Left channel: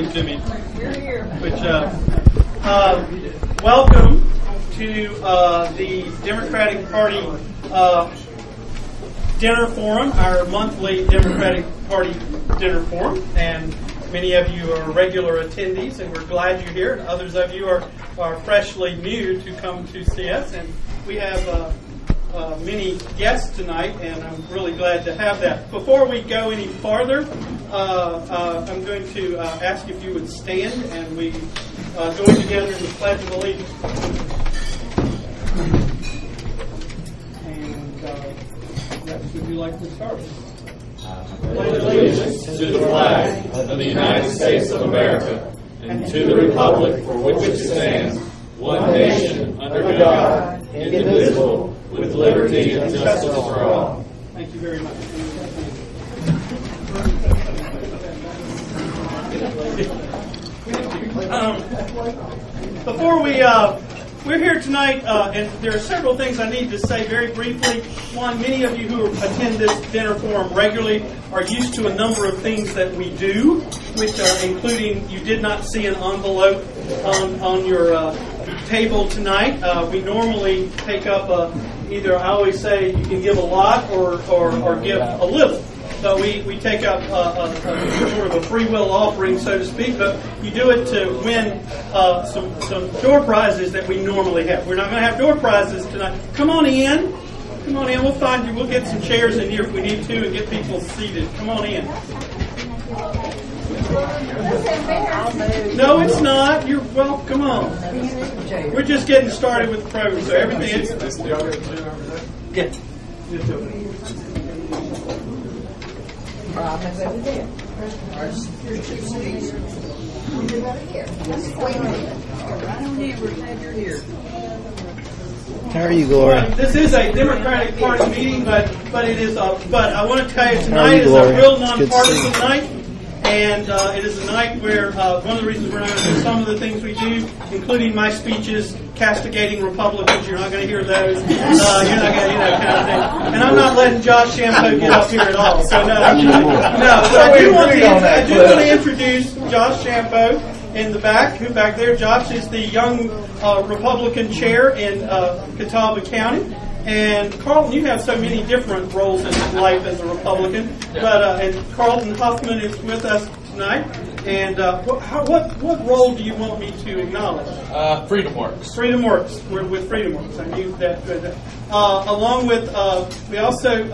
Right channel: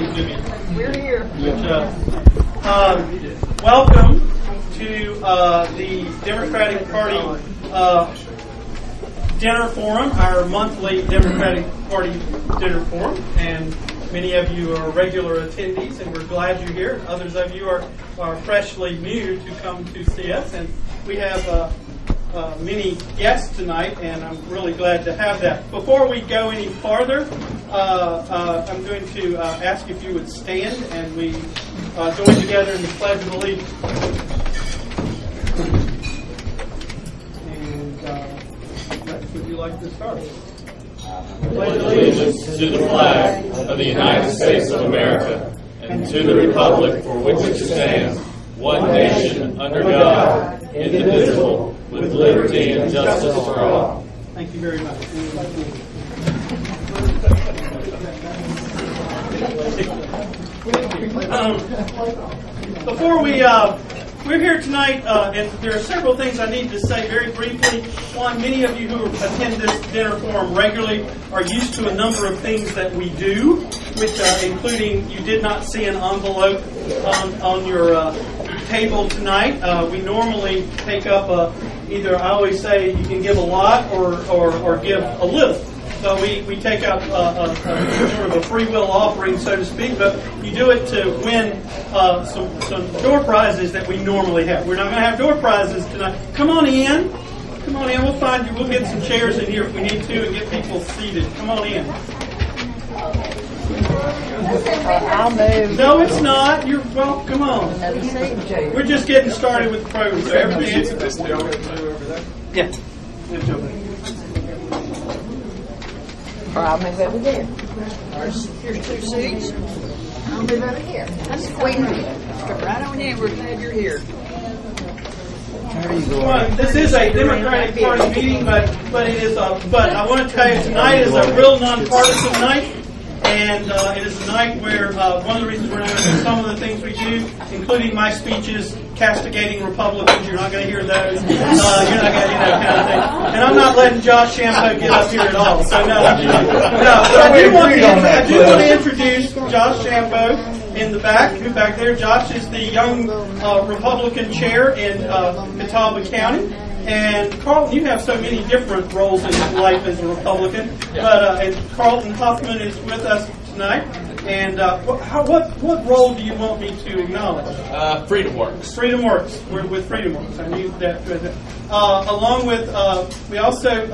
talking to me. We're here. Welcome to the Democratic Party dinner forum, our monthly Democratic Party dinner forum, and many of you are regular attendees, and we're glad you're here. Others of you are freshly new to come to see us, and we have many guests tonight, and I'm really glad to have that. Before we go any farther, I'm going to ask if you would stand, and we join together in the Pledge of Allegiance. And would you like to start? Pledge allegiance to the flag of the United States of America and to the republic for which it stands, one nation under God, indivisible, with liberty and justice for all. Thank you very much. Before we're here tonight, and there are several things I need to say very briefly. One, many of you who attend this dinner forum regularly are used to a number of things that we do, which including you did not see an envelope on your table tonight. We normally take up either, I always say you can give a lot or give a little. So we take up sort of a free will offering, so to speak, but you do it to win some door prizes that we normally have. We're not going to have door prizes tonight. Come on in. Come on in. We'll find you. We'll get some chairs in here if we need to and get people seated. Come on in. I'll move. No, it's not. Well, come on. We're just getting started with the program, so everything is... Yeah. I'll move over there. Here's two seats. I'll move over here. That's the queen. Right on in. We're glad you're here. How are you, Gloria? Well, this is a Democratic Party meeting, but it is. But I want to tell you tonight is a real nonpartisan night. And it is a night where one of the reasons we're not going to do some of the things we do, including my speeches castigating Republicans. You're not going to hear those. You're not going to, kind of thing. And I'm not letting Josh Shampo get up here at all. So no. But I do want to introduce Josh Shampo in the back. Who back there? Josh is the young Republican chair in Catawba County. And Carlton, you have so many different roles in life as a Republican, but and Carlton Huffman is with us tonight. And what role do you want me to acknowledge? Freedom Works. Freedom Works. We're with Freedom Works. I knew that. Along with, we also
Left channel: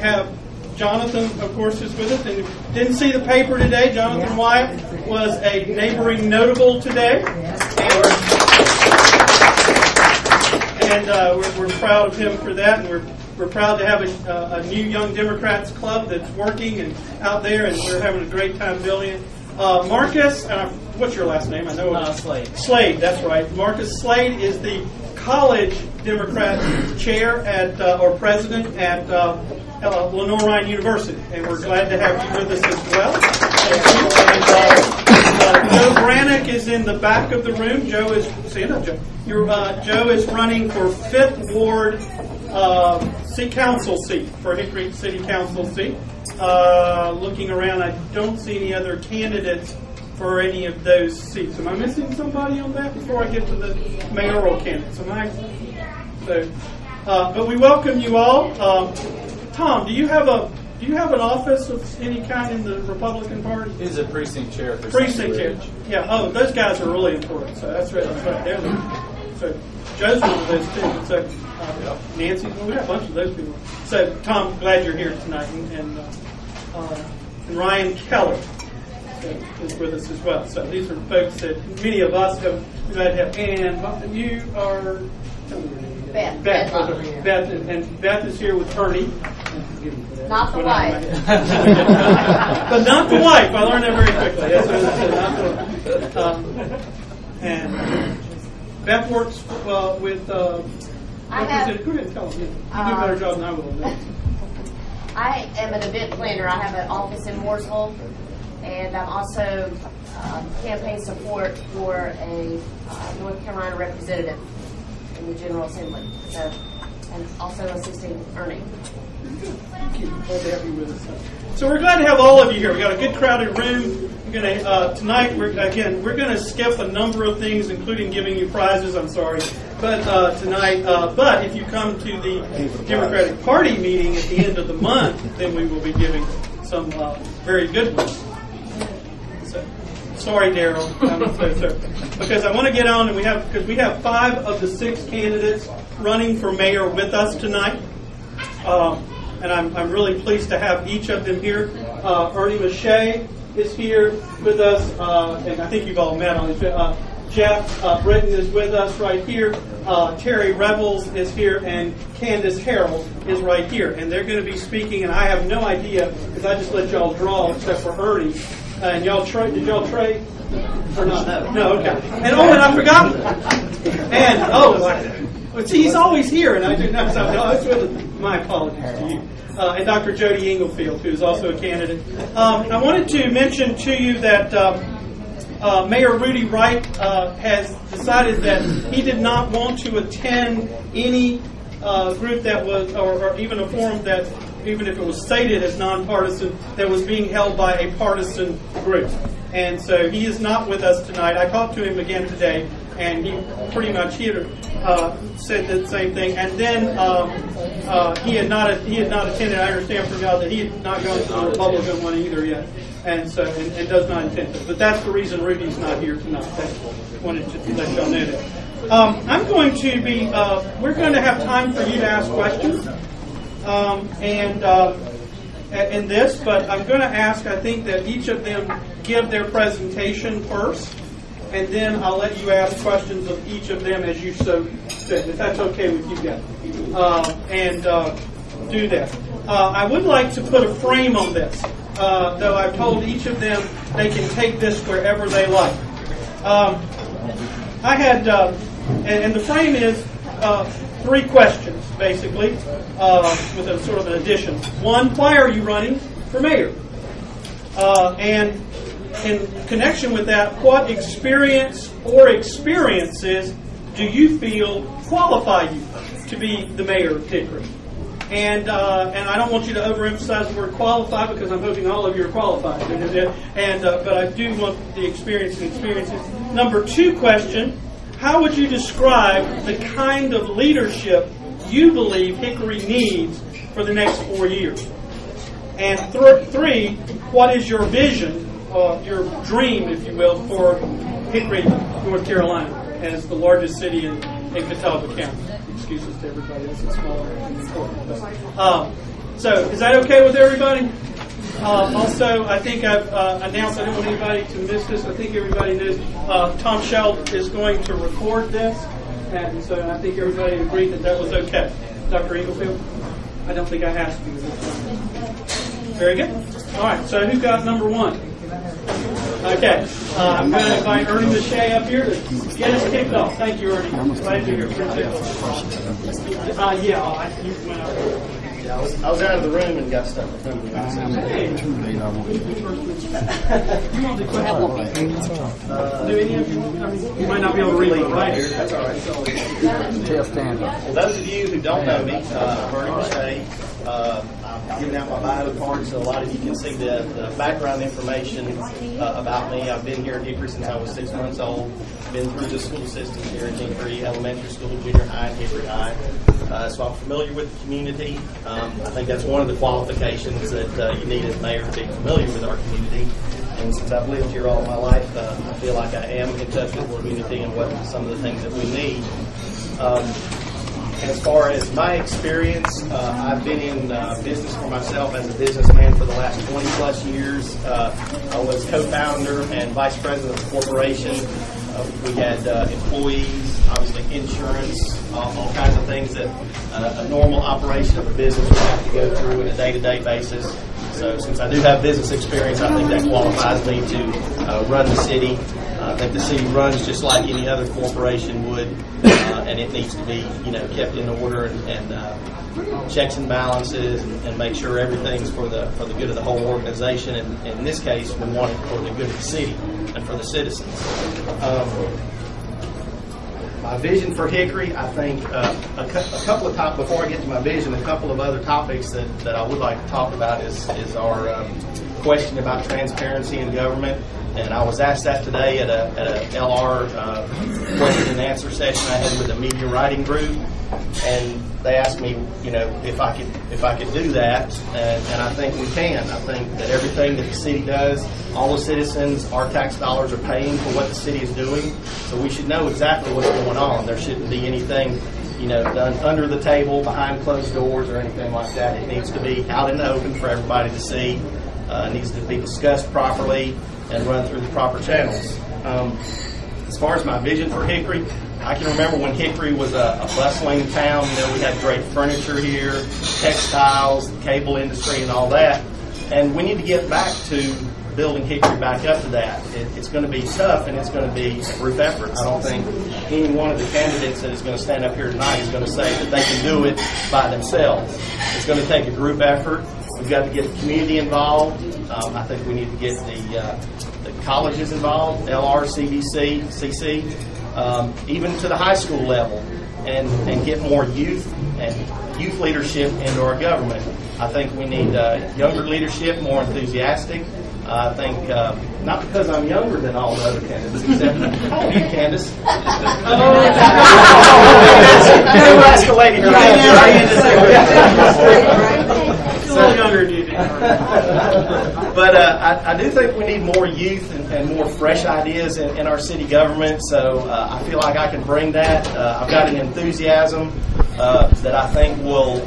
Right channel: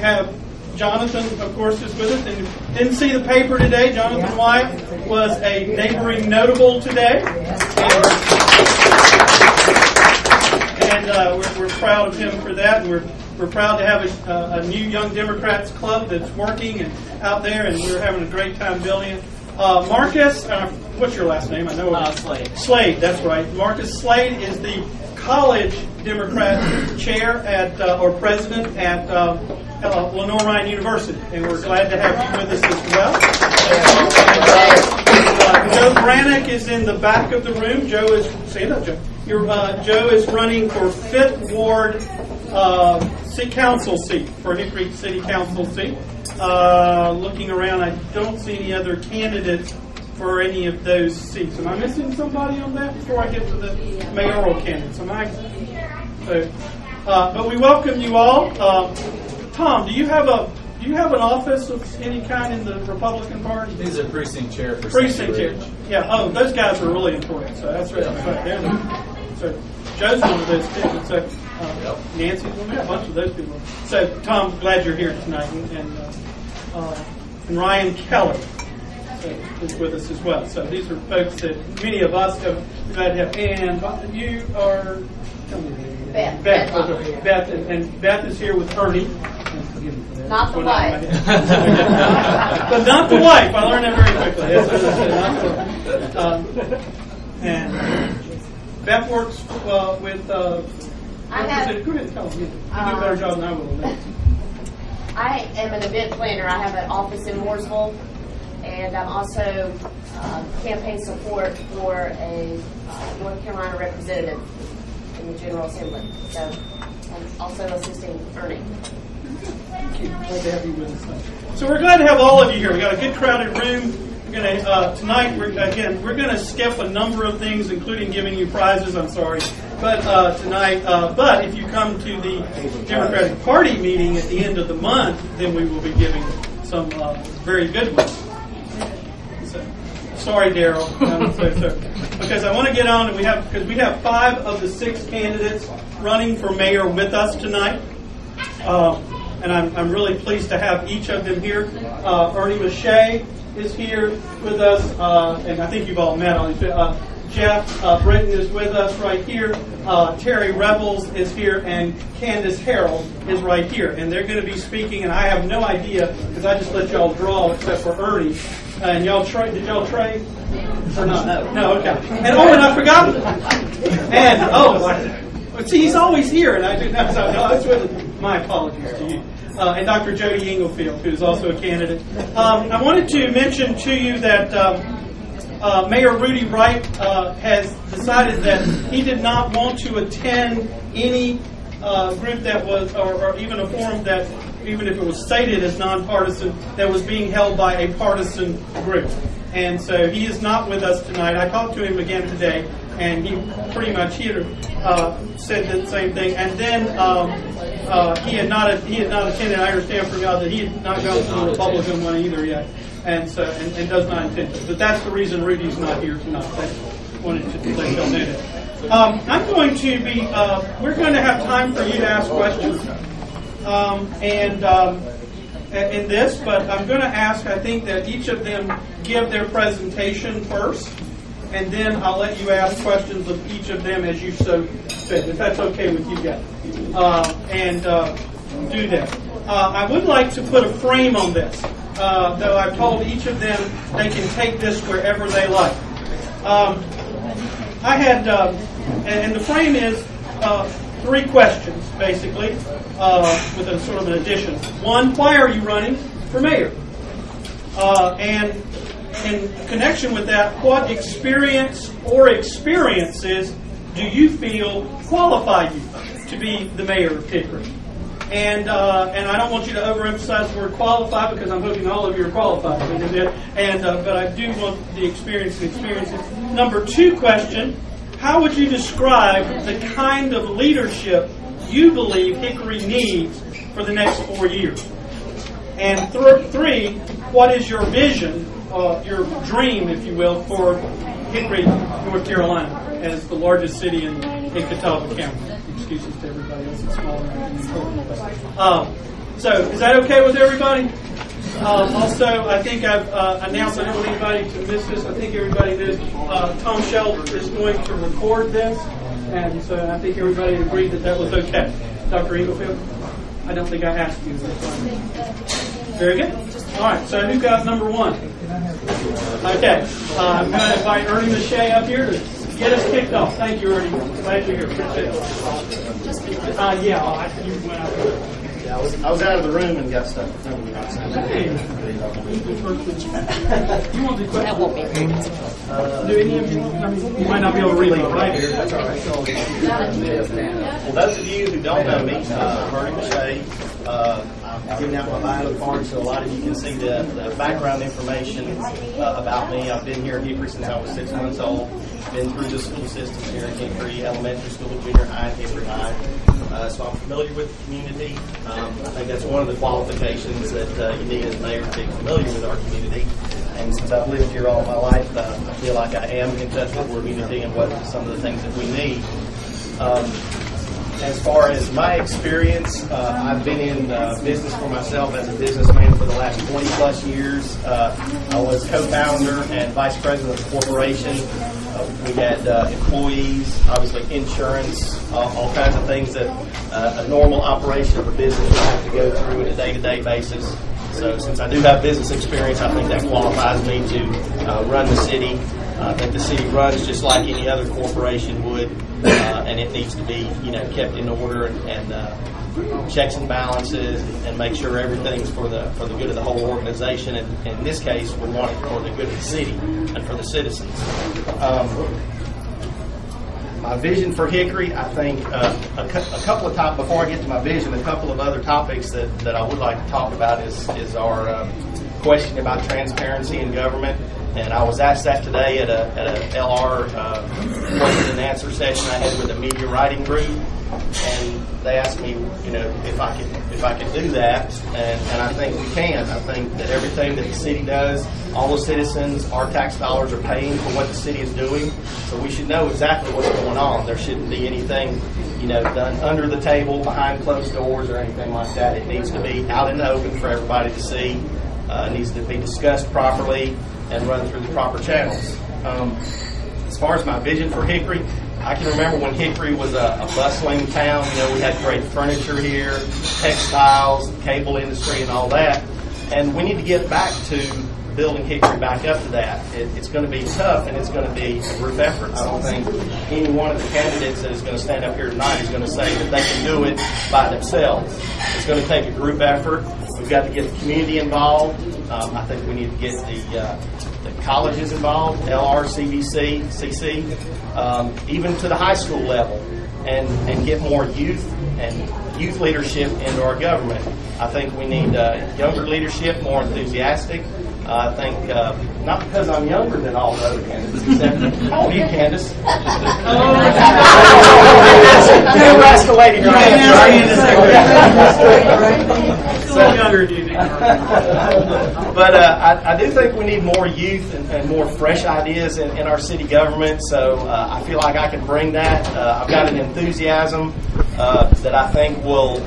have Jonathan, of course, is with us. And didn't see the paper today. Jonathan Wyatt was a neighboring notable today. And we're proud of him for that, and we're proud to have a new Young Democrats club that's working and out there, and we're having a great time building it. Marcus, what's your last name? I know Slade. Slade, that's right. Marcus Slade is the college Democrat chair at or president at Lenore Ryan University, and we're glad to have you with us as well. And, Joe Brannick is in the back of the room. Joe is stand up, Joe. Joe is running for 5th Ward City Council seat, for Hickory City Council seat. Looking around, I don't see any other candidates for any of those seats. Am I missing somebody on that before I get to the mayoral candidates? But we welcome you all. Tom, do you have an office of any kind in the Republican Party? He's a precinct chair. Precinct chair. Yeah. Oh, those guys are really important. So that's right. So Joe's one of those too. So Nancy's one. We got a bunch of those people. So Tom, glad you're here tonight, and Ryan Keller is with us as well. So these are folks that many of us have glad to have. And you are. Tell me your name. Beth. Beth, and Beth is here with Ernie. Not the wife. But not the wife. I learned that very quickly. That's what I said. And Beth works with. Go ahead and tell them. You do a better job than I will on that. I am an event planner. I have an office in Mooresville, and I'm also campaign support for a North Carolina representative in the General Assembly. So, and also assisting Ernie. Thank you. Glad to have you with us. So we're glad to have all of you here. We got a good crowded room. Tonight, we're gonna skip a number of things, including giving you prizes. I'm sorry, but tonight. But if you come to the Democratic Party meeting at the end of the month, then we will be giving some very good ones. So, sorry, Daryl. Because I want to get on, and we have 5 of the 6 candidates running for mayor with us tonight. And I'm really pleased to have each of them here. Ernie Masche is here with us, and I think you've all met on him. Jeff Brittain is with us right here. Terry Revels is here, and Candice Harold is right here. And they're going to be speaking, and I have no idea, because I just let y'all draw, except for Ernie. And y'all trade? Did y'all trade? Or not? No, okay. And I forgot. And see, he's always here, and I do not. So my apologies to you. And Dr. Jody Inglefield, who is also a candidate. I wanted to mention to you that Mayor Rudy Wright has decided that he did not want to attend any group that was, or even a forum that, even if it was stated as nonpartisan, that was being held by a partisan group. And so he is not with us tonight. I talked to him again today, and he pretty much said the same thing. And then he had not attended. I understand from y'all that he had not gone to the Republican one either yet, and so and does not intend to. But that's the reason Rudy's not here tonight. I wanted to let y'all know that. I'm going to be. We're going to have time for you to ask questions, in this, but I'm going to ask. I think that each of them give their presentation first, and then I'll let you ask questions of each of them as you so fit, if that's okay with you guys. Do that. I would like to put a frame on this, though I've told each of them they can take this wherever they like. I had, and the frame is 3 questions, basically, with a sort of an addition. 1, why are you running for mayor? And in connection with that, what experience or experiences do you feel qualify you to be the mayor of Hickory? And I don't want you to overemphasize the word qualify, because I'm hoping all of you are qualified to do that. But I do want the experiences. Number 2 question, how would you describe the kind of leadership you believe Hickory needs for the next 4 years? And 3, what is your vision, your dream, if you will, for Hickory, North Carolina, as the largest city in Catawba County? Excuses to everybody else, it's smaller and important. So, is that okay with everybody? Also, I think I've announced, I don't want anybody to miss this, I think everybody knows Tom Sheld is going to record this, and so I think everybody agreed that that was okay. Dr. Inglefield? I don't think I asked you this one. Very good. All right, so who got number 1? Okay, I'm going to invite Ernie Masche up here to get us kicked off. Thank you, Ernie. Glad you're here. Appreciate it. You went out there. Yeah, I was out of the room and got stuck. Hey. You want the question? That won't be do any of you? I mean, you might not be able to read it right here. That's all right. Well, those of you who don't know me, Ernie Masche. I'm giving out my bio card so a lot of you can see the background information about me. I've been here at Hickory since I was 6 months old. Been through the school system here in Hickory, elementary school, junior high, Hickory High. So I'm familiar with the community. I think that's one of the qualifications that you need as mayor, to be familiar with our community. And since I've lived here all my life, I feel like I am in touch with the community and what some of the things that we need. As far as my experience, I've been in business for myself as a businessman for the last 20 plus years. I was co-founder and vice president of the corporation. We had employees, obviously insurance, all kinds of things that a normal operation of a business would have to go through on a day-to-day basis. So since I do have business experience, I think that qualifies me to run the city. I think the city runs just like any other corporation would, and it needs to be, kept in order and checks and balances and make sure everything's for the good of the whole organization. And in this case, we want it for the good of the city and for the citizens. My vision for Hickory, I think a couple of before I get to my vision, a couple of other topics that I would like to talk about is our question about transparency in government, and I was asked that today at a LR question and answer session I had with a media writing group, and they asked me, if I could do that, and I think we can. I think that everything that the city does, all the citizens, our tax dollars are paying for what the city is doing, so we should know exactly what's going on. There shouldn't be anything done under the table, behind closed doors, or anything like that. It needs to be out in the open for everybody to see. It needs to be discussed properly and run through the proper channels. As far as my vision for Hickory, I can remember when Hickory was a bustling town. We had great furniture here, textiles, cable industry, and all that. And we need to get back to building Hickory back up to that. It's going to be tough, and it's going to be a group effort. I don't think any one of the candidates that is going to stand up here tonight is going to say that they can do it by themselves. It's going to take a group effort. We've got to get the community involved. I think we need to get the colleges involved, LR, CBC, CC, even to the high school level, and get more youth and youth leadership into our government. I think we need younger leadership, more enthusiastic. I think, not because I'm younger than all the other candidates, except, how old are you, Candice? Never ask a lady her age. Still younger than you do. But I do think we need more youth and more fresh ideas in our city government, so I feel like I can bring that. I've got an enthusiasm that I think will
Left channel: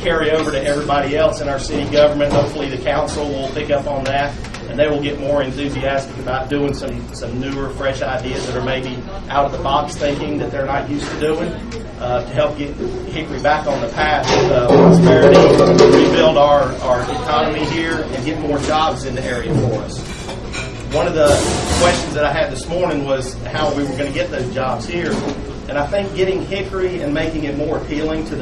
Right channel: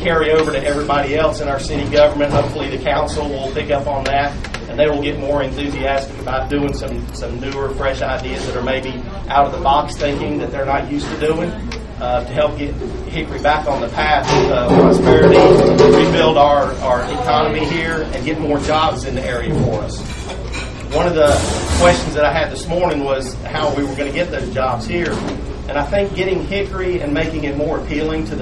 carry over to everybody else in our city government. Hopefully the council will pick up on that, and they will get more enthusiastic about doing some newer, fresh ideas that are maybe out of the box thinking that they're not used to doing, to help get Hickory back on the path of prosperity, rebuild our economy here, and get more jobs in the area for us. One of the questions that I had this morning was how we were going to get those jobs here. And I think getting Hickory and making it more appealing to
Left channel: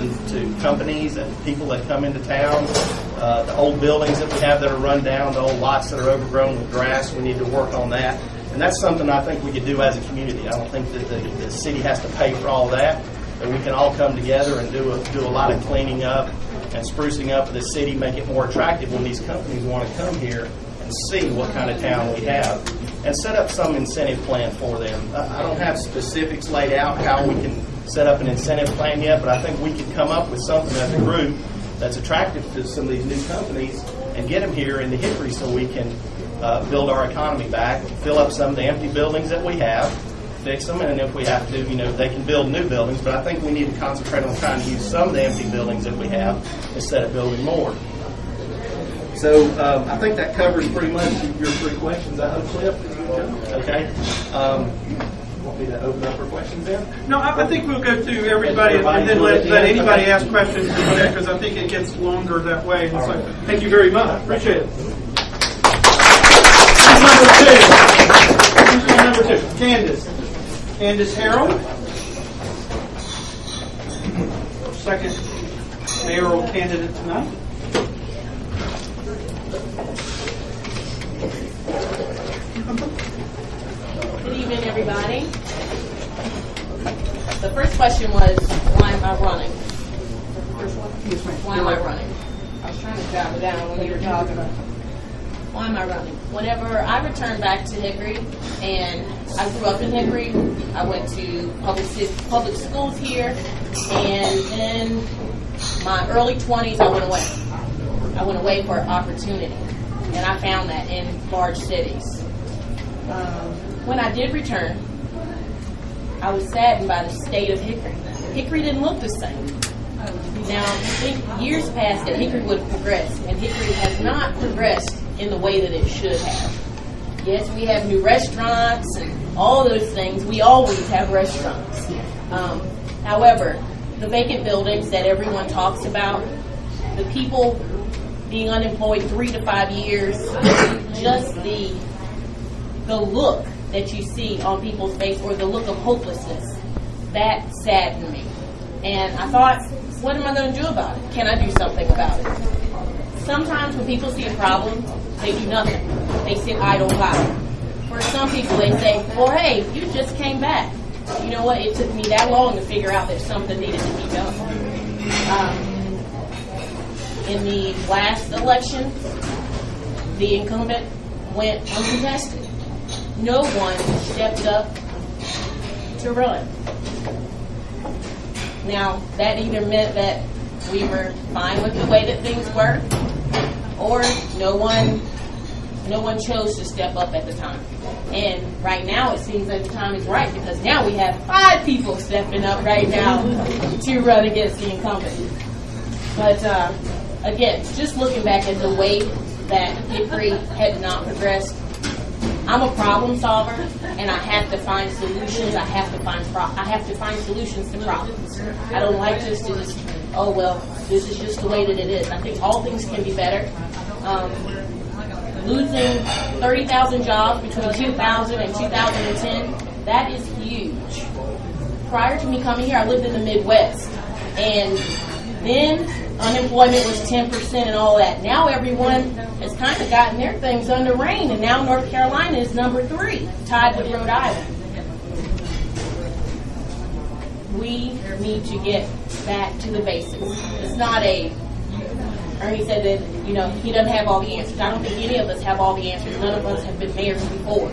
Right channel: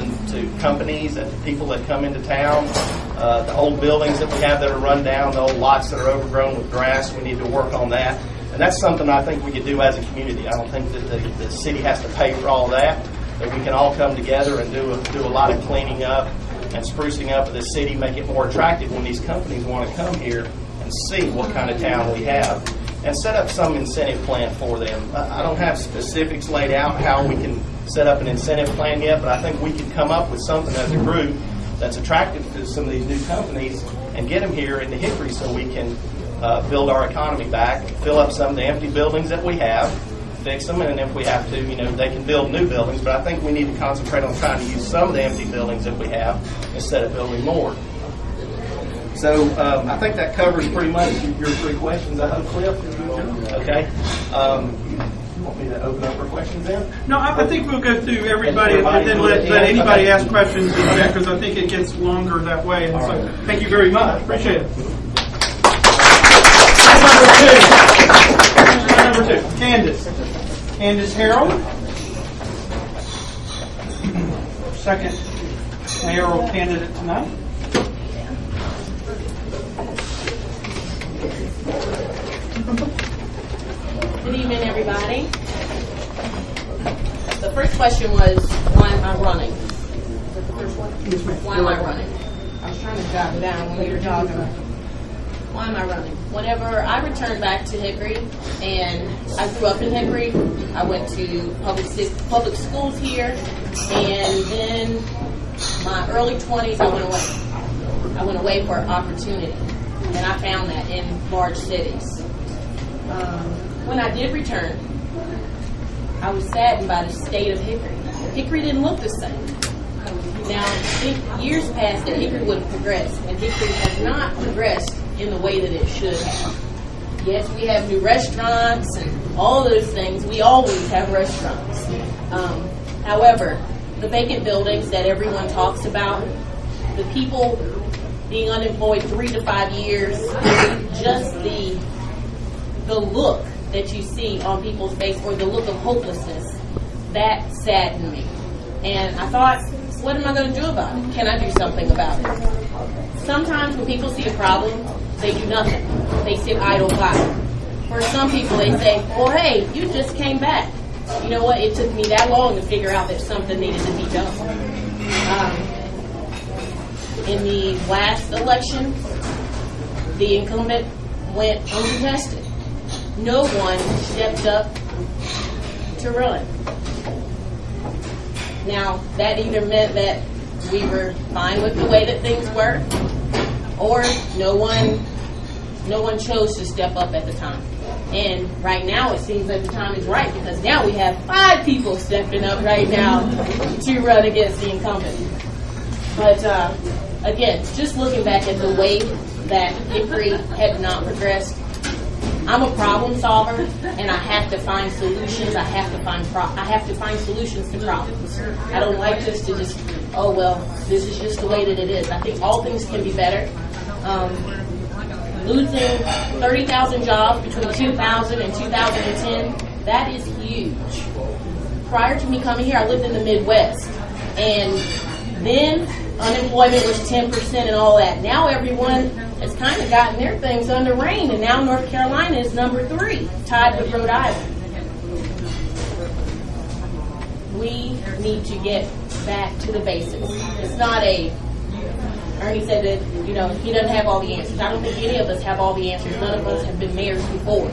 companies and people that come into town, the old buildings that we have that are run down, the old lots that are overgrown with grass, we need to work on that. And that's something I think we could do as a community. I don't think that the city has to pay for all that we can all come together and do a lot of cleaning up and sprucing up of the city, make it more attractive when these companies want to come here and see what kind of town we have, and set up some incentive plan for them. I don't have specifics laid out how we can set up an incentive plan yet, but I think we could come up with something as a group that's attractive to some of these new companies and get them here into Hickory so we can build our economy back, fill up some of the empty buildings that we have, fix them, and if we have to, they can build new buildings, but I think we need to concentrate on trying to use some of the empty buildings that we have instead of building more. So I think that covers pretty much your three questions. I hope, Cliff. Okay. You want me to open up for questions then? No, I think we'll go through everybody and then let anybody ask questions, because I think it gets longer that way. And so, thank you very much. Appreciate it. Number two. Candice Harold. Second mayoral candidate tonight. Good evening, everybody. The first question was, why am I running? Is that the first one? Yes, ma'am. Why am I running? I was trying to jot it down when you were talking. Why am I running? Whenever I returned back to Hickory, and I grew up in Hickory, I went to public schools here, and then my early 20s, I went away. I went away for opportunity, and I found that in large cities. When I did return, I was saddened by the state of Hickory. Hickory didn't look the same. Now, I think years past that Hickory would have progressed, and Hickory has not progressed in the way that it should have. Yes, we have new restaurants and all those things. We always have restaurants. However, the vacant buildings that everyone talks about, the people being unemployed 3 to 5 years, just the look that you see on people's face, or the look of hopelessness, that saddened me. And I thought, what am I going to do about it? Can I do something about it? Sometimes when people see a problem, they do nothing. They sit idle by. For some people, they say, well, hey, you just came back. You know what? It took me that long to figure out that something needed to be done. In the last election, the incumbent went uncontested. No one stepped up to run. Now, that either meant that we were fine with the way that things were, or no one chose to step up at the time. And right now it seems like the time is right, because now we have 5 people stepping up right now to run against the incumbent. But again, just looking back at the way that Hickory had not progressed, I'm a problem solver, and I have to find solutions. I have to find solutions to problems. I don't like just to oh well, this is just the way that it is. I think all things can be better. Losing 30,000 jobs between 2000 and 2010, that is huge. Prior to me coming here, I lived in the Midwest, and then unemployment was 10% and all that. Now everyone has kind of gotten their things under rein, and now North Carolina is number 3, tied with Rhode Island. We need to get back to the basics. It's not Ernie said that, he doesn't have all the answers. I don't think any of us have all the answers. None of us have been mayors before.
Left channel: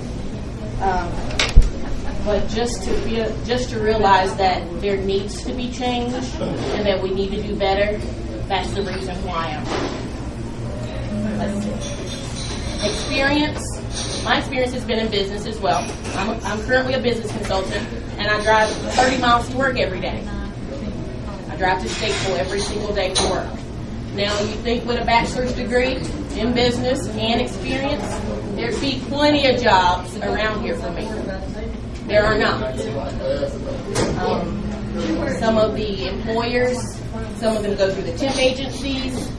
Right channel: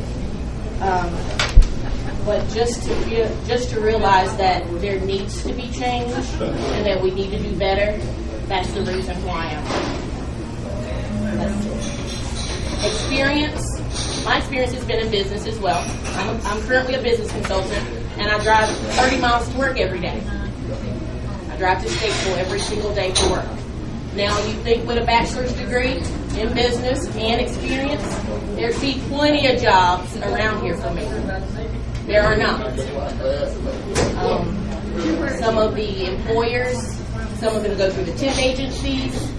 But just to realize that there needs to be change and that we need to do better, that's the reason why I'm Experience. My experience has been in business as well. I'm currently a business consultant, and I drive 30 miles to work every day. I drive to Statesville every single day for work. Now, you think with a bachelor's degree in business and experience, there'd be plenty of jobs around here for me. There are not. Some of the employers, some of them go through the temp agencies,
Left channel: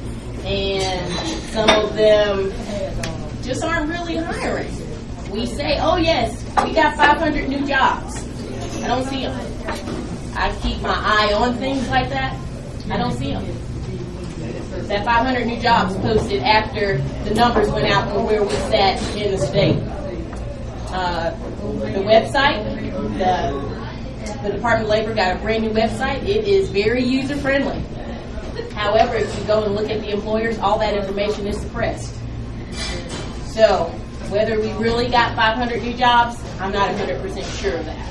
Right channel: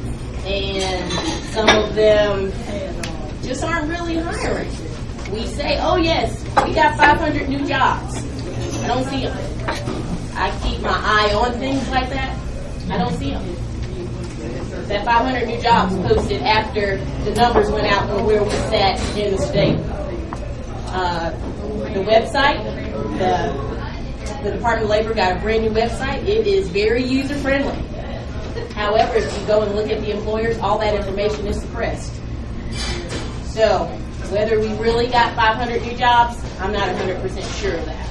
and some of them just aren't really hiring. We say, oh yes, we got 500 new jobs. I don't see them. I keep my eye on things like that. I don't see them. That 500 new jobs posted after the numbers went out from where we sat in the state. The website, the Department of Labor got a brand new website. It is very user friendly. However, if you go and look at the employers, all that information is suppressed. So, whether we really got 500 new jobs, I'm not 100% sure of that.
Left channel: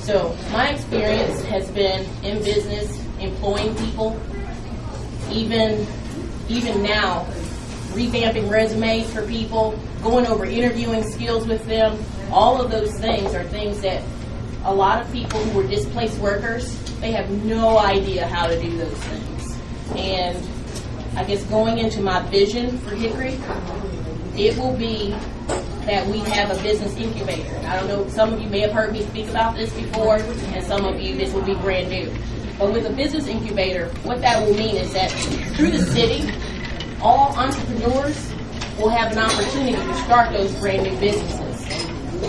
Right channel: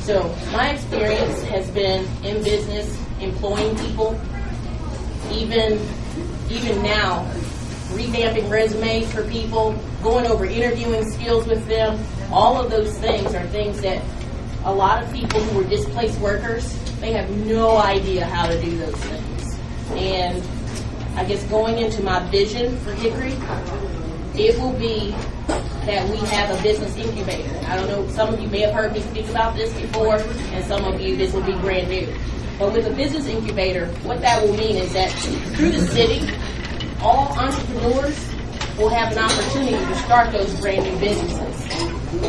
So, my experience has been in business, employing people, even now, revamping resumes for people, going over interviewing skills with them. All of those things are things that a lot of people who were displaced workers, they have no idea how to do those things. And I guess going into my vision for Hickory, it will be that we have a business incubator. I don't know, some of you may have heard me speak about this before, and some of you, this will be brand new. But with a business incubator, what that will mean is that through the city, all entrepreneurs will have an opportunity to start those brand new businesses.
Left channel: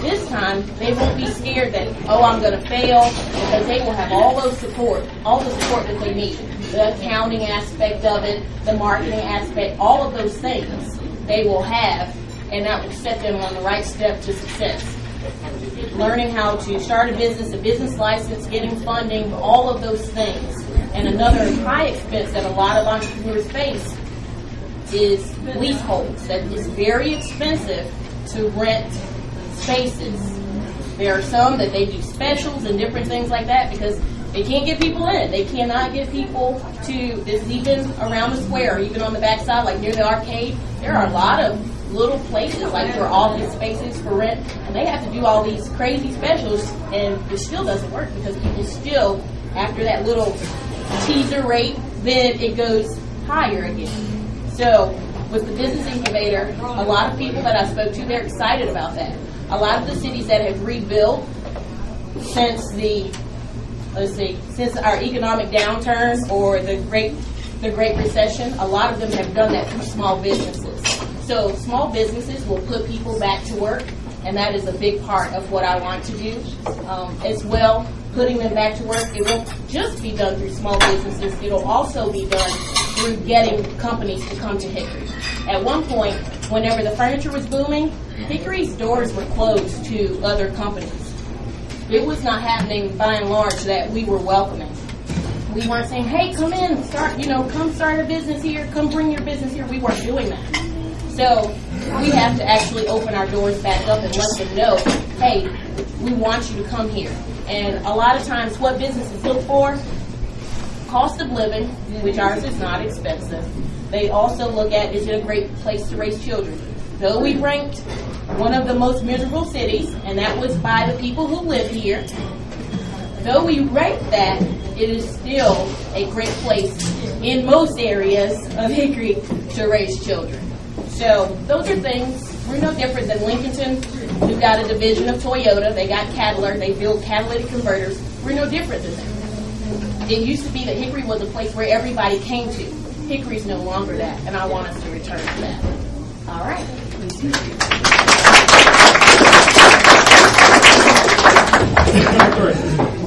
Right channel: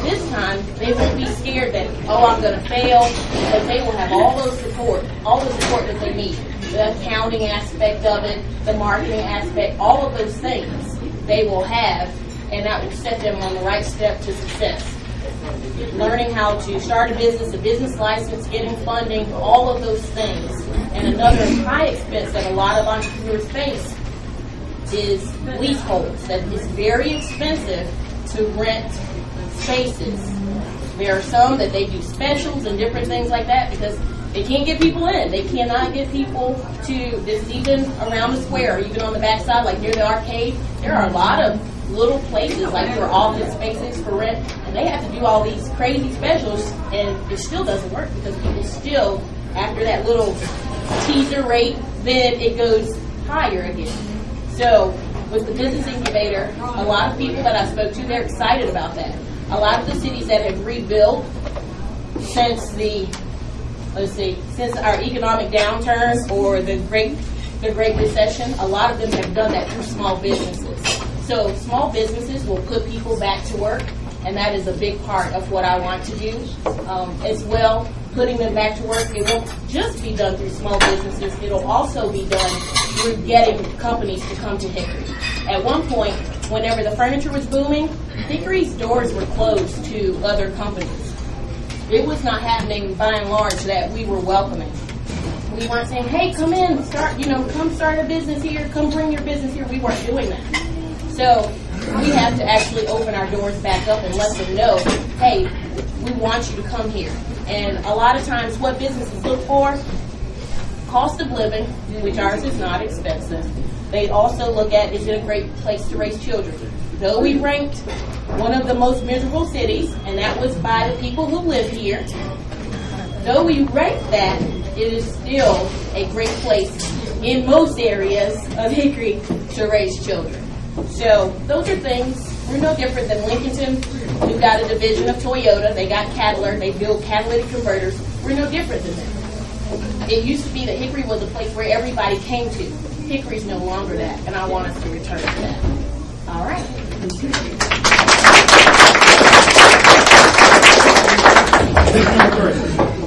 This time, they won't be scared that, oh, I'm going to fail, because they will have all the support that they need. The accounting aspect of it, the marketing aspect, all of those things they will have, and that will set them on the right step to success. Learning how to start a business license, getting funding, all of those things. And another high expense that a lot of entrepreneurs face is leaseholds. That is very expensive to rent spaces. There are some that they do specials and different things like that because they can't get people in. They cannot get people to, this is even around the square, even on the backside, like near the arcade. There are a lot of little places like for office spaces for rent, and they have to do all these crazy specials, and it still doesn't work because people still, after that little teaser rate, then it goes higher again. So with the business incubator, a lot of people that I spoke to, they're excited about that. A lot of the cities that have rebuilt since since our economic downturn or the Great Recession, a lot of them have done that through small businesses. So small businesses will put people back to work, and that is a big part of what I want to do. As well, putting them back to work, it won't just be done through small businesses. It'll also be done through getting companies to come to Hickory. At one point, whenever the furniture was booming, Hickory's doors were closed to other companies. It was not happening by and large that we were welcoming. We weren't saying, hey, come in, come start a business here, come bring your business here. We weren't doing that. So we have to actually open our doors back up and let them know, hey, we want you to come here. And a lot of times what businesses look for, cost of living, which ours is not expensive. They also look at, is it a great place to raise children? Though we ranked one of the most miserable cities, and that was by the people who live here, though we ranked that, it is still a great place in most areas of Hickory to raise children. So those are things. We're no different than Lincolnton, who got a division of Toyota. They got Cadillac. They build catalytic converters. We're no different than them. It used to be that Hickory was a place where everybody came to. Hickory's no longer that, and I want us to return to that. All right.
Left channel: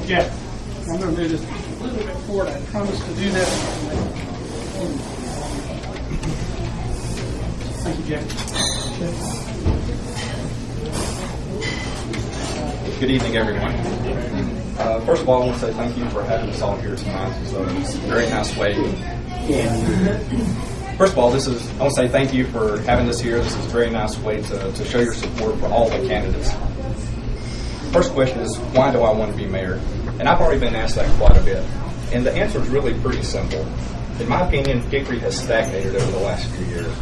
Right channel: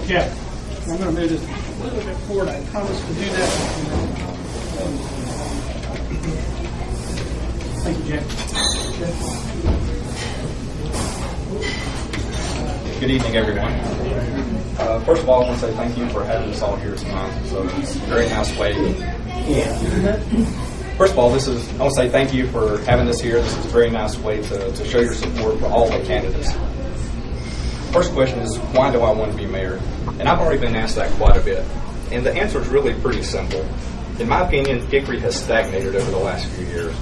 Okay. I'm going to move this a little bit forward. I promise to do that. Thank you, Jack. Good evening, everyone. First of all, I want to say thank you for having us all here tonight. So it's a very nice way. First of all, I want to say thank you for having us here. This is a very nice way to show your support for all the candidates. First question is, why do I want to be mayor? And I've already been asked that quite a bit. And the answer is really pretty simple. In my opinion, Hickory has stagnated over the last few years.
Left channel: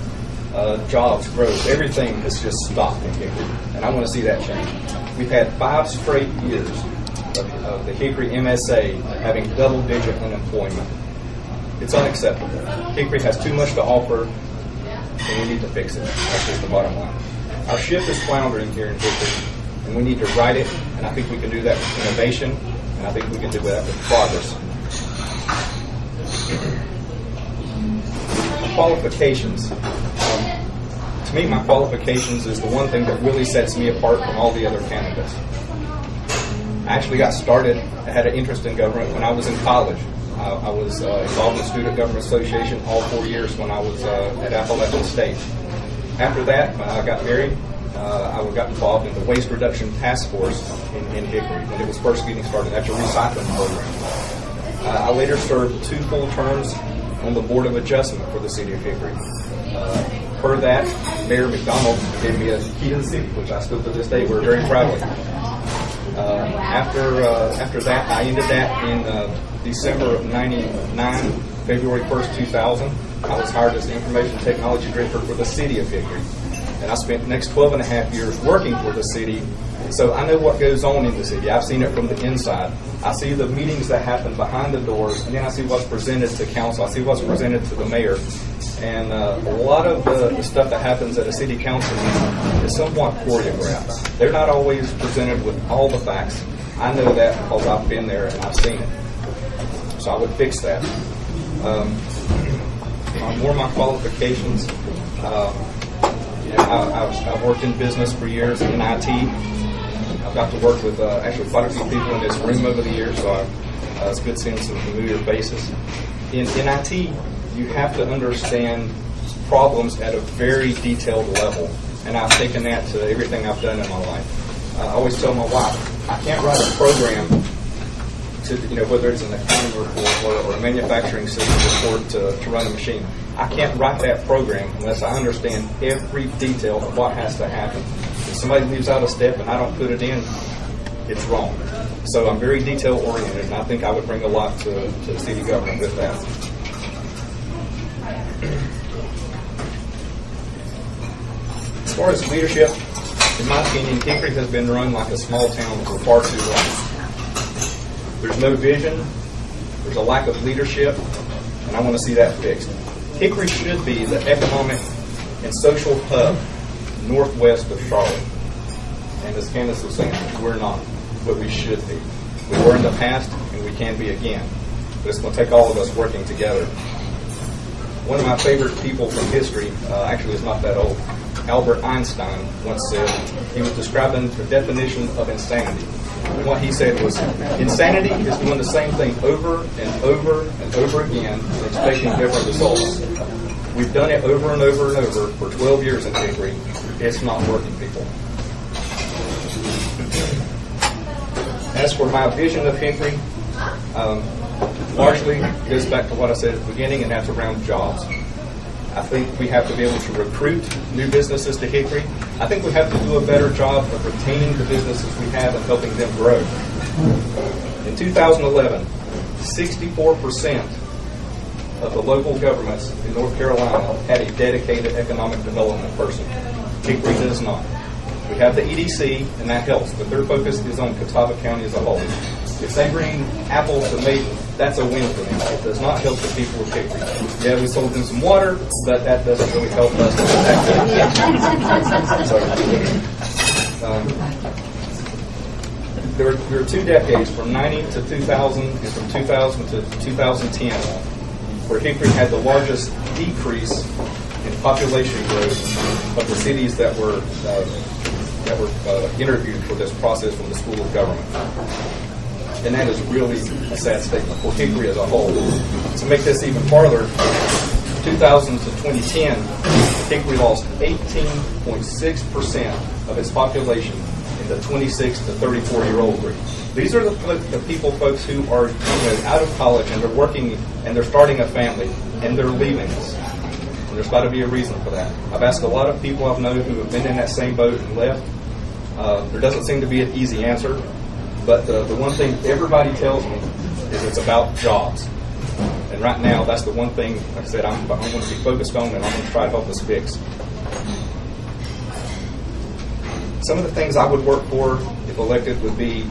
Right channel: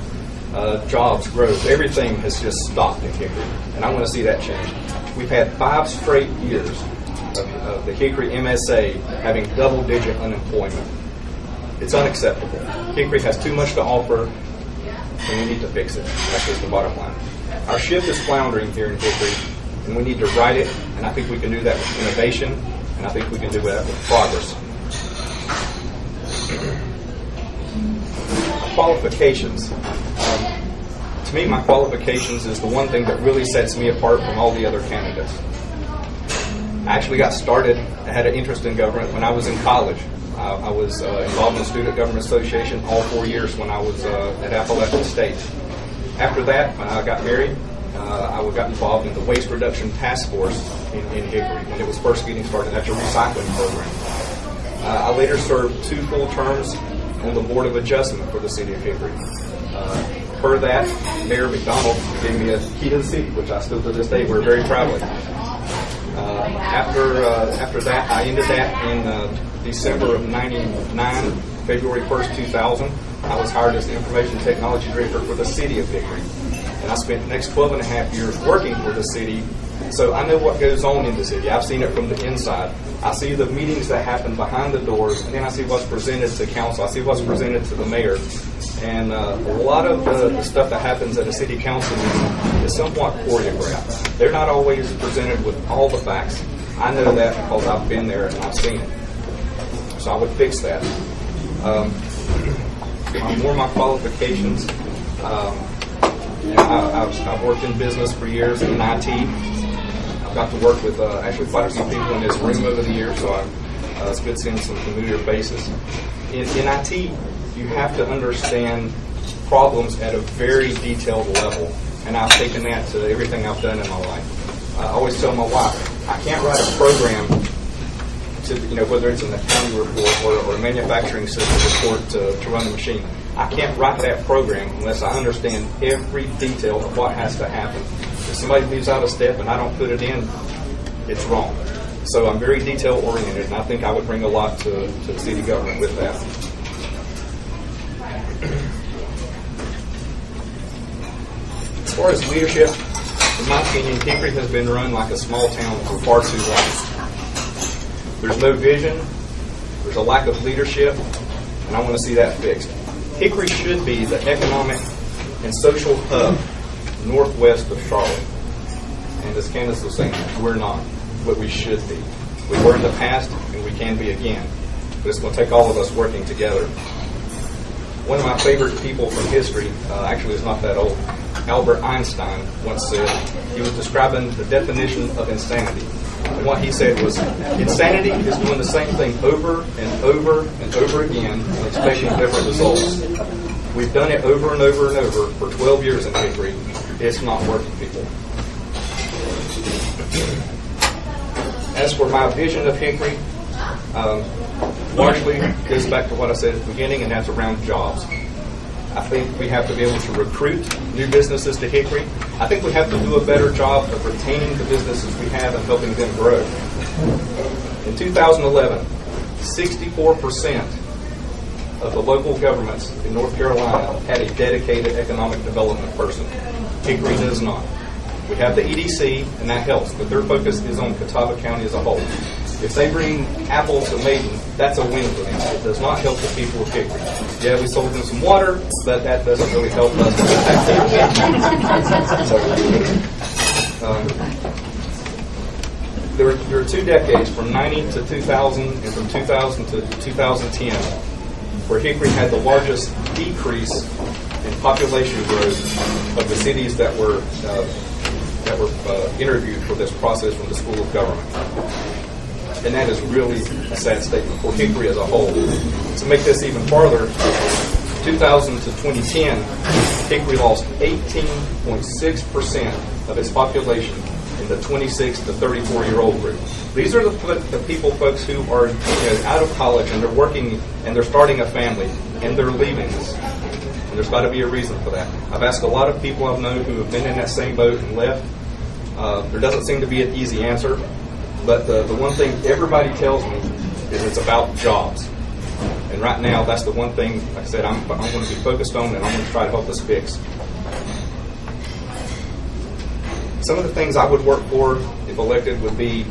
Jobs, growth, everything has just stopped in Hickory. And I want to see that change. We've had 5 straight years of the Hickory MSA having double-digit unemployment. It's unacceptable. Hickory has too much to offer, and we need to fix it. That's just the bottom line. Our ship is floundering here in Hickory, and we need to right it, and I think we can do that with innovation, and I think we can do that with progress. Qualifications. To me, my qualifications is the one thing that really sets me apart from all the other candidates. I actually got started, I had an interest in government when I was in college. I was involved in the Student Government Association all 4 years when I was at Appalachian State. After that, when I got married, I got involved in the Waste Reduction Task Force in Hickory when it was first getting started. That's a recycling program. I later served 2 full terms on the Board of Adjustment for the City of Hickory. Per that, Mayor McDonald gave me a key to the city, which I still to this day we're very proud of. After that, I ended that in December of '99, February 1st, 2000. I was hired as the Information Technology Director for the City of Hickory. And I spent the next 12 and a half years working for the city, so I know what goes on in the city. I've seen it from the inside. I see the meetings that happen behind the doors, and then I see what's presented to council. I see what's presented to the mayor. And a lot of the stuff that happens at a city council meeting is somewhat choreographed. They're not always presented with all the facts. I know that because I've been there and I've seen it. So I would fix that. More of my qualifications. I've worked in business for years in IT. I've got to work with actually quite a few people in this room over the years, so it's good seeing some familiar faces. In IT, you have to understand problems at a very detailed level, and I've taken that to everything I've done in my life. I always tell my wife, I can't write a program to, whether it's an accounting report or a manufacturing system report to run a machine. I can't write that program unless I understand every detail of what has to happen. If somebody leaves out a step and I don't put it in, it's wrong. So I'm very detail oriented, and I think I would bring a lot to city government with that. As far as leadership, in my opinion, Hickory has been run like a small town for far too long. There's no vision, there's a lack of leadership, and I want to see that fixed. Hickory should be the economic and social hub northwest of Charlotte. And as Candice was saying, we're not, but we should be. We were in the past, and we can be again. But it's going to take all of us working together. One of my favorite people from history, actually is not that old, Albert Einstein once said, he was describing the definition of insanity. And what he said was, insanity is doing the same thing over and over and over again and expecting different results. We've done it over and over and over for 12 years in Hickory. It's not working, people. As for my vision of Hickory, largely goes back to what I said at the beginning, and that's around jobs. I think we have to be able to recruit new businesses to Hickory. I think we have to do a better job of retaining the businesses we have and helping them grow. In 2011, 64% of the local governments in North Carolina had a dedicated economic development person. Hickory does not. We have the EDC, and that helps, but their focus is on Catawba County as a whole. If they bring Apple to Maiden, that's a win for them. It does not help the people of Hickory. Yeah, we sold them some water, but that doesn't really help us. There were 2 decades, from 90 to 2000 and from 2000 to 2010, where Hickory had the largest decrease in population growth of the cities that were interviewed for this process from the School of Government. And that is really a sad statement for Hickory as a whole. To make this even farther, 2000 to 2010, Hickory lost 18.6% of its population in the 26 to 34-year-old group. These are the people, folks, who are out of college and they're working and they're starting a family and they're leaving us. And there's got to be a reason for that. I've asked a lot of people I've known who have been in that same boat and left. There doesn't seem to be an easy answer. But the one thing everybody tells me is it's about jobs. And right now, that's the one thing, like I said, I'm going to be focused on and I'm going to try to help us fix. Some of the things I would work for, if elected, would be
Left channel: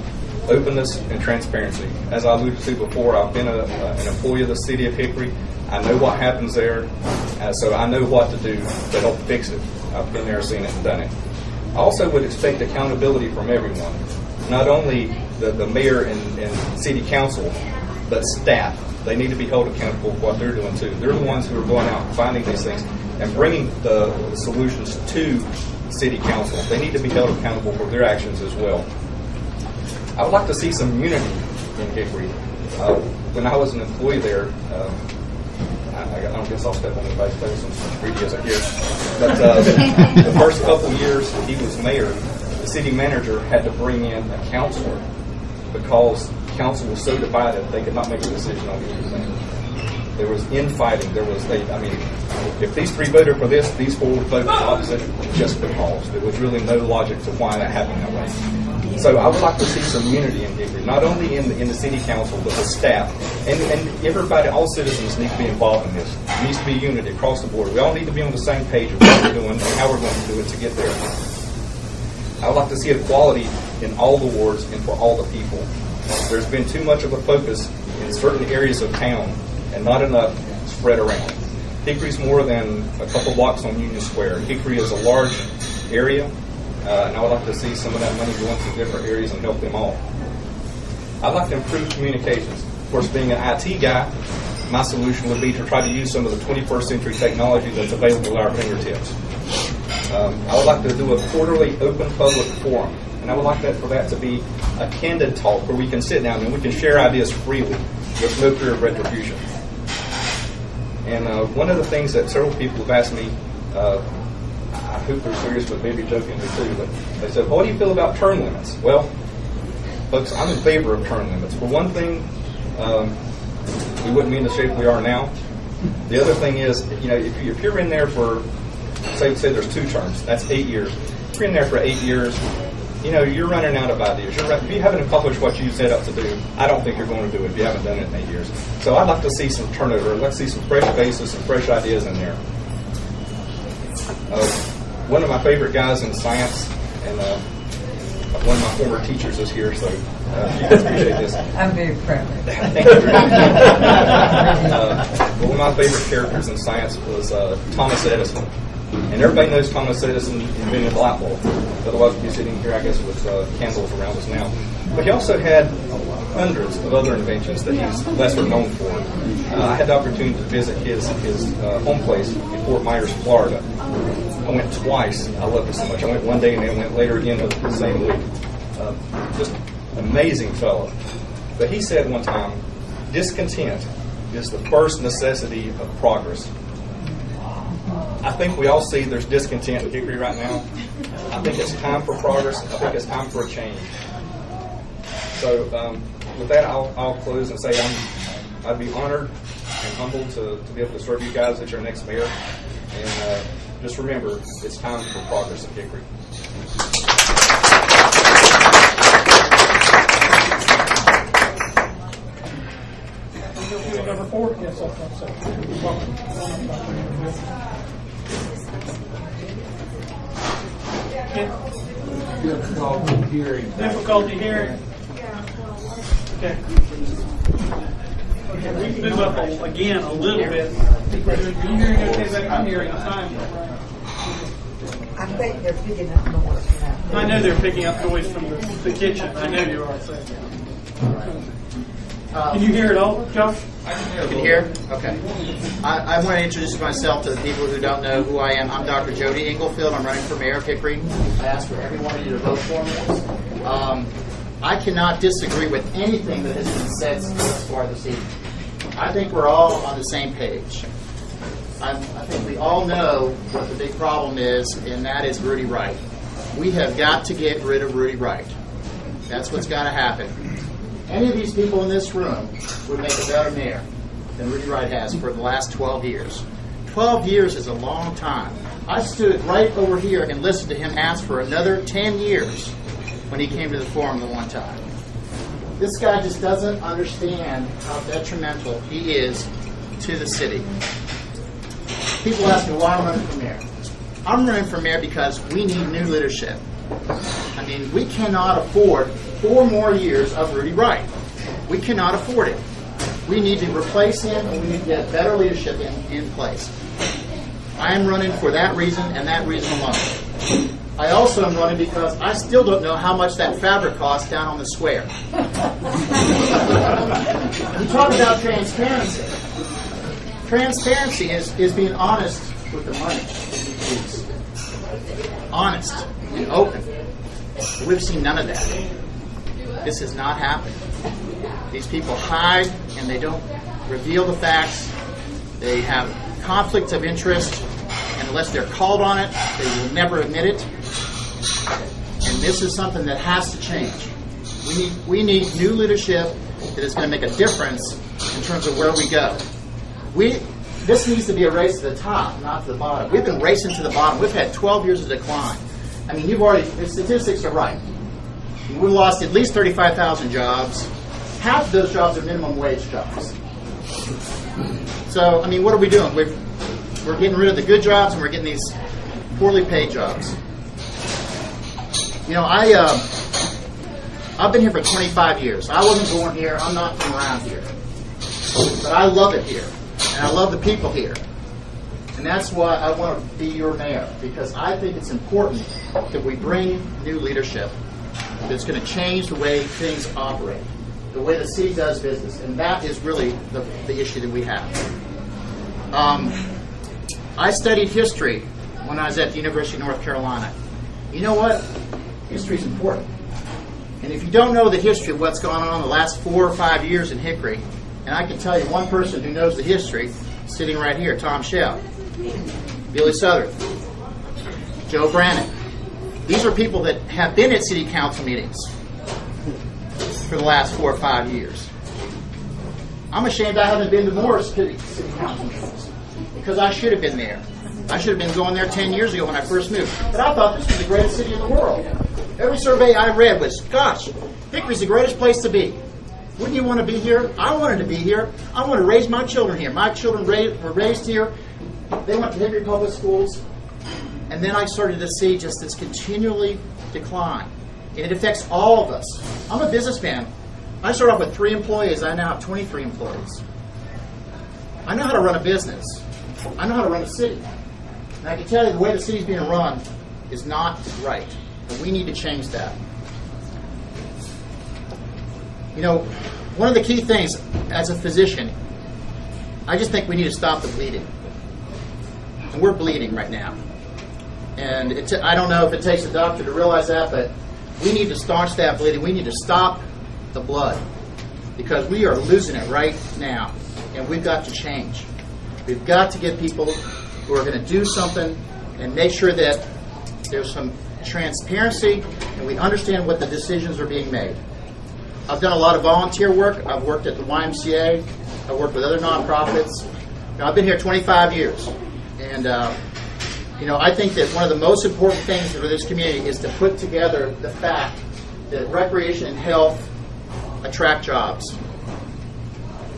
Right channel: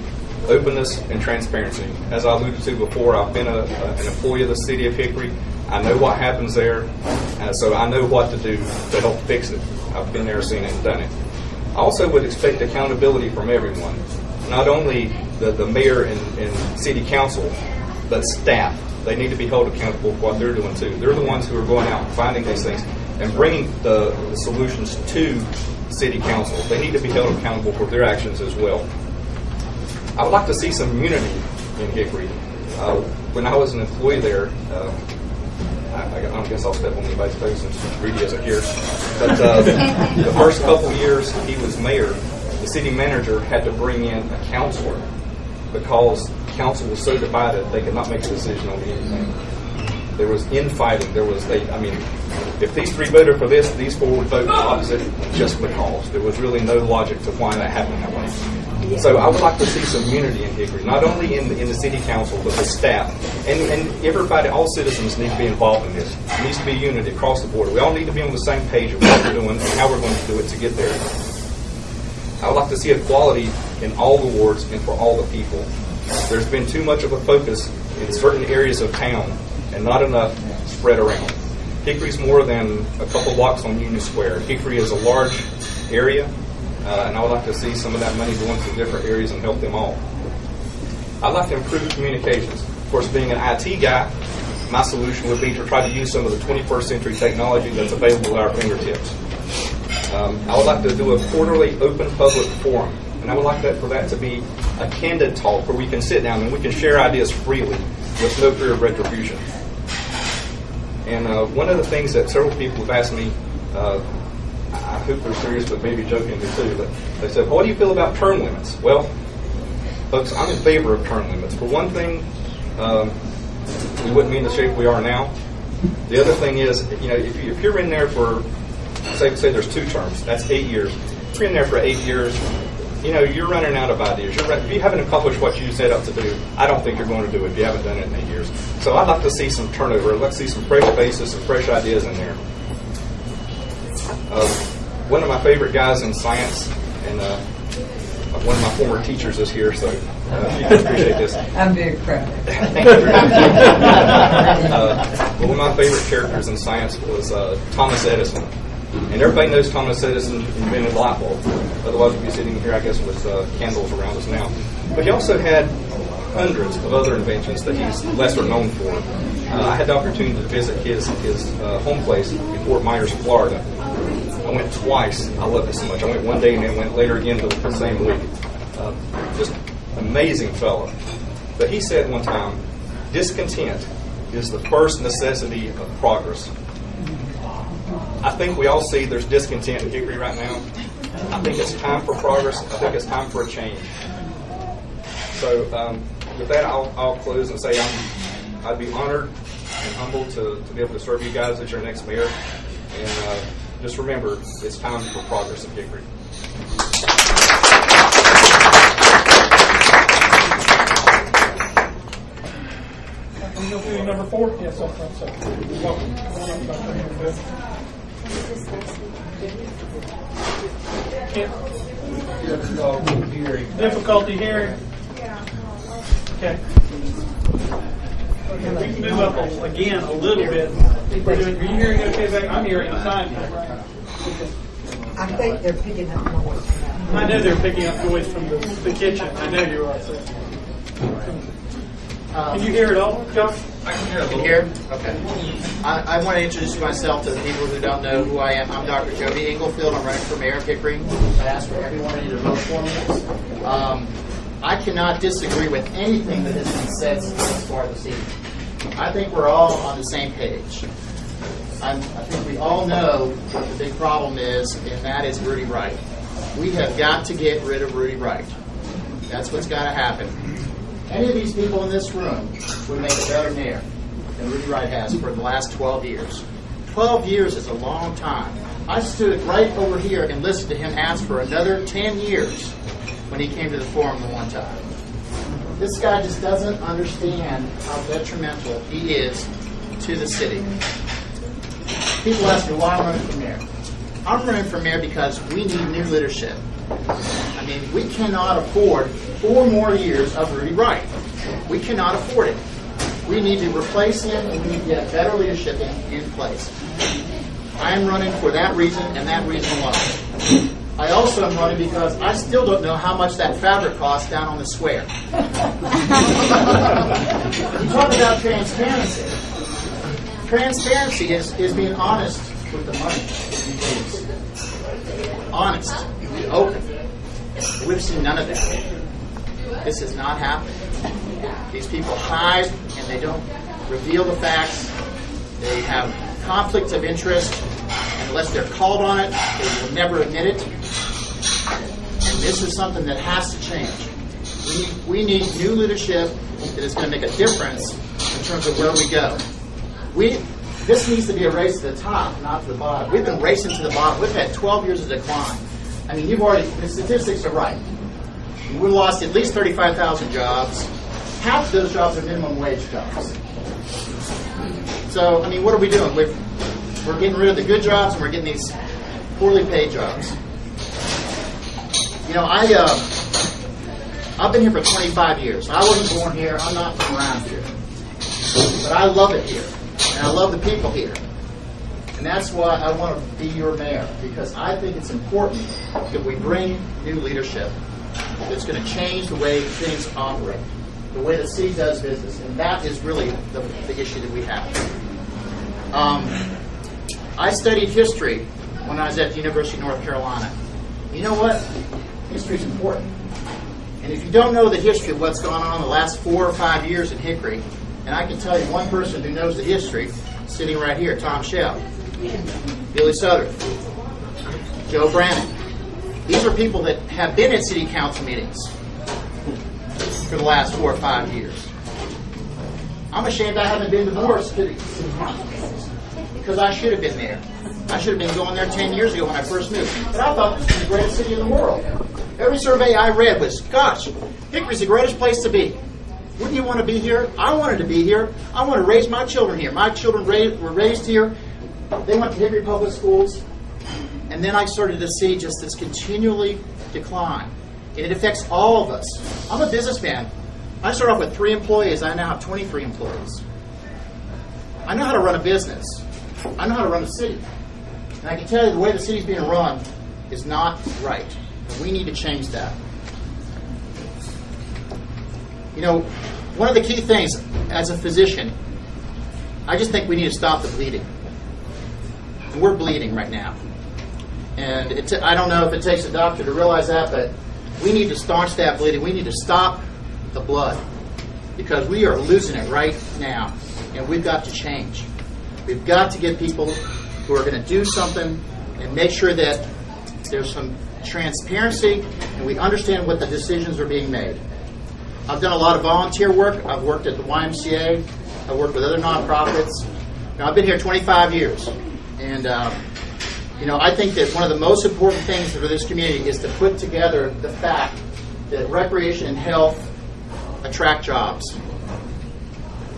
openness and transparency. As I alluded to before, I've been an employee of the city of Hickory. I know what happens there, so I know what to do to help fix it. I've been there, seen it, and done it. I also would expect accountability from everyone. Not only the mayor and city council, but staff. They need to be held accountable for what they're doing too. They're the ones who are going out and finding these things and bringing the solutions to city council. They need to be held accountable for their actions as well. I would like to see some unity in Hickory. When I was an employee there, I don't guess I'll step on anybody's toes since Rudy isn't here. But the first couple years he was mayor, the city manager had to bring in a counselor because council was so divided they could not make a decision on anything. There was infighting. If these 3 voted for this, these 4 would vote opposite just because. There was really no logic to why that happened that way. So I would like to see some unity in Hickory, not only in the city council, but the staff. And everybody, all citizens need to be involved in this. There needs to be unity across the board. We all need to be on the same page of what we're doing and how we're going to do it to get there. I would like to see equality in all the wards and for all the people. There's been too much of a focus in certain areas of town and not enough spread around. Hickory's more than a couple blocks on Union Square. Hickory is a large area, and I would like to see some of that money go into different areas and help them all. I'd like to improve communications. Of course, being an IT guy, my solution would be to try to use some of the 21st century technology that's available at our fingertips. I would like to do a quarterly open public forum, and I would like for that to be a candid talk where we can sit down and we can share ideas freely with no fear of retribution. And one of the things that several people have asked me, I hope they're serious, but maybe jokingly too, but they said, well, what do you feel about term limits? Well, folks, I'm in favor of term limits. For one thing, we wouldn't be in the shape we are now. The other thing is, if you're in there for, say there's 2 terms, that's 8 years. If you're in there for 8 years, you're running out of ideas. If you haven't accomplished what you set out to do, I don't think you're going to do it if you haven't done it in 8 years. So I'd like to see some turnover. I'd like to see some fresh faces, some fresh ideas in there. One of my favorite guys in science, and one of my former teachers is here, so you can appreciate this. I'm very proud. Thank you very much. One of my favorite characters in science was Thomas Edison. And everybody knows Thomas Edison invented the light bulb. Otherwise, we'd be sitting here, I guess, with candles around us now. But he also had hundreds of other inventions that he's lesser known for. I had the opportunity to visit his home place in Fort Myers, Florida. I went twice. I loved it so much. I went one day and then went later again the same week. Just amazing fellow. But he said one time, discontent is the first necessity of progress. I think we all see there's discontent in Hickory right now. I think it's time for progress. I think it's time for a change. So with that, I'll close and say I'd be honored and humbled to be able to serve you guys as your next mayor. And just remember, it's time for progress in Hickory. Number 4? Yes, up front, sir. Welcome. Difficulty hearing. Okay. Okay, we can move up again a little bit. Are you hearing okay, Zach? I'm hearing fine. I think they're picking up noise from that. I know they're picking up noise from the kitchen. I know you are. So. Can you hear it all, Josh? Can you hear? Okay. I want to introduce myself to the people who don't know who I am. I'm Dr. Jody Inglefield. I'm running for mayor of Hickory. I ask for every one of you to vote for me. I cannot disagree with anything that has been said thus far this evening. I think we're all on the same page. I think we all know what the big problem is, and that is Rudy Wright. We have got to get rid of Rudy Wright. That's what's got to happen. Any of these people in this room would make a better mayor than Rudy Wright has for the last 12 years. 12 years is a long time. I stood right over here and listened to him ask for another 10 years when he came to the forum the one time. This guy just doesn't understand how detrimental he is to the city. People ask me why I'm running for mayor. I'm running for mayor because we need new leadership. I mean, we cannot afford 4 more years of Rudy Wright. We cannot afford it. We need to replace him, and we need to get better leadership in place. I am running for that reason and that reason alone. I also am running because I still don't know how much that fabric costs down on the square. You talk about transparency. Transparency is being honest with the money. Honest and open. We've seen none of that. This has not happened. These people hide and they don't reveal the facts. They have conflicts of interest, and unless they're called on it, they will never admit it. And this is something that has to change. We need new leadership that is going to make a difference in terms of where we go. This needs to be a race to the top, not to the bottom. We've been racing to the bottom. We've had 12 years of decline. I mean, the statistics are right. We lost at least 35,000 jobs. Half of those jobs are minimum wage jobs. So, I mean, what are we doing? We're getting rid of the good jobs and we're getting these poorly paid jobs. You know, I've been here for 25 years. I wasn't born here. I'm not from around here. But I love it here. And I love the people here. And that's why I want to be your mayor, because I think it's important that we bring new leadership that's going to change the way things operate, the way the city does business. And that is really the issue that we have. I studied history when I was at the University of North Carolina. You know what? History is important. And if you don't know the history of what's gone on the last 4 or 5 years in Hickory, and I can tell you one person who knows the history, sitting right here, Tom Shell, Billy Southern, Joe Brannon. These are people that have been at city council meetings for the last 4 or 5 years. I'm ashamed I haven't been to more city council meetings because I should have been there. I should have been going there 10 years ago when I first moved. But I thought this was the greatest city in the world. Every survey I read was, gosh, Hickory's the greatest place to be. Wouldn't you want to be here? I wanted to be here. I want to raise my children here. My children were raised here. They went to Hickory Public Schools. And then I started to see just this continually decline. And it affects all of us. I'm a businessman. I started off with 3 employees. I now have 23 employees. I know how to run a business. I know how to run a city. And I can tell you the way the city's being run is not right. And we need to change that. You know, one of the key things as a physician, I just think we need to stop the bleeding. And we're bleeding right now. And I don't know if it takes a doctor to realize that, but we need to staunch that bleeding. We need to stop the blood because we are losing it right now. And we've got to change. We've got to get people who are going to do something and make sure that there's some transparency and we understand what the decisions are being made. I've done a lot of volunteer work. I've worked at the YMCA. I work with other nonprofits. Now, I've been here 25 years, and I think that one of the most important things for this community is to put together the fact that recreation and health attract jobs.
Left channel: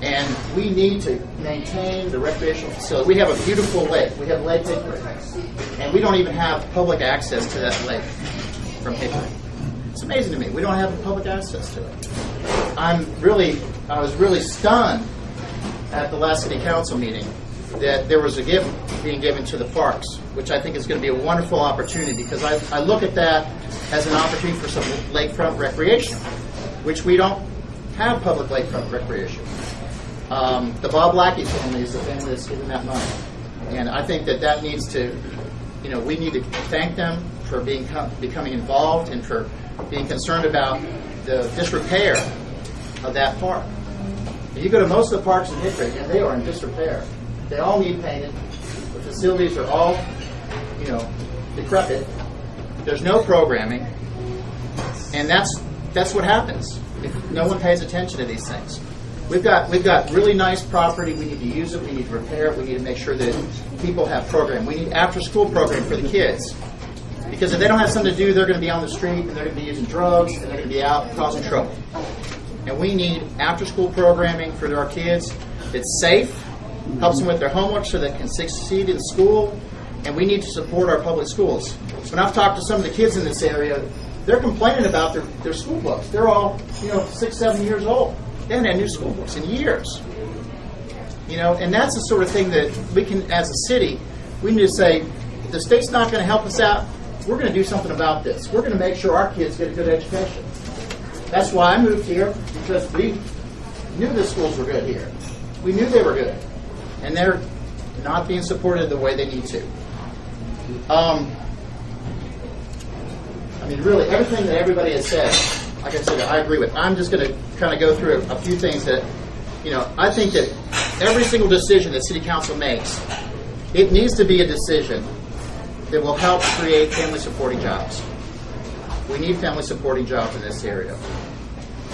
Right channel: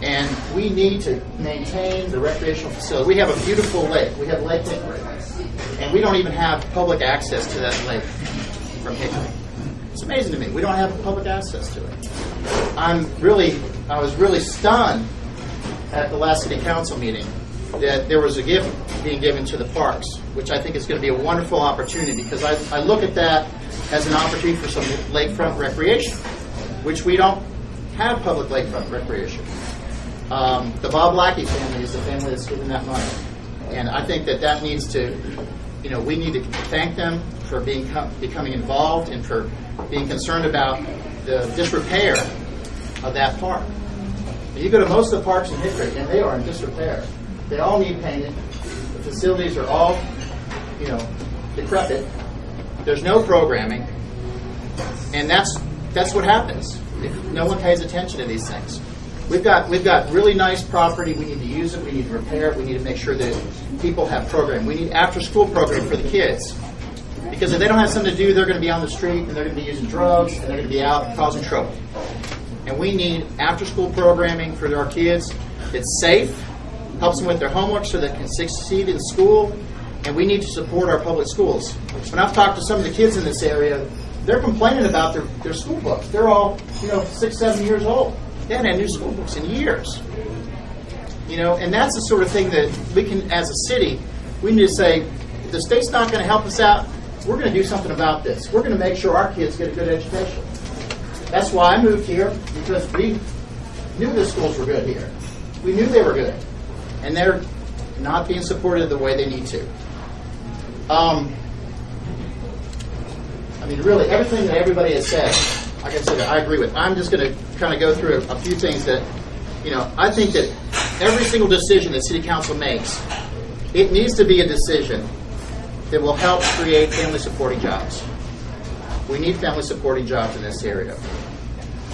And we need to maintain the recreational facility. We have a beautiful lake. We have Lake Hickory. And we don't even have public access to that lake from Hickory. It's amazing to me. We don't have public access to it. I was really stunned at the last city council meeting that there was a gift being given to the parks, which I think is going to be a wonderful opportunity, because I look at that as an opportunity for some lakefront recreation, which we don't have public lakefront recreation. The Bob Lackey family is the family that's given that money. And I think that needs to, we need to thank them for becoming involved and for being concerned about the disrepair of that park. You go to most of the parks in Hickory, and they are in disrepair. They all need painted. The facilities are all, decrepit. There's no programming. And that's what happens if no one pays attention to these things. We've got really nice property. We need to use it. We need to repair it. We need to make sure that people have programming. We need after-school programming for the kids. Because if they don't have something to do, they're going to be on the street, and they're going to be using drugs, and they're going to be out causing trouble. And we need after-school programming for our kids that's safe, helps them with their homework so they can succeed in school, and we need to support our public schools. When I've talked to some of the kids in this area, they're complaining about their school books. They're all, 6, 7 years old. They haven't had new school books in years. And that's the sort of thing that we can, as a city, we need to say, if the state's not going to help us out, we're going to do something about this. We're going to make sure our kids get a good education. That's why I moved here, because we knew the schools were good here. We knew they were good. And they're not being supported the way they need to. Really, everything that everybody has said, like I said, I agree with. I'm just going to kind of go through a few things that, I think that every single decision that City Council makes, it needs to be a decision that will help create family-supporting jobs. We need family-supporting jobs in this area.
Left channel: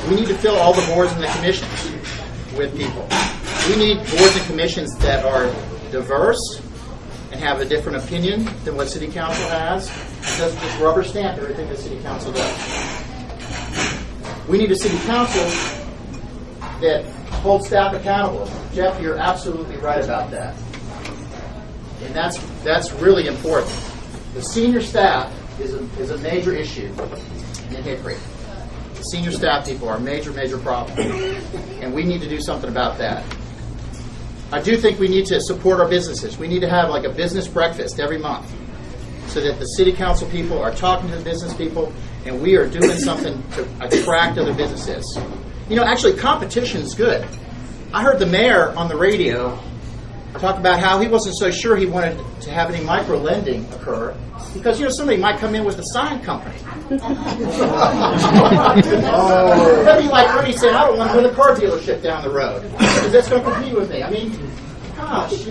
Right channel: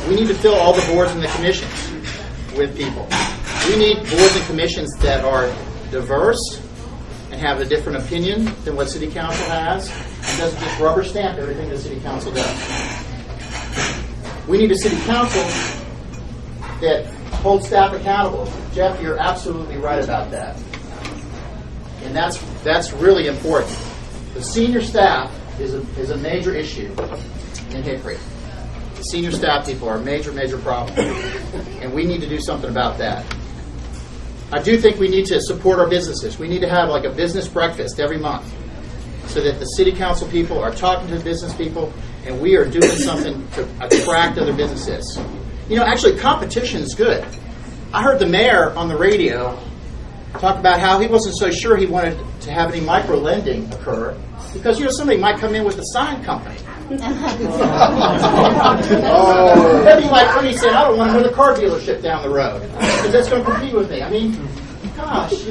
We need to fill all the boards and the commissions with people. We need boards and commissions that are diverse and have a different opinion than what City Council has, and doesn't just rubber stamp everything that City Council does. We need a City Council that holds staff accountable. Jeff, you're absolutely right about that. And that's really important. The senior staff is a major issue in Hickory. The senior staff people are a major, major problem. And we need to do something about that. I do think we need to support our businesses. We need to have like a business breakfast every month so that the City Council people are talking to the business people and we are doing something to attract other businesses. Actually, competition is good. I heard the mayor on the radio talk about how he wasn't so sure he wanted to have any micro-lending occur because, somebody might come in with a sign company. Maybe like Ernie said, I don't want another car dealership down the road because that's going to compete with me. Gosh,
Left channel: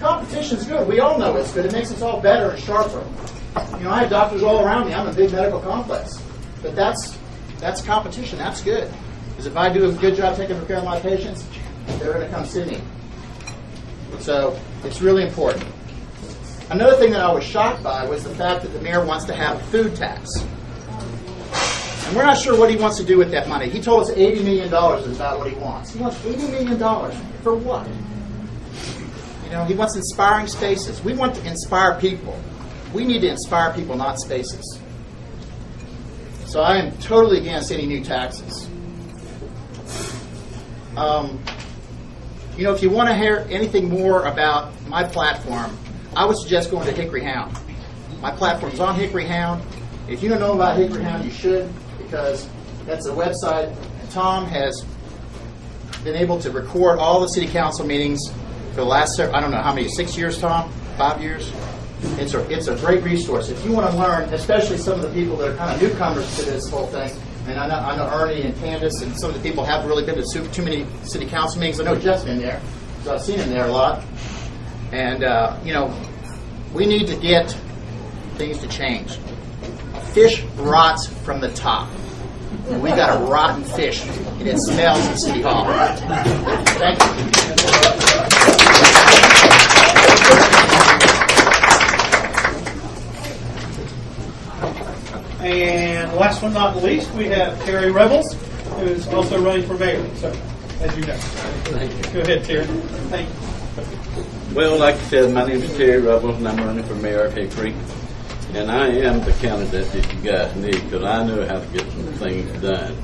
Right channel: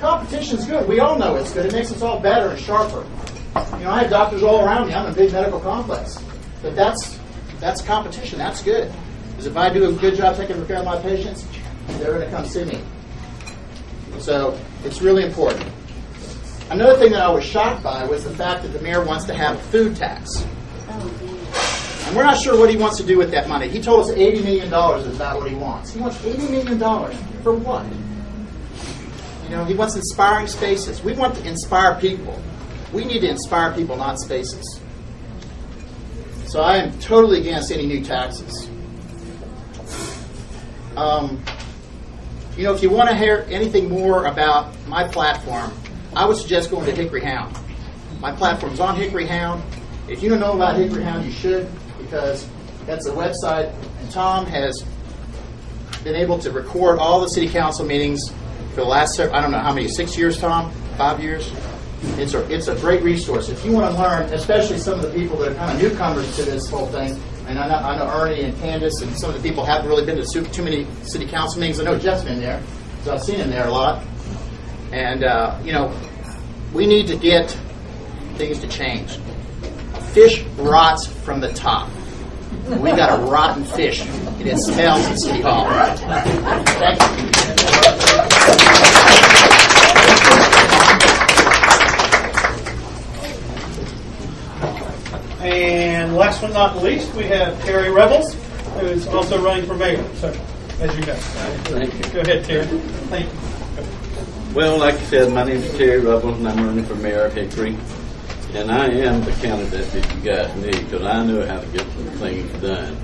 competition's good. We all know it's good. It makes us all better and sharper. I have doctors all around me. I'm in a big medical complex. But that's competition. That's good. Because if I do a good job taking care of my patients, they're going to come see me. So it's really important. Another thing that I was shocked by was the fact that the mayor wants to have a food tax. And we're not sure what he wants to do with that money. He told us $80 million is about what he wants. He wants $80 million for what? He wants inspiring spaces. We want to inspire people. We need to inspire people, not spaces. So I am totally against any new taxes. If you want to hear anything more about my platform, I would suggest going to Hickory Hound. My platform's on Hickory Hound. If you don't know about Hickory Hound, you should, because that's a website. And Tom has been able to record all the city council meetings for the last, I don't know how many, 6 years, Tom? 5 years? It's a great resource. If you want to learn, especially some of the people that are kind of newcomers to this whole thing, and I know Ernie and Candice and some of the people haven't really been to too many city council meetings. I know Jeff's been there, because I've seen him there a lot. And, we need to get things to change. A fish rots from the top. We got a rotten fish It is smells at City Hall. Thank you. And last but not least, we have Terry Revels, who is also running for mayor. So, as you know. Thank you. Go ahead, Terry. Thank you. Well, like you said, my name is Terry Revels, and I'm running for mayor of Hickory. And I am the candidate that you guys need, because I know how to get some things done.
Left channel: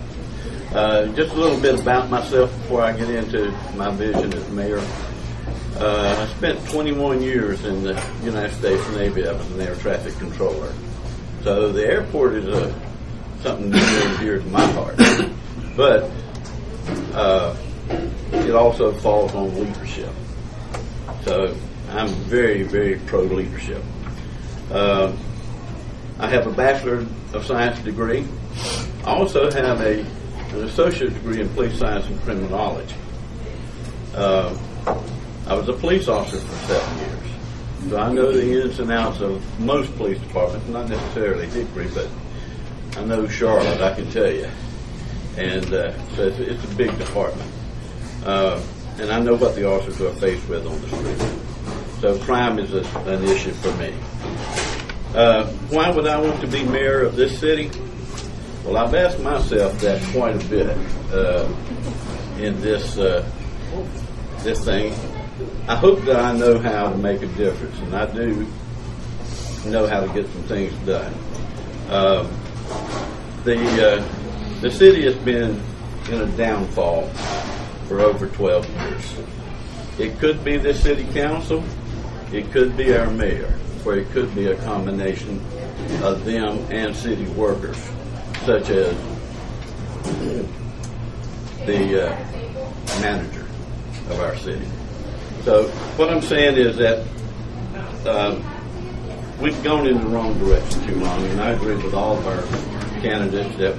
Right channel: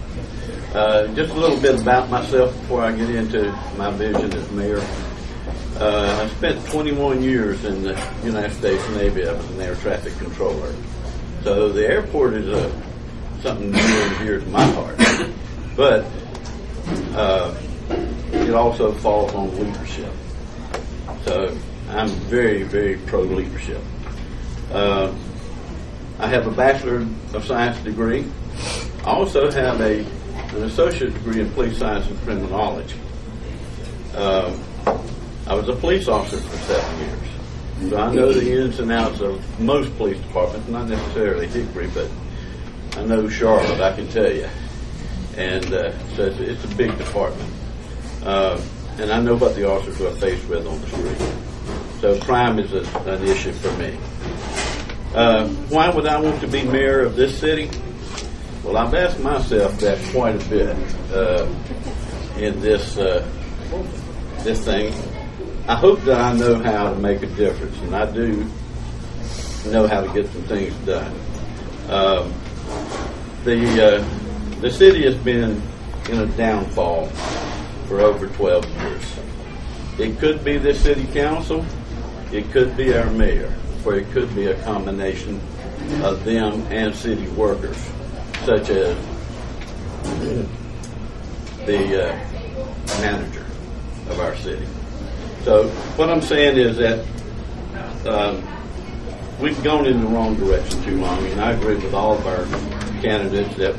Just a little bit about myself before I get into my vision as mayor. I spent 21 years in the United States Navy. I was an air traffic controller. So the airport is something near and dear to my heart. But it also falls on leadership. So I'm very, very pro-leadership. I have a Bachelor of Science degree. I also have an associate degree in police science and criminology. I was a police officer for 7 years. So I know the ins and outs of most police departments, not necessarily Hickory, but I know Charlotte, I can tell you. And so it's a big department. And I know what the officers are faced with on the street. So crime is an issue for me. Why would I want to be mayor of this city? Well, I've asked myself that quite a bit in this thing. I hope that I know how to make a difference, and I do know how to get some things done. The city has been in a downfall for over 12 years. It could be the city council, it could be our mayor, or it could be a combination of them and city workers, such as the manager of our city. So what I'm saying is that we've gone in the wrong direction too long, and I agree with all of our candidates that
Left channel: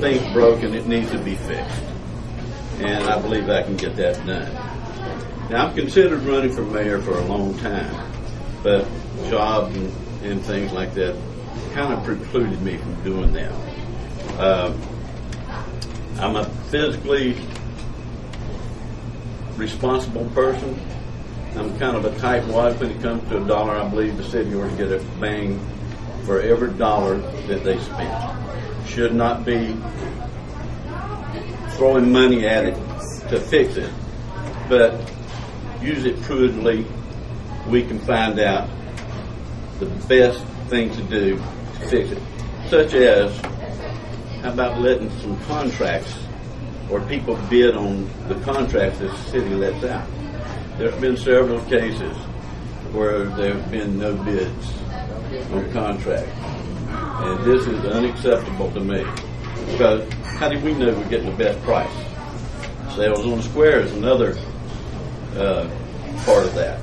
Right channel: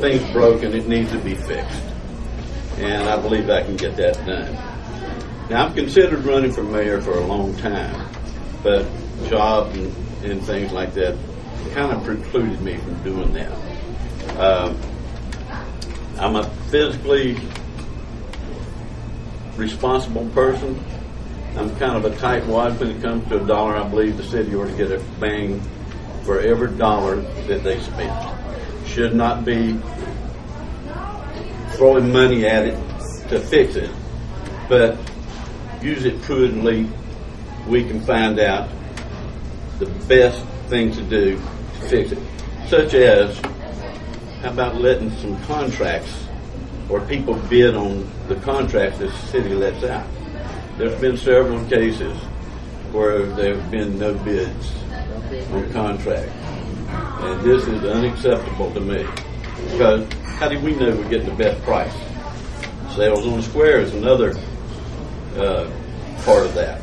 things broke and it needs to be fixed. And I believe I can get that done. Now, I've considered running for mayor for a long time, but jobs and things like that kind of precluded me from doing that. I'm a physically responsible person. I'm kind of a tightwad when it comes to a dollar. I believe the city ought to get a bang for every dollar that they spend. Should not be throwing money at it to fix it, but use it prudently. We can find out the best thing to do to fix it, such as how about letting some contracts or people bid on the contracts that the city lets out. There's been several cases where there have been no bids on contracts, and this is unacceptable to me, because how do we know we're getting the best price? Sales on the square is another part of that.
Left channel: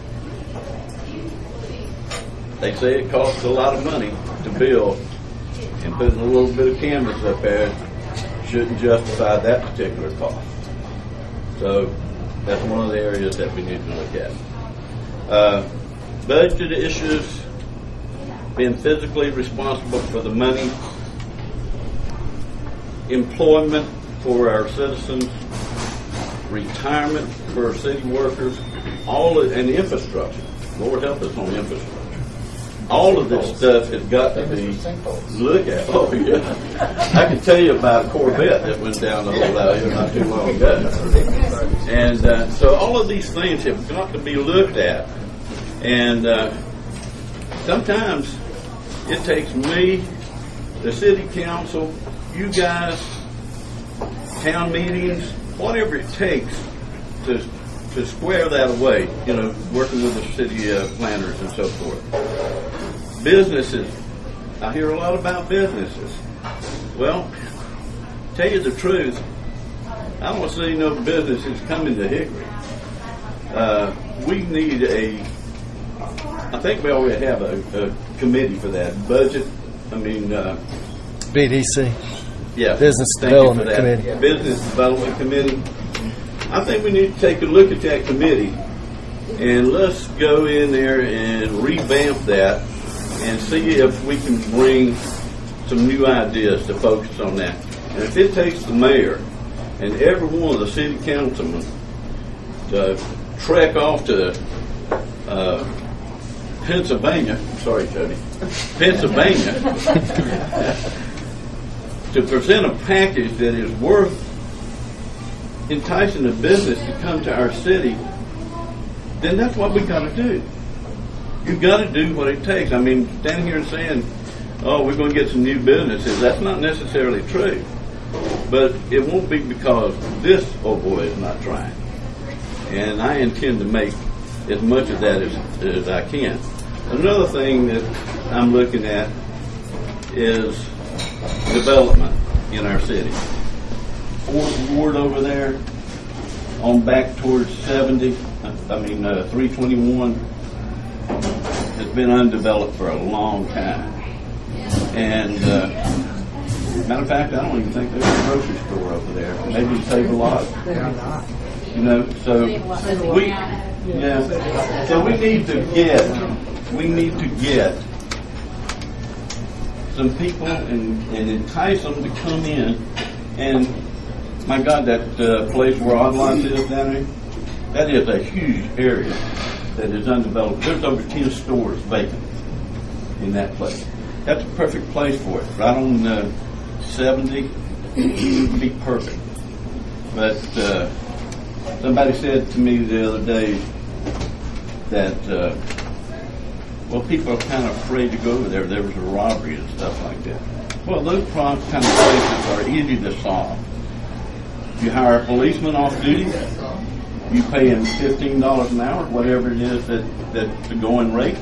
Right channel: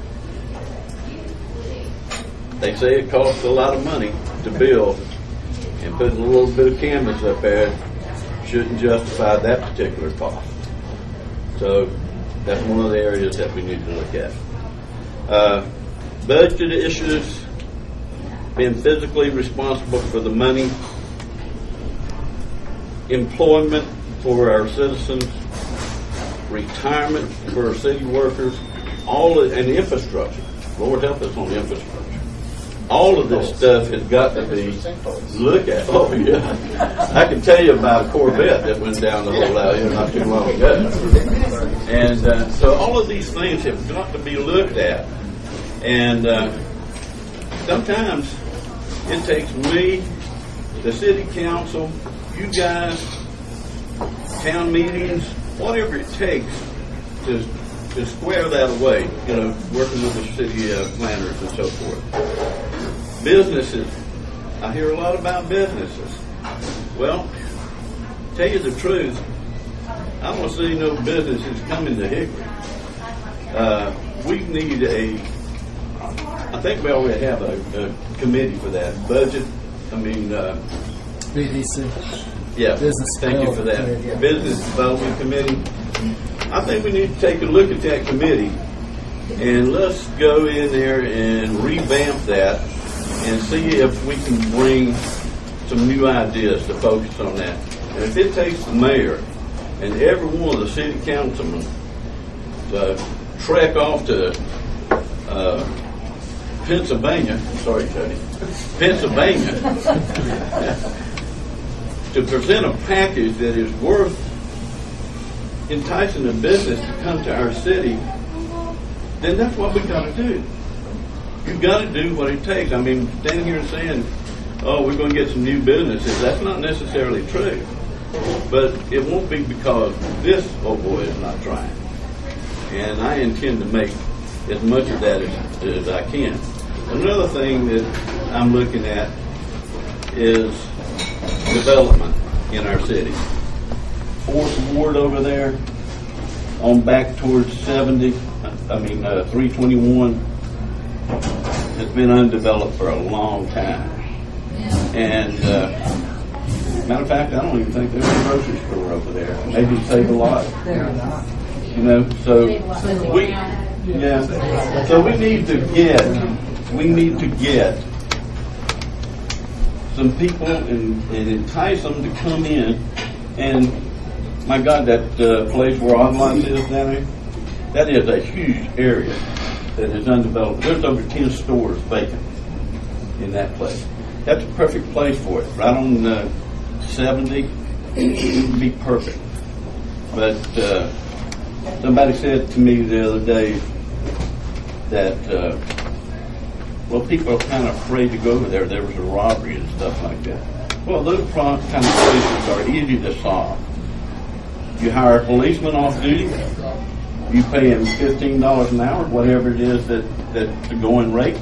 They say it costs a lot of money to build, and putting a little bit of canvas up there shouldn't justify that particular cost. So that's one of the areas that we need to look at. Budget issues, being physically responsible for the money, employment for our citizens, retirement for our city workers, and infrastructure. Lord help us on infrastructure. All of this stuff has got to be looked at. Oh yeah, I can tell you about a Corvette that went down the road out here not too long ago. And so all of these things have got to be looked at. And sometimes it takes me, the city council, you guys, town meetings, whatever it takes to square that away, working with the city planners and so forth. Businesses, I hear a lot about businesses. Well, tell you the truth, I don't see no businesses coming to Hickory. We need I think we already have a committee for that. Budget, BDC. Yeah, thank you for that. Committee. Business Development Committee. I think we need to take a look at that committee and let's go in there and revamp that and see if we can bring some new ideas to focus on that. And if it takes the mayor and every one of the city councilmen to trek off to Pennsylvania, sorry, Jody, Pennsylvania, to present a package that is worth enticing a business to come to our city, then that's what we got to do. You got to do what it takes. I mean, standing here and saying, "Oh, we're going to get some new businesses," that's not necessarily true. But it won't be because this old boy is not trying. And I intend to make as much of that as I can. Another thing that I'm looking at is development in our city. 4th Ward over there, on back towards 321, has been undeveloped for a long time. And matter of fact, I don't even think there's a grocery store over there. Maybe save a lot. They're not. You know, so so we need to get some people and entice them to come in. And my God, that place where Oddlots is down there, that is a huge area that is undeveloped. There's over 10 stores vacant in that place. That's a perfect place for it. Right on 70, it would be perfect. But somebody said to me the other day that, well, people are kind of afraid to go over there. There was a robbery and stuff like that. Well, those kind of places are easy to solve. You hire a policeman off duty. You pay him $15 an hour, whatever it is that's the going rate,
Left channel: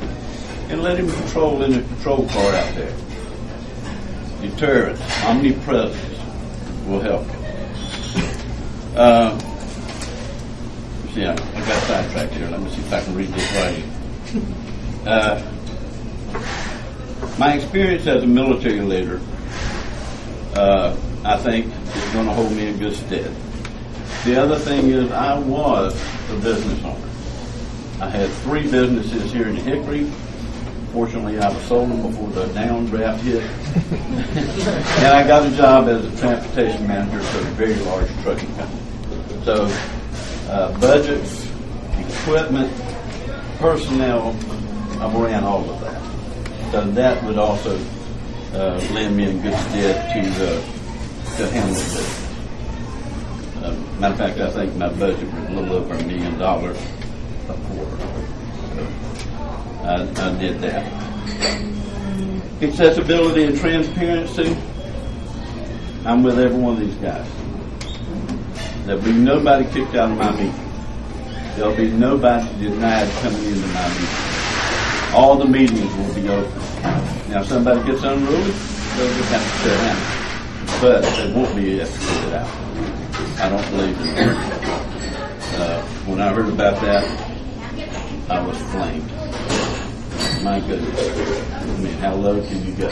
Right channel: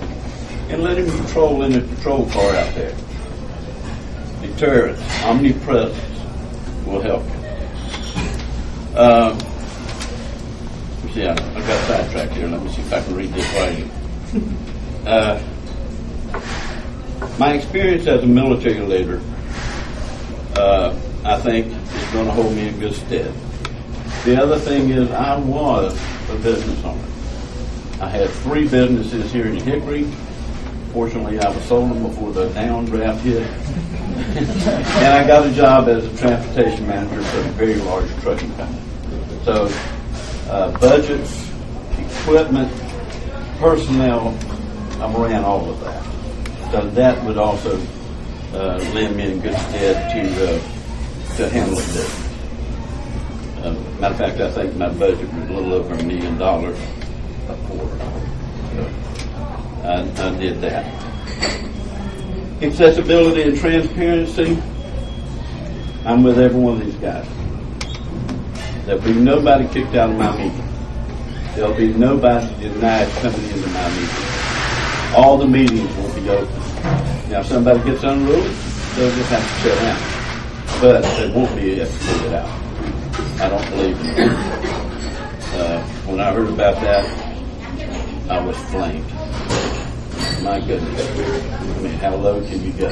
and let him patrol in a patrol car out there. Deterrence, omnipresence will help you. See, I got sidetracked here. Let me see if I can read this writing. My experience as a military leader, I think, is going to hold me in good stead. The other thing is I was a business owner. I had 3 businesses here in Hickory. Fortunately, I was sold them before the downdraft hit. And I got a job as a transportation manager for a very large trucking company. So budgets, equipment, personnel, I ran all of that. So that would also land me in good stead to handle this. Matter of fact, I think my budget was a little over $1 million a quarter. So I did that. Accessibility and transparency, I'm with every one of these guys. There'll be nobody kicked out of my meeting. There'll be nobody denied coming into my meeting. All the meetings will be open. Now, if somebody gets unruly, they'll just have to sit down. But they won't be escorted out. I don't believe in that. When I heard about that, I was flamed. My goodness. I mean, how low can you go?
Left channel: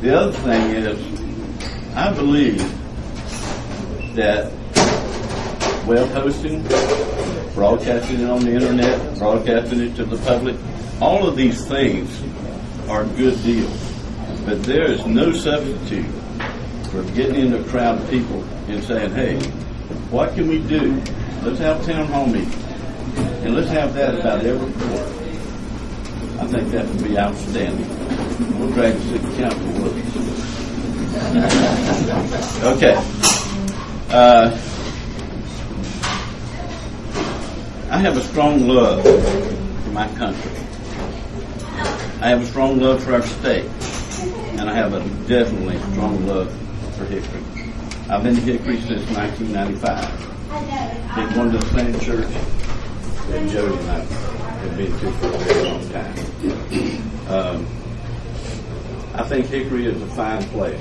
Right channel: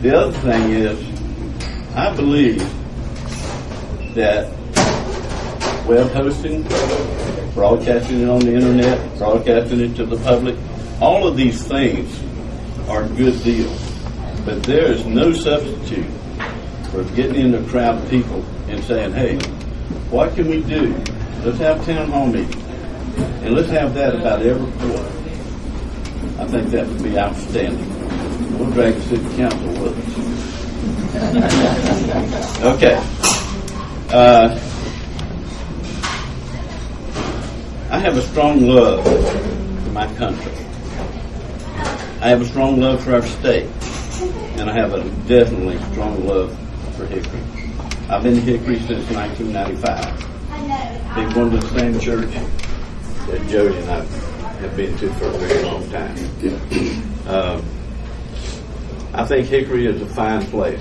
The other thing is, I believe that web hosting, broadcasting it on the internet, broadcasting it to the public, all of these things are good deals. But there is no substitute for getting into a crowd of people and saying, hey, what can we do? Let's have town hall meetings. And let's have that about every quarter. I think that would be outstanding. We'll drag the city council with us. Okay. I have a strong love for my country. I have a strong love for our state. And I have a definitely strong love for Hickory. I've been to Hickory since 1995. Been going to the same church that Jody and I have been to for a very long time. I think Hickory is a fine place,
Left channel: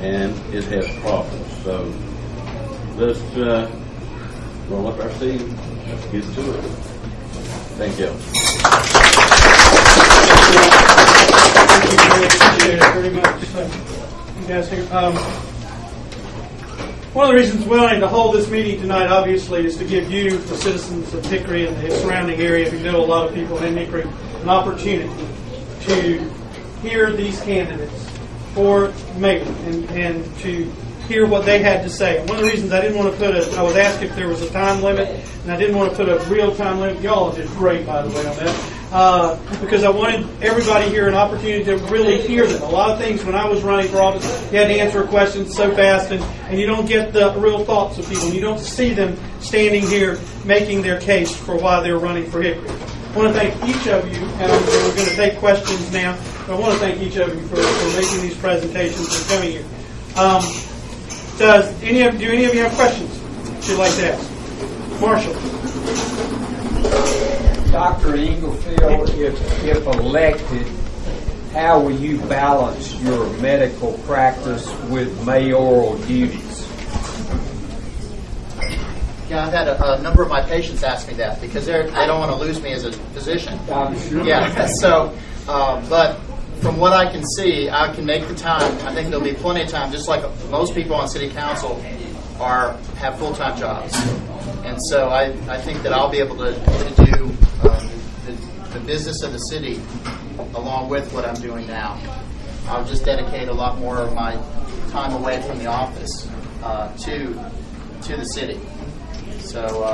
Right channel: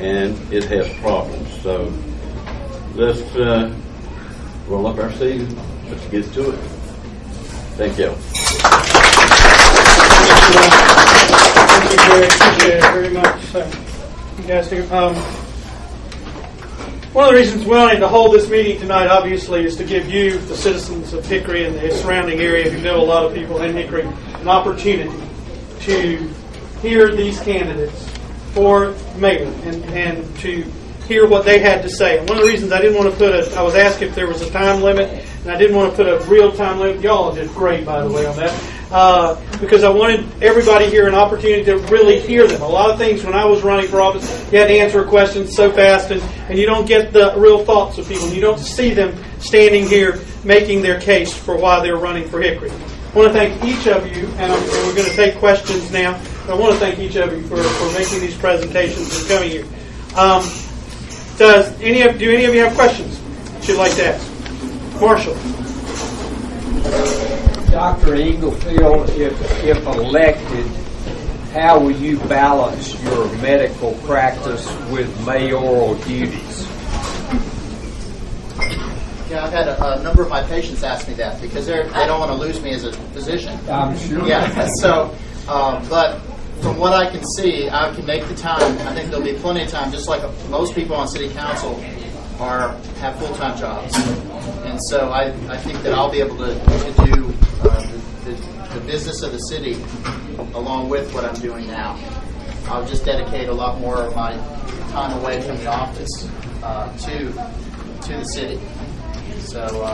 and it has problems. So let's roll up our sleeves and let's get to it. Thank you. Thank you, Jerry. Appreciate it very much. You guys here. One of the reasons we wanted to hold this meeting tonight, obviously, is to give you, the citizens of Hickory and the surrounding area, who know a lot of people in Hickory, an opportunity to hear these candidates for mayor and to hear what they had to say. And one of the reasons I didn't want to put I was asked if there was a time limit, and I didn't want to put a real time limit. Y'all did great, by the way, on that. Because I wanted everybody here an opportunity to really hear them. A lot of things when I was running for office, you had to answer questions so fast, and you don't get the real thoughts of people. You don't see them standing here making their case for why they're running for Hickory. I want to thank each of you, and we're going to take questions now. But I want to thank each of you for making these presentations and coming here. Do any of you have questions that you'd like to ask? Marshall. Dr. Inglefield, if elected, how will you balance your medical practice with mayoral duties? Yeah, I've had a number of my patients ask me that because they don't want to lose me as a physician. I'm sure. Yeah, so, but from what I can see, I can make the time. I think there'll be plenty of time, just like most people on city council have full-time jobs. And so I think that I'll be able to do the business of the city along with what I'm doing now. I'll just dedicate a lot more of my time away from the office to the city. So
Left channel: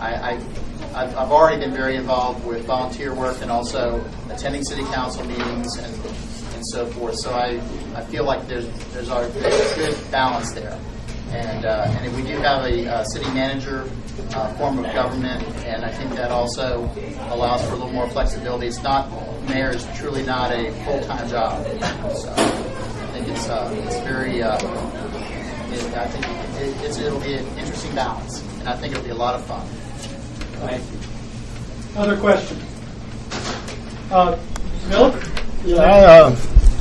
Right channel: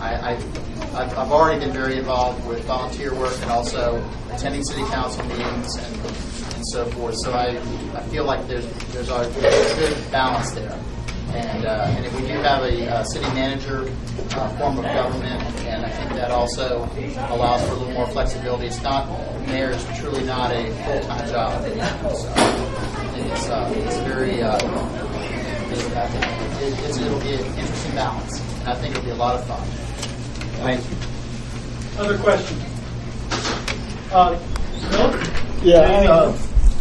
I've already been very involved with volunteer work and also attending city council meetings and so forth. So I feel like there's a good balance there. And we do have a city manager form of government, and I think that also allows for a little more flexibility. It's not, mayor is truly not a full-time job. So I think it's very, I think it'll be an interesting balance, and I think it'll be a lot of fun. Thank you. Other questions? Miller? Yeah,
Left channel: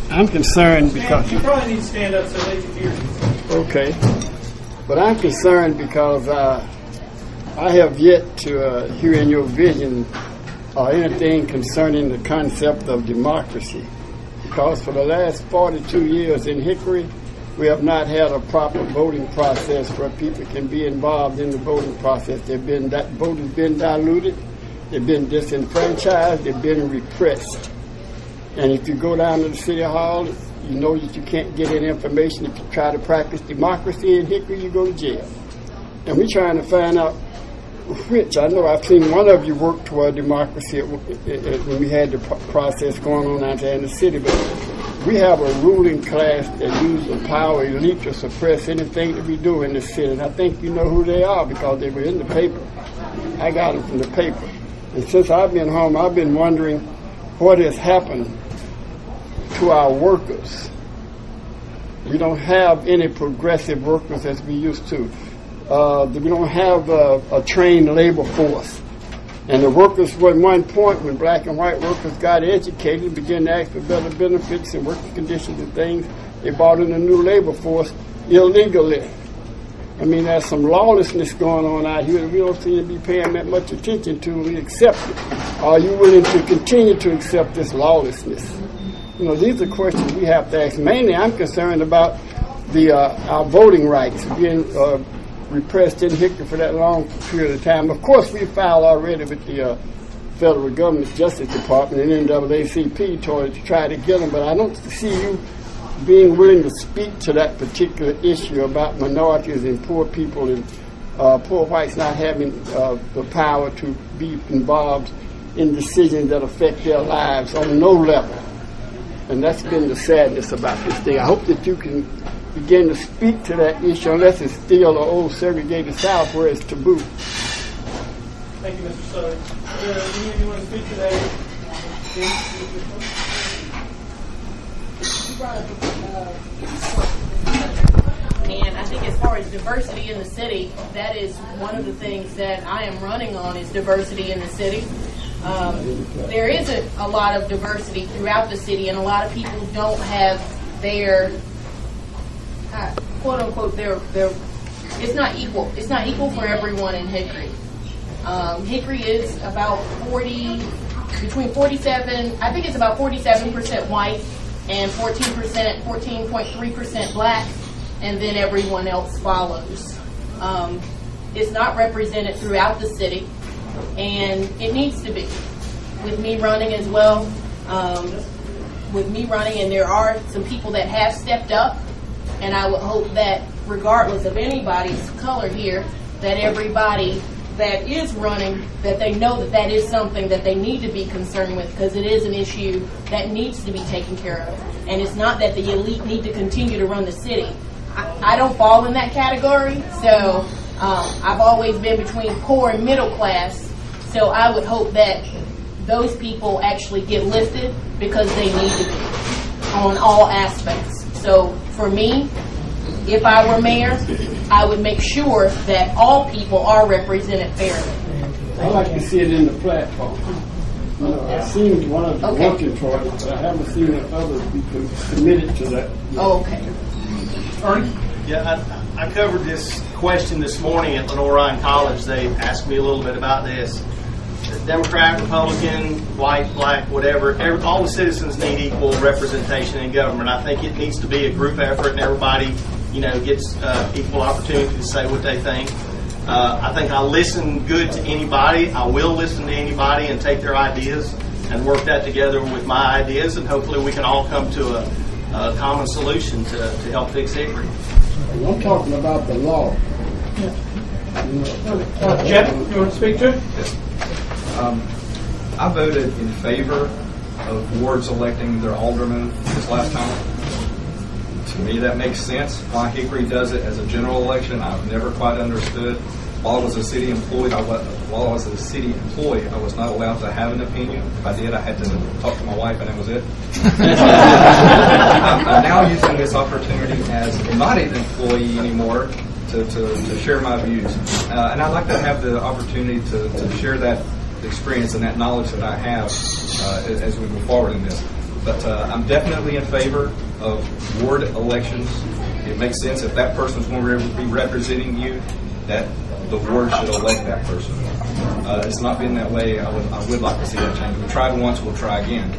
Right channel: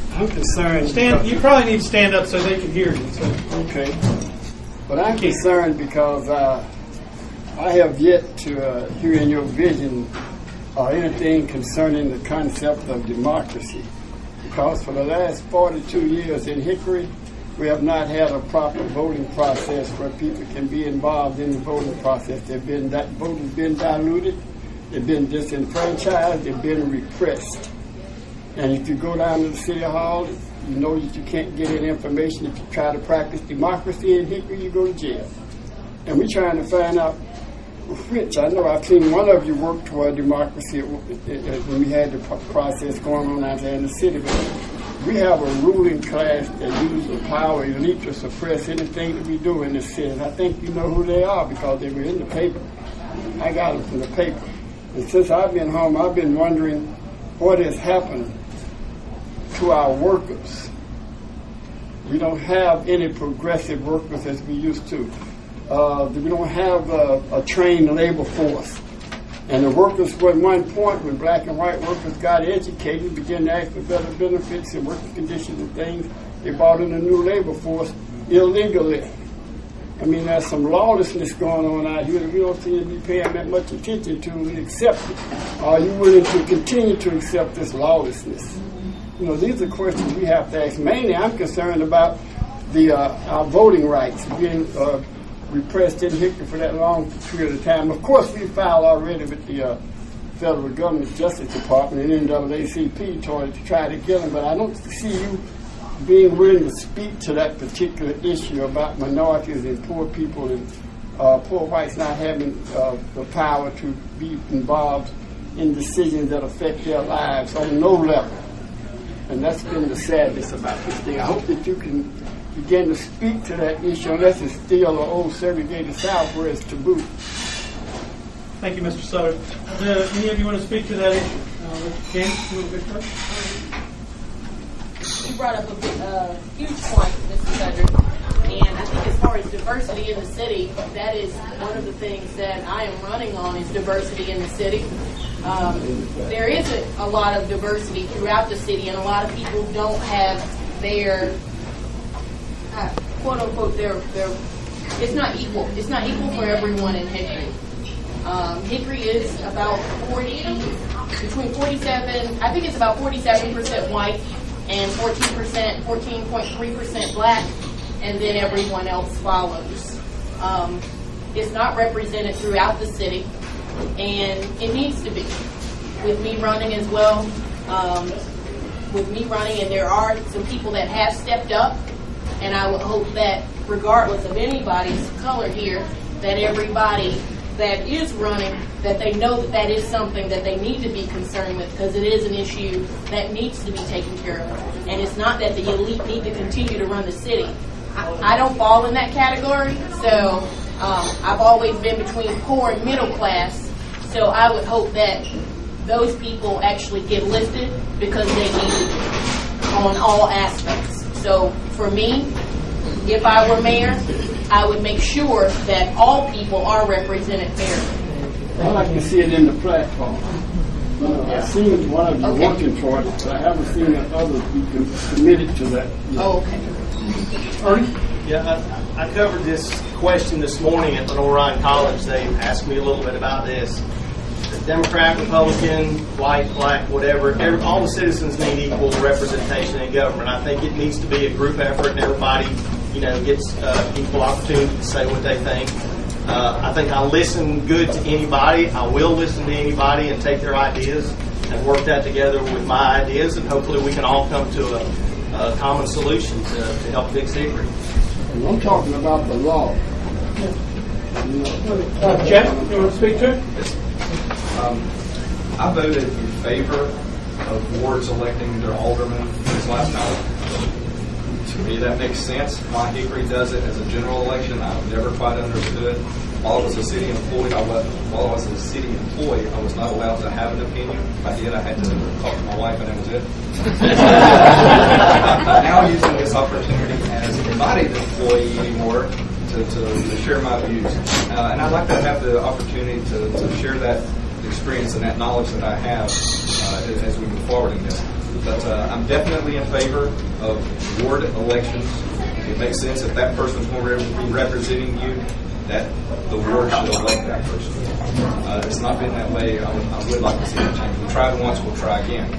I'm concerned because... You probably need to stand up so they can hear you. Okay. But I'm concerned because I have yet to hear in your vision anything concerning the concept of democracy. Because for the last 42 years in Hickory, we have not had a proper voting process where people can be involved in the voting process. That vote has been diluted, they've been disenfranchised, they've been repressed. And if you go down to the city hall, you know that you can't get any information. If you try to practice democracy in Hickory, you go to jail. And we're trying to find out which. I know I've seen one of you work toward democracy when we had the process going on out there in the city, but we have a ruling class that uses the power elite to suppress anything that we do in the city. And I think you know who they are because they were in the paper. I got them from the paper. And since I've been home, I've been wondering what has happened to our workers. We don't have any progressive workers as we used to. We don't have a trained labor force. And the workers, at one point, when black and white workers got educated, began to ask for better benefits and working conditions and things, they brought in a new labor force illegally. I mean, there's some lawlessness going on out here that we don't seem to be paying that much attention to. We accept it. Are you willing to continue to accept this lawlessness? You know, these are questions we have to ask. Mainly, I'm concerned about our voting rights being repressed in Hickory for that long period of time. Of course, we filed already with the federal government Justice Department and NAACP to try to get them, but I don't see you being willing to speak to that particular issue about minorities and poor people and poor whites not having the power to be involved in decisions that affect their lives on no level. And that's been the sadness about this thing. I hope that you can begin to speak to that issue, unless it's still an old segregated South where it's taboo. Thank you, Mr. Sutter. Any of you want to speak to that? James, You brought up a huge point, Mr. Sutter. And I think as far as diversity in the city, that is one of the things that I am running on is diversity in the city. There isn't a lot of diversity throughout the city, and a lot of people don't have their quote unquote it's not equal. It's not equal for everyone in Hickory. Hickory is about between 47, I think it's about 47% white and 14.3% black, and then everyone else follows. It's not represented throughout the city, and it needs to be. With me running as well, and there are some people that have stepped up And I would hope that regardless of anybody's color here, that everybody that is running, that they know that that is something that they need to be concerned with, because it is an issue that needs to be taken care of. And it's not that the elite need to continue to run the city. I don't fall in that category, so I've always been between poor and middle class. So I would hope that those people actually get lifted, because they need to be on all aspects. So for me, if I were mayor, I would make sure that all people are represented fairly. I like to see it in the platform. I've seen one of the working for it, but I haven't seen that others be committed to that yet. Oh, okay. Ernie? Yeah, I covered this question this morning at Lenore Ryan College. They asked me a little bit about this. Democrat, Republican, white, black, whatever, all the citizens need equal representation in government. I think it needs to be a group effort, and everybody, gets equal opportunity to say what they think. I think I listen good to anybody. I will listen to anybody and take their ideas and work that together with my ideas, and hopefully we can all come to a common solution to help fix Hickory. I'm talking about the law. Jeff, you want to speak to it? Yes. I voted in favor of wards electing their aldermen this last time. To me, that makes sense. Why Hickory does it as a general election, I've never quite understood. While I was a city employee, I was not allowed to have an opinion. If I did, I had to talk to my wife, and that was it. I'm now using this opportunity as not an employee anymore to share my views. And I'd like to have the opportunity to share that experience and that knowledge that I have as we move forward in this. But I'm definitely in favor of ward elections. It makes sense if that person's going to be representing you, that the ward should elect that person. It's not been that way. I would like to see that change. We tried once, we'll try again.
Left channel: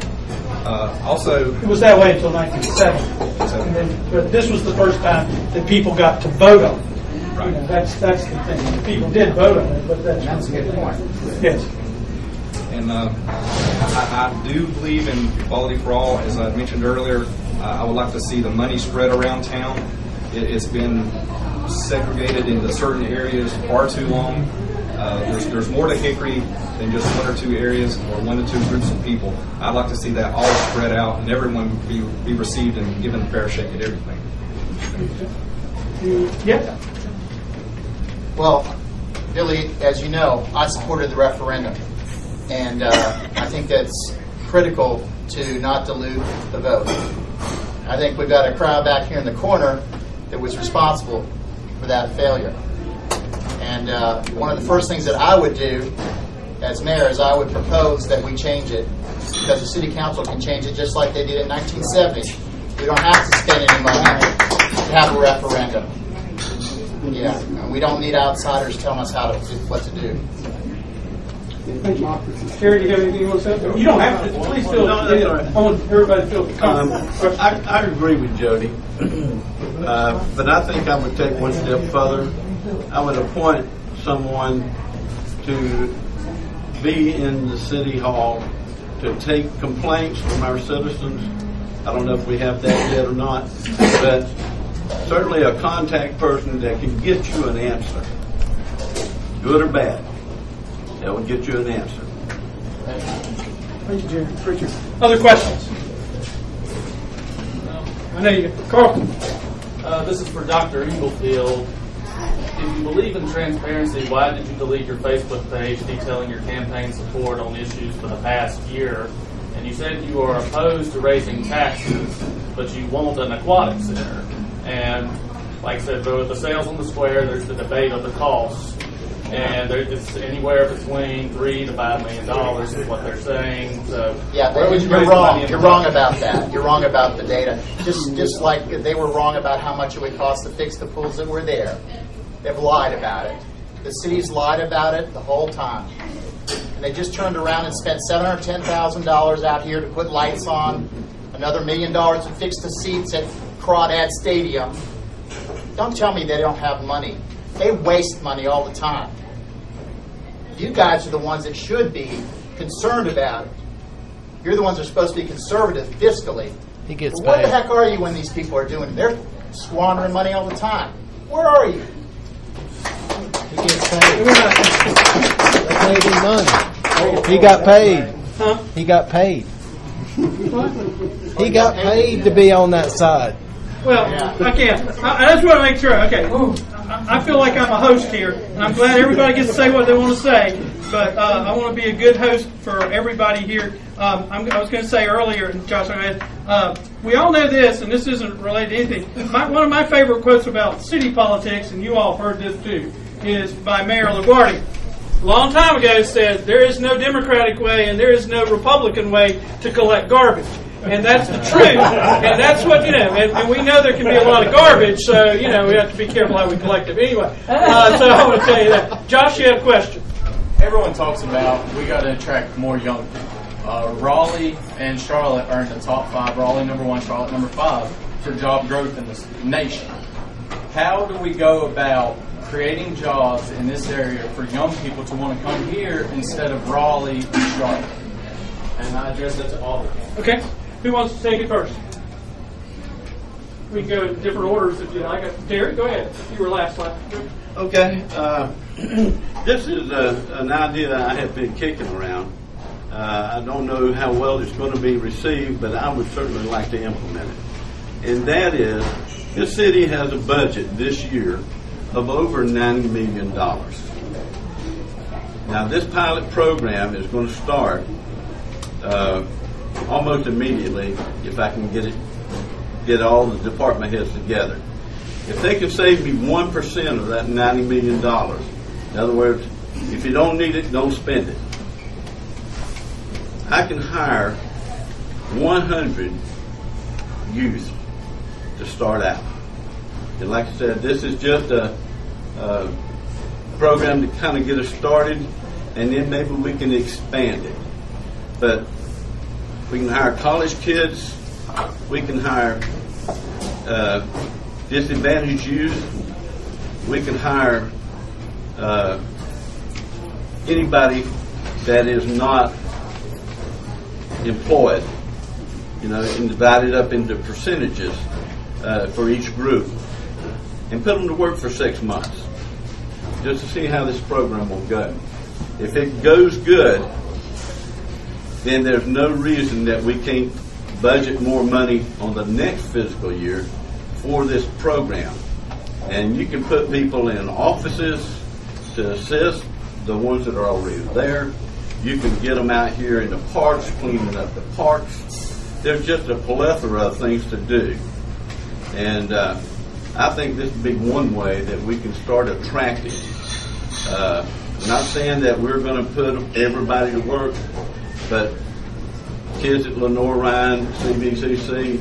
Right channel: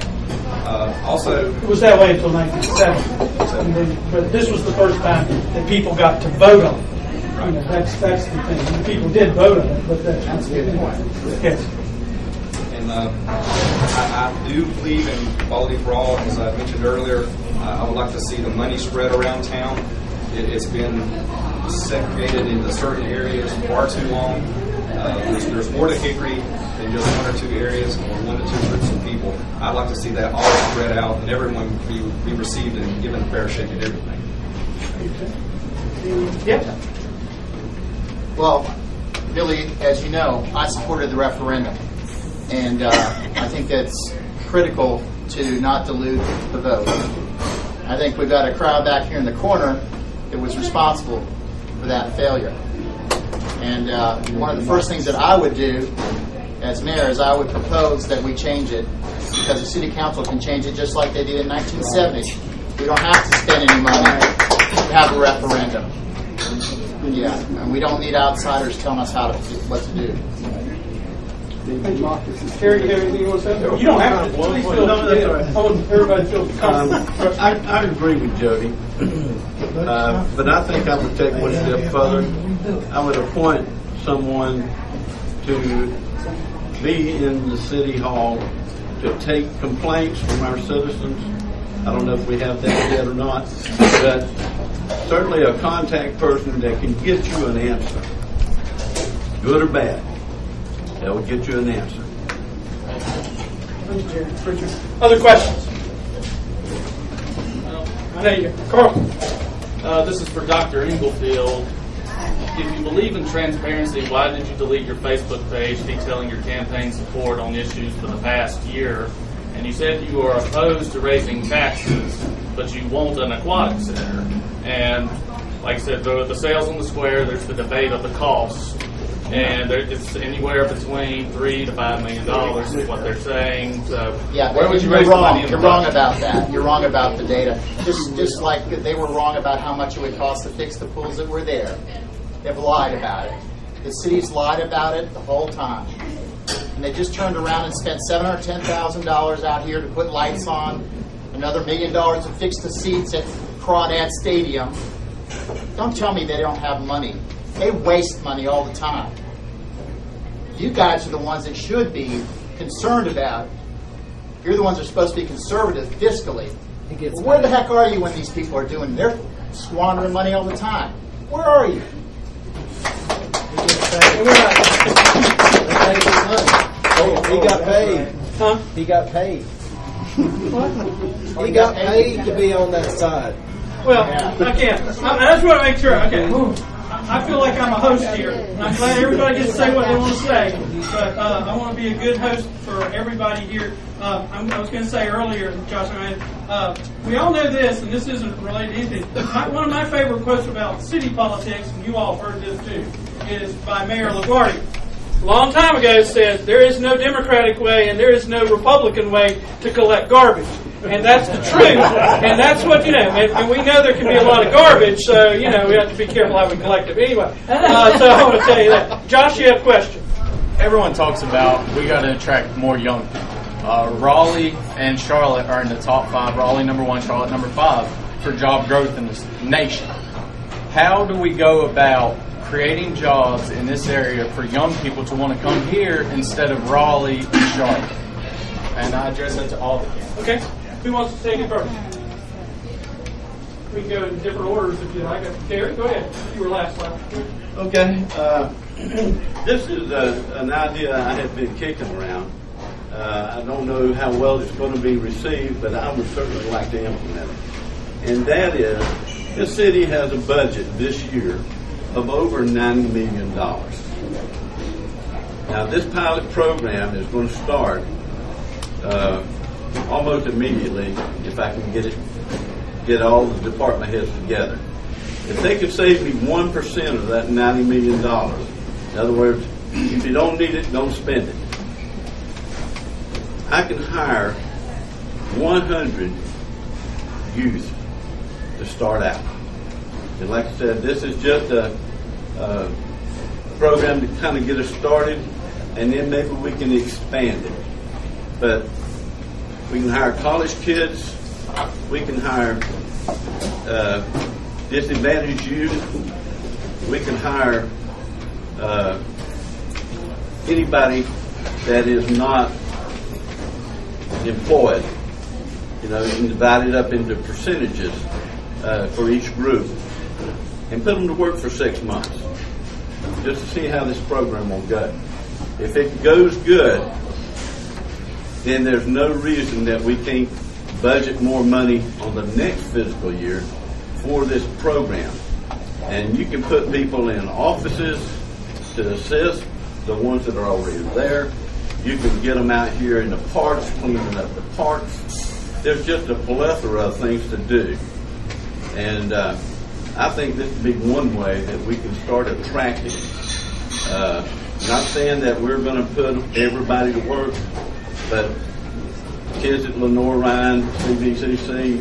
Also, it was that way until 1970. But this was the first time that people got to vote on it. Right. That's the thing. People did vote on it, but that's a good point. Yes. And I do believe in equality for all. As I mentioned earlier, I would like to see the money spread around town. It's been segregated into certain areas far too long. There's more to Hickory than just one or two areas or one or two groups of people. I'd like to see that all spread out and everyone be received and given a fair shake at everything. Yeah. Well, Billy, as you know, I supported the referendum. And I think that's critical to not dilute the vote. I think we've got a crowd back here in the corner that was responsible for that failure. And one of the first things that I would do as mayor is I would propose that we change it, because the city council can change it just like they did in 1970. We don't have to spend any money to have a referendum. Yeah, and we don't need outsiders telling us what to do. Terry, you have anything you want to say? You don't have to. Please feel. I want everybody to feel comfortable. I agree with Jody, but I think I would take one step further. I would appoint someone to be in the city hall to take complaints from our citizens. I don't know if we have that yet or not, but certainly a contact person that can get you an answer, good or bad. That would get you an answer. Thank you, Jerry. Richard. Other questions? I know you. Carlton. This is for Dr. Inglefield. If you believe in transparency, why did you delete your Facebook page detailing your campaign support on issues for the past year? And you said you are opposed to raising taxes, but you want an aquatic center. And like I said, the sales on the square, there's the debate of the cost. And it's anywhere between $3 to $5 million is what they're saying. So yeah, but you're wrong. You're wrong about that. You're wrong about the data. Just like they were wrong about how much it would cost to fix the pools that were there. They've lied about it. The city's lied about it the whole time. And they just turned around and spent $710,000 out here to put lights on, another $1 million to fix the seats at Crawdad Stadium. Don't tell me they don't have money. They waste money all the time. You guys are the ones that should be concerned about it. You're the ones that are supposed to be conservative fiscally. Well, where the heck are you when these people are doing? squandering money all the time. Where are you? He got paid. Huh? He got paid. What? He got paid to be on that side. Well, I can't. I just want to make sure. Okay. I feel like I'm a host here, and I'm glad everybody gets to say what they want to say. But I want to be a good host for everybody here. I was going to say earlier, Josh, we all know this, and this isn't related to anything. One of my favorite quotes about city politics, and you all have heard this too, is by Mayor LaGuardia. A long time ago said, there is no Democratic way and there is no Republican way to collect garbage. And that's the truth. And that's what, and we know there can be a lot of garbage, so, we have to be careful how we collect it. Anyway, so I want to tell you that. Josh, you had a question. Everyone talks about we got to attract more young people. Raleigh and Charlotte are in the top 5. Raleigh number 1, Charlotte number 5 for job growth in this nation. How do we go about creating jobs in this area for young people to want to come here instead of Raleigh and Charlotte? And I address that to all of you. Okay. Who wants to take it first? We can go in different orders if you like. Terry, go ahead. You were last. Okay. This is an idea I have been kicking around. I don't know how well it's going to be received, but I would certainly like to implement it. And that is, this city has a budget this year of over $90 million. Now, this pilot program is going to start almost immediately if I can get all the department heads together. If they can save me 1% of that $90 million, in other words, if you don't need it, don't spend it, I can hire 100 youth to start out. And like I said, this is just a program to kind of get us started, and then maybe we can expand it. But we can hire college kids, we can hire disadvantaged youth, we can hire anybody that is not employed, and divide it up into percentages for each group, and put them to work for 6 months, just to see how this program will go. If it goes good, then there's no reason that we can't budget more money on the next fiscal year for this program. And you can put people in offices to assist the ones that are already there. You can get them out here in the parks, cleaning up the parks. There's just a plethora of things to do. And I think this would be one way that we can start attracting. Not saying that we're going to put everybody to work, but kids at Lenore Ryan, CVCC,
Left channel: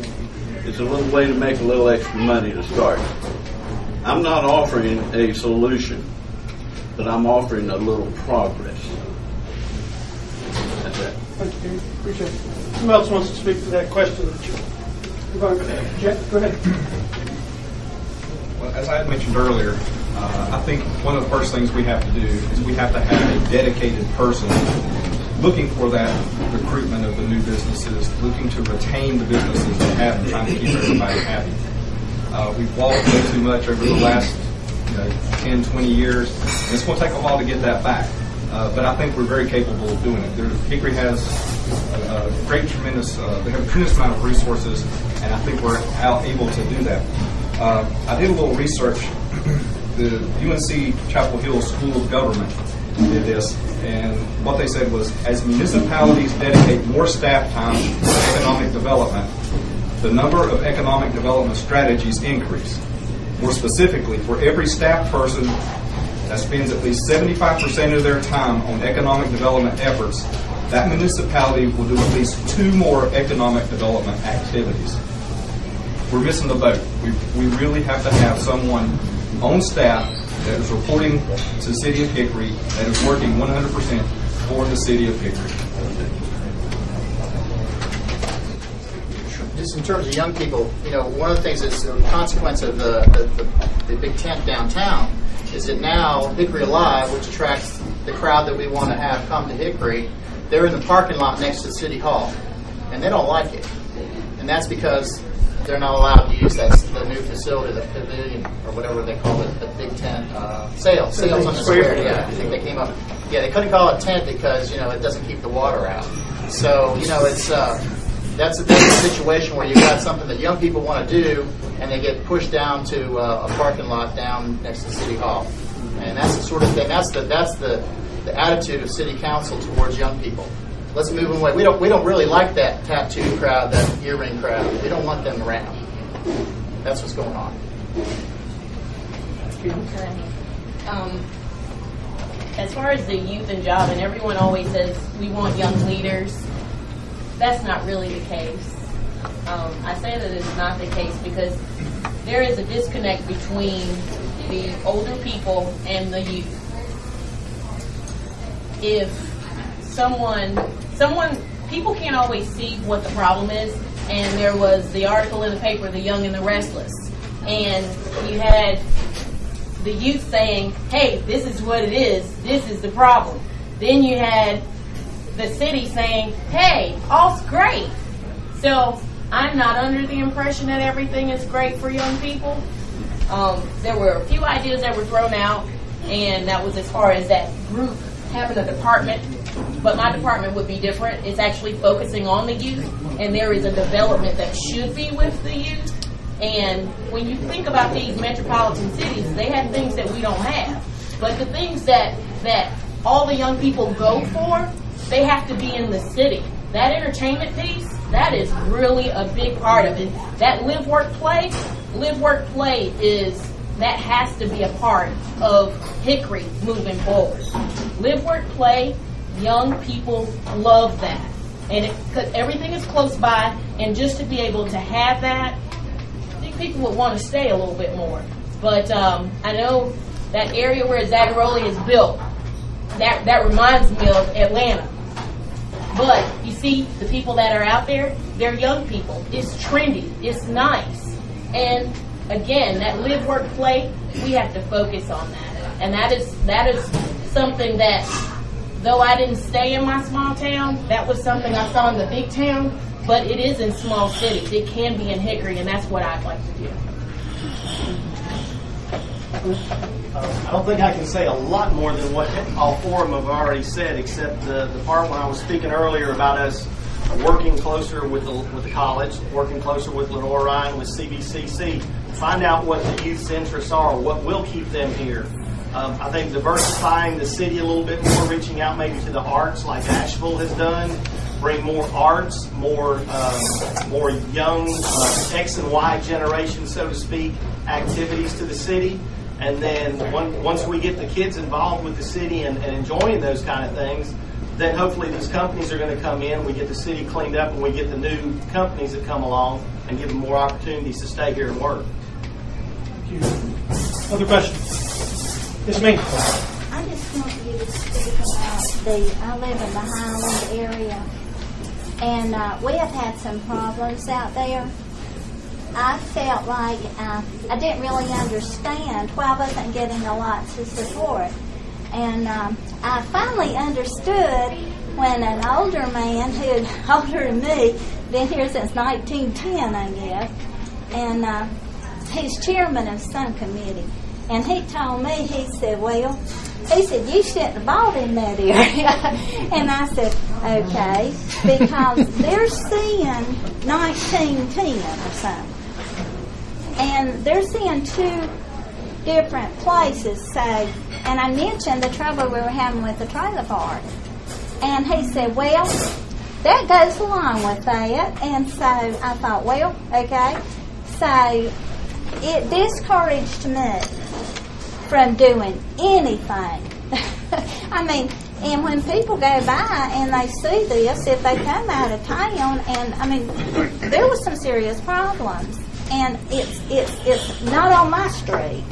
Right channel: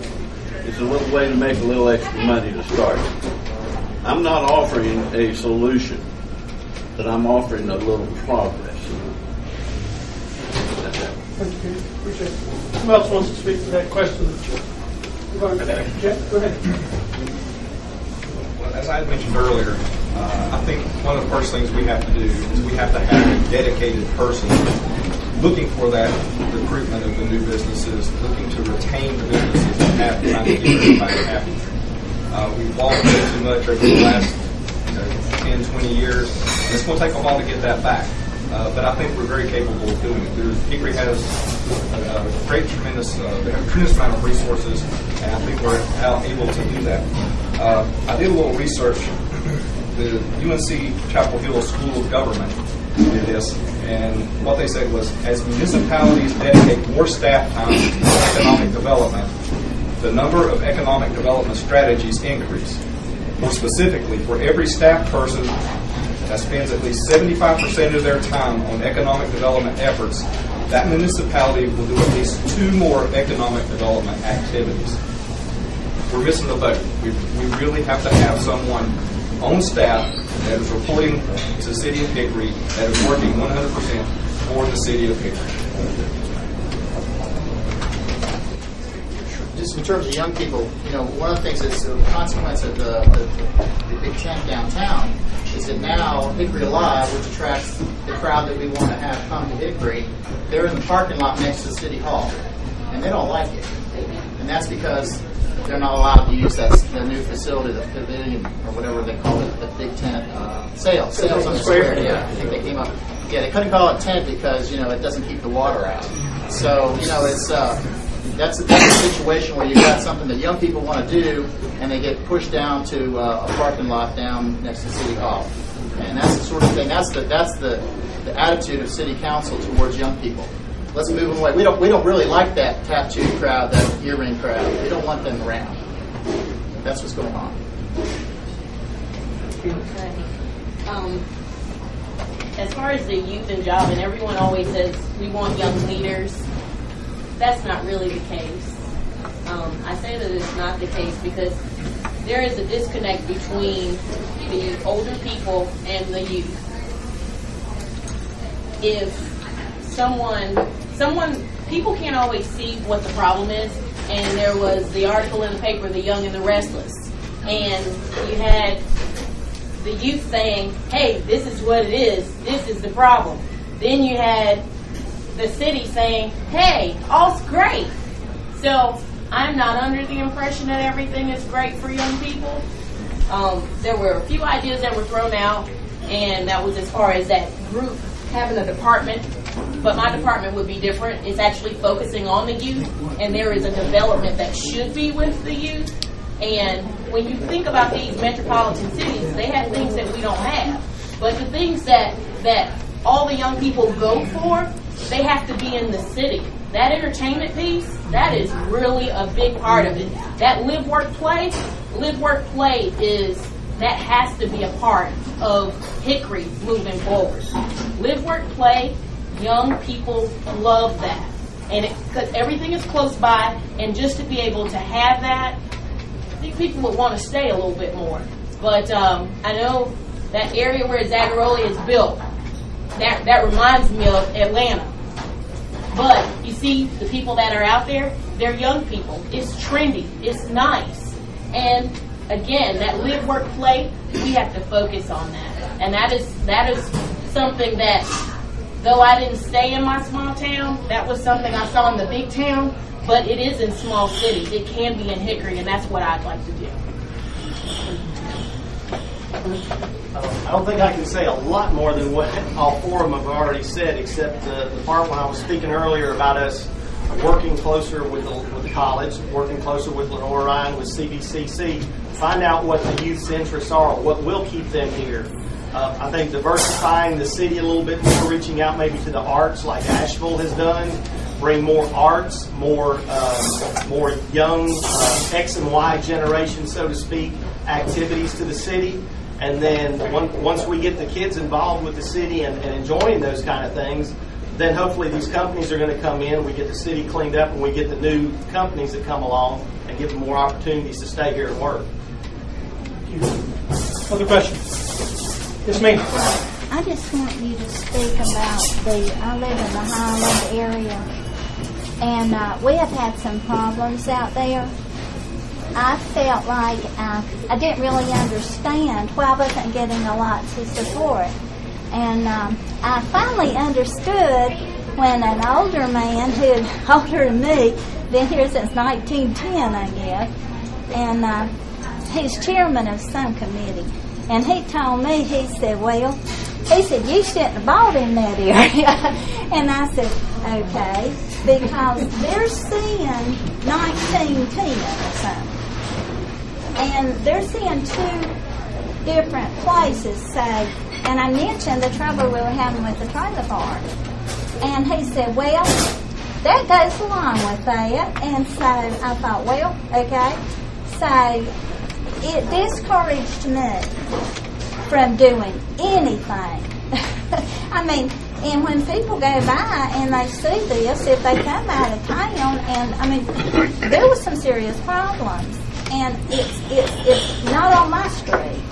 it's a little way to make a little extra money to start. I'm not offering a solution, but I'm offering a little progress. That's it. Thank you. Appreciate it. Who else wants to speak to that question? Jeff, go ahead. Well, as I had mentioned earlier, I think one of the first things we have to do is we have to have a dedicated person looking for that recruitment of the new businesses, looking to retain the businesses that have and trying to keep everybody happy. We've lost way too much over the last 10, 20 years, and it's going to take a while to get that back. But I think we're very capable of doing it. Hickory has a they have a tremendous amount of resources, and I think we're able to do that. I did a little research. The UNC Chapel Hill School of Government did this, and what they said was, as municipalities dedicate more staff time to economic development, the number of economic development strategies increase. More specifically, for every staff person that spends at least 75% of their time on economic development efforts, that municipality will do at least 2 more economic development activities. We're missing the boat. We really have to have someone on staff that is reporting to the city of Hickory, that is working 100% for the city of Hickory. Just in terms of young people, one of the things that's a consequence of the big tent downtown is that now Hickory Alive, which attracts the crowd that we want to have come to Hickory, they're in the parking lot next to City Hall, and they don't like it. And that's because they're not allowed to use that the new facility, the pavilion or whatever they call it, the big tent sales on the square. Yeah, I think they came up. Yeah, they couldn't call it tent because it doesn't keep the water out. So it's that's a situation where you got something that young people want to do, and they get pushed down to a parking lot down next to City Hall, and that's the sort of thing. That's the attitude of City Council towards young people. Let's move them away. We don't really like that tattoo crowd, that earring crowd. We don't want them around. That's what's going on. Okay. As far as the youth and job, and everyone always says we want young leaders. That's not really the case. I say that it's not the case because there is a disconnect between the older people and the youth. If people can't always see what the problem is, and there was the article in the paper, The Young and the Restless, and you had the youth saying, hey, this is what it is, this is the problem. Then you had the city saying, hey, all's great. So I'm not under the impression that everything is great for young people. There were a few ideas that were thrown out, and that was as far as that group having a department, but my department would be different. It's actually focusing on the youth, and there is a development that should be with the youth. And when you think about these metropolitan cities, they have things that we don't have. But the things that all the young people go for, they have to be in the city. That entertainment piece, that is really a big part of it. That live, work, play that has to be a part of Hickory moving forward. Live, work, play, young people love that. And because everything is close by, and just to be able to have that, I think people would want to stay a little bit more. But I know that area where Zagaroli is built, that reminds me of Atlanta. But you see, the people that are out there, they're young people. It's trendy. It's nice. And again, that live, work, play, we have to focus on that. And that is something that, though I didn't stay in my small town, that was something I saw in the big town, but it is in small cities. It can be in Hickory, and that's what I'd like to do. I don't think I can say a lot more than what all four of them have already said, except the part when I was speaking earlier about us working closer with the college, working closer with Lenore Ryan, with CBCC, find out what the youth's interests are, what will keep them here. I think diversifying the city a little bit more, reaching out maybe to the arts like Asheville has done, bring more arts, more young X and Y generation, so to speak, activities to the city. And then once we get the kids involved with the city and enjoying those kind of things, then hopefully these companies are going to come in, we get the city cleaned up, and we get the new companies that come along and give them more opportunities to stay here and work. Other questions? Yes, ma'am. I just want you to speak about I live in the Highland area, and we have had some problems out there. I felt like I didn't really understand why I wasn't getting a lot of support. And I finally understood when an older man who's older than me, been here since 1910, I guess, and he's chairman of some committee. And he told me, he said, you shouldn't have bought in that area. And I said, okay, because they're seeing 1910 or something. And they're seeing two different places, say, and I mentioned the trouble we were having with the trailer park. And he said, that goes along with that. And so I thought, okay. So it discouraged me from doing anything. I mean, and when people go by and they see this, if they come out of town, and I mean, there was some serious problems. And it's not on my street.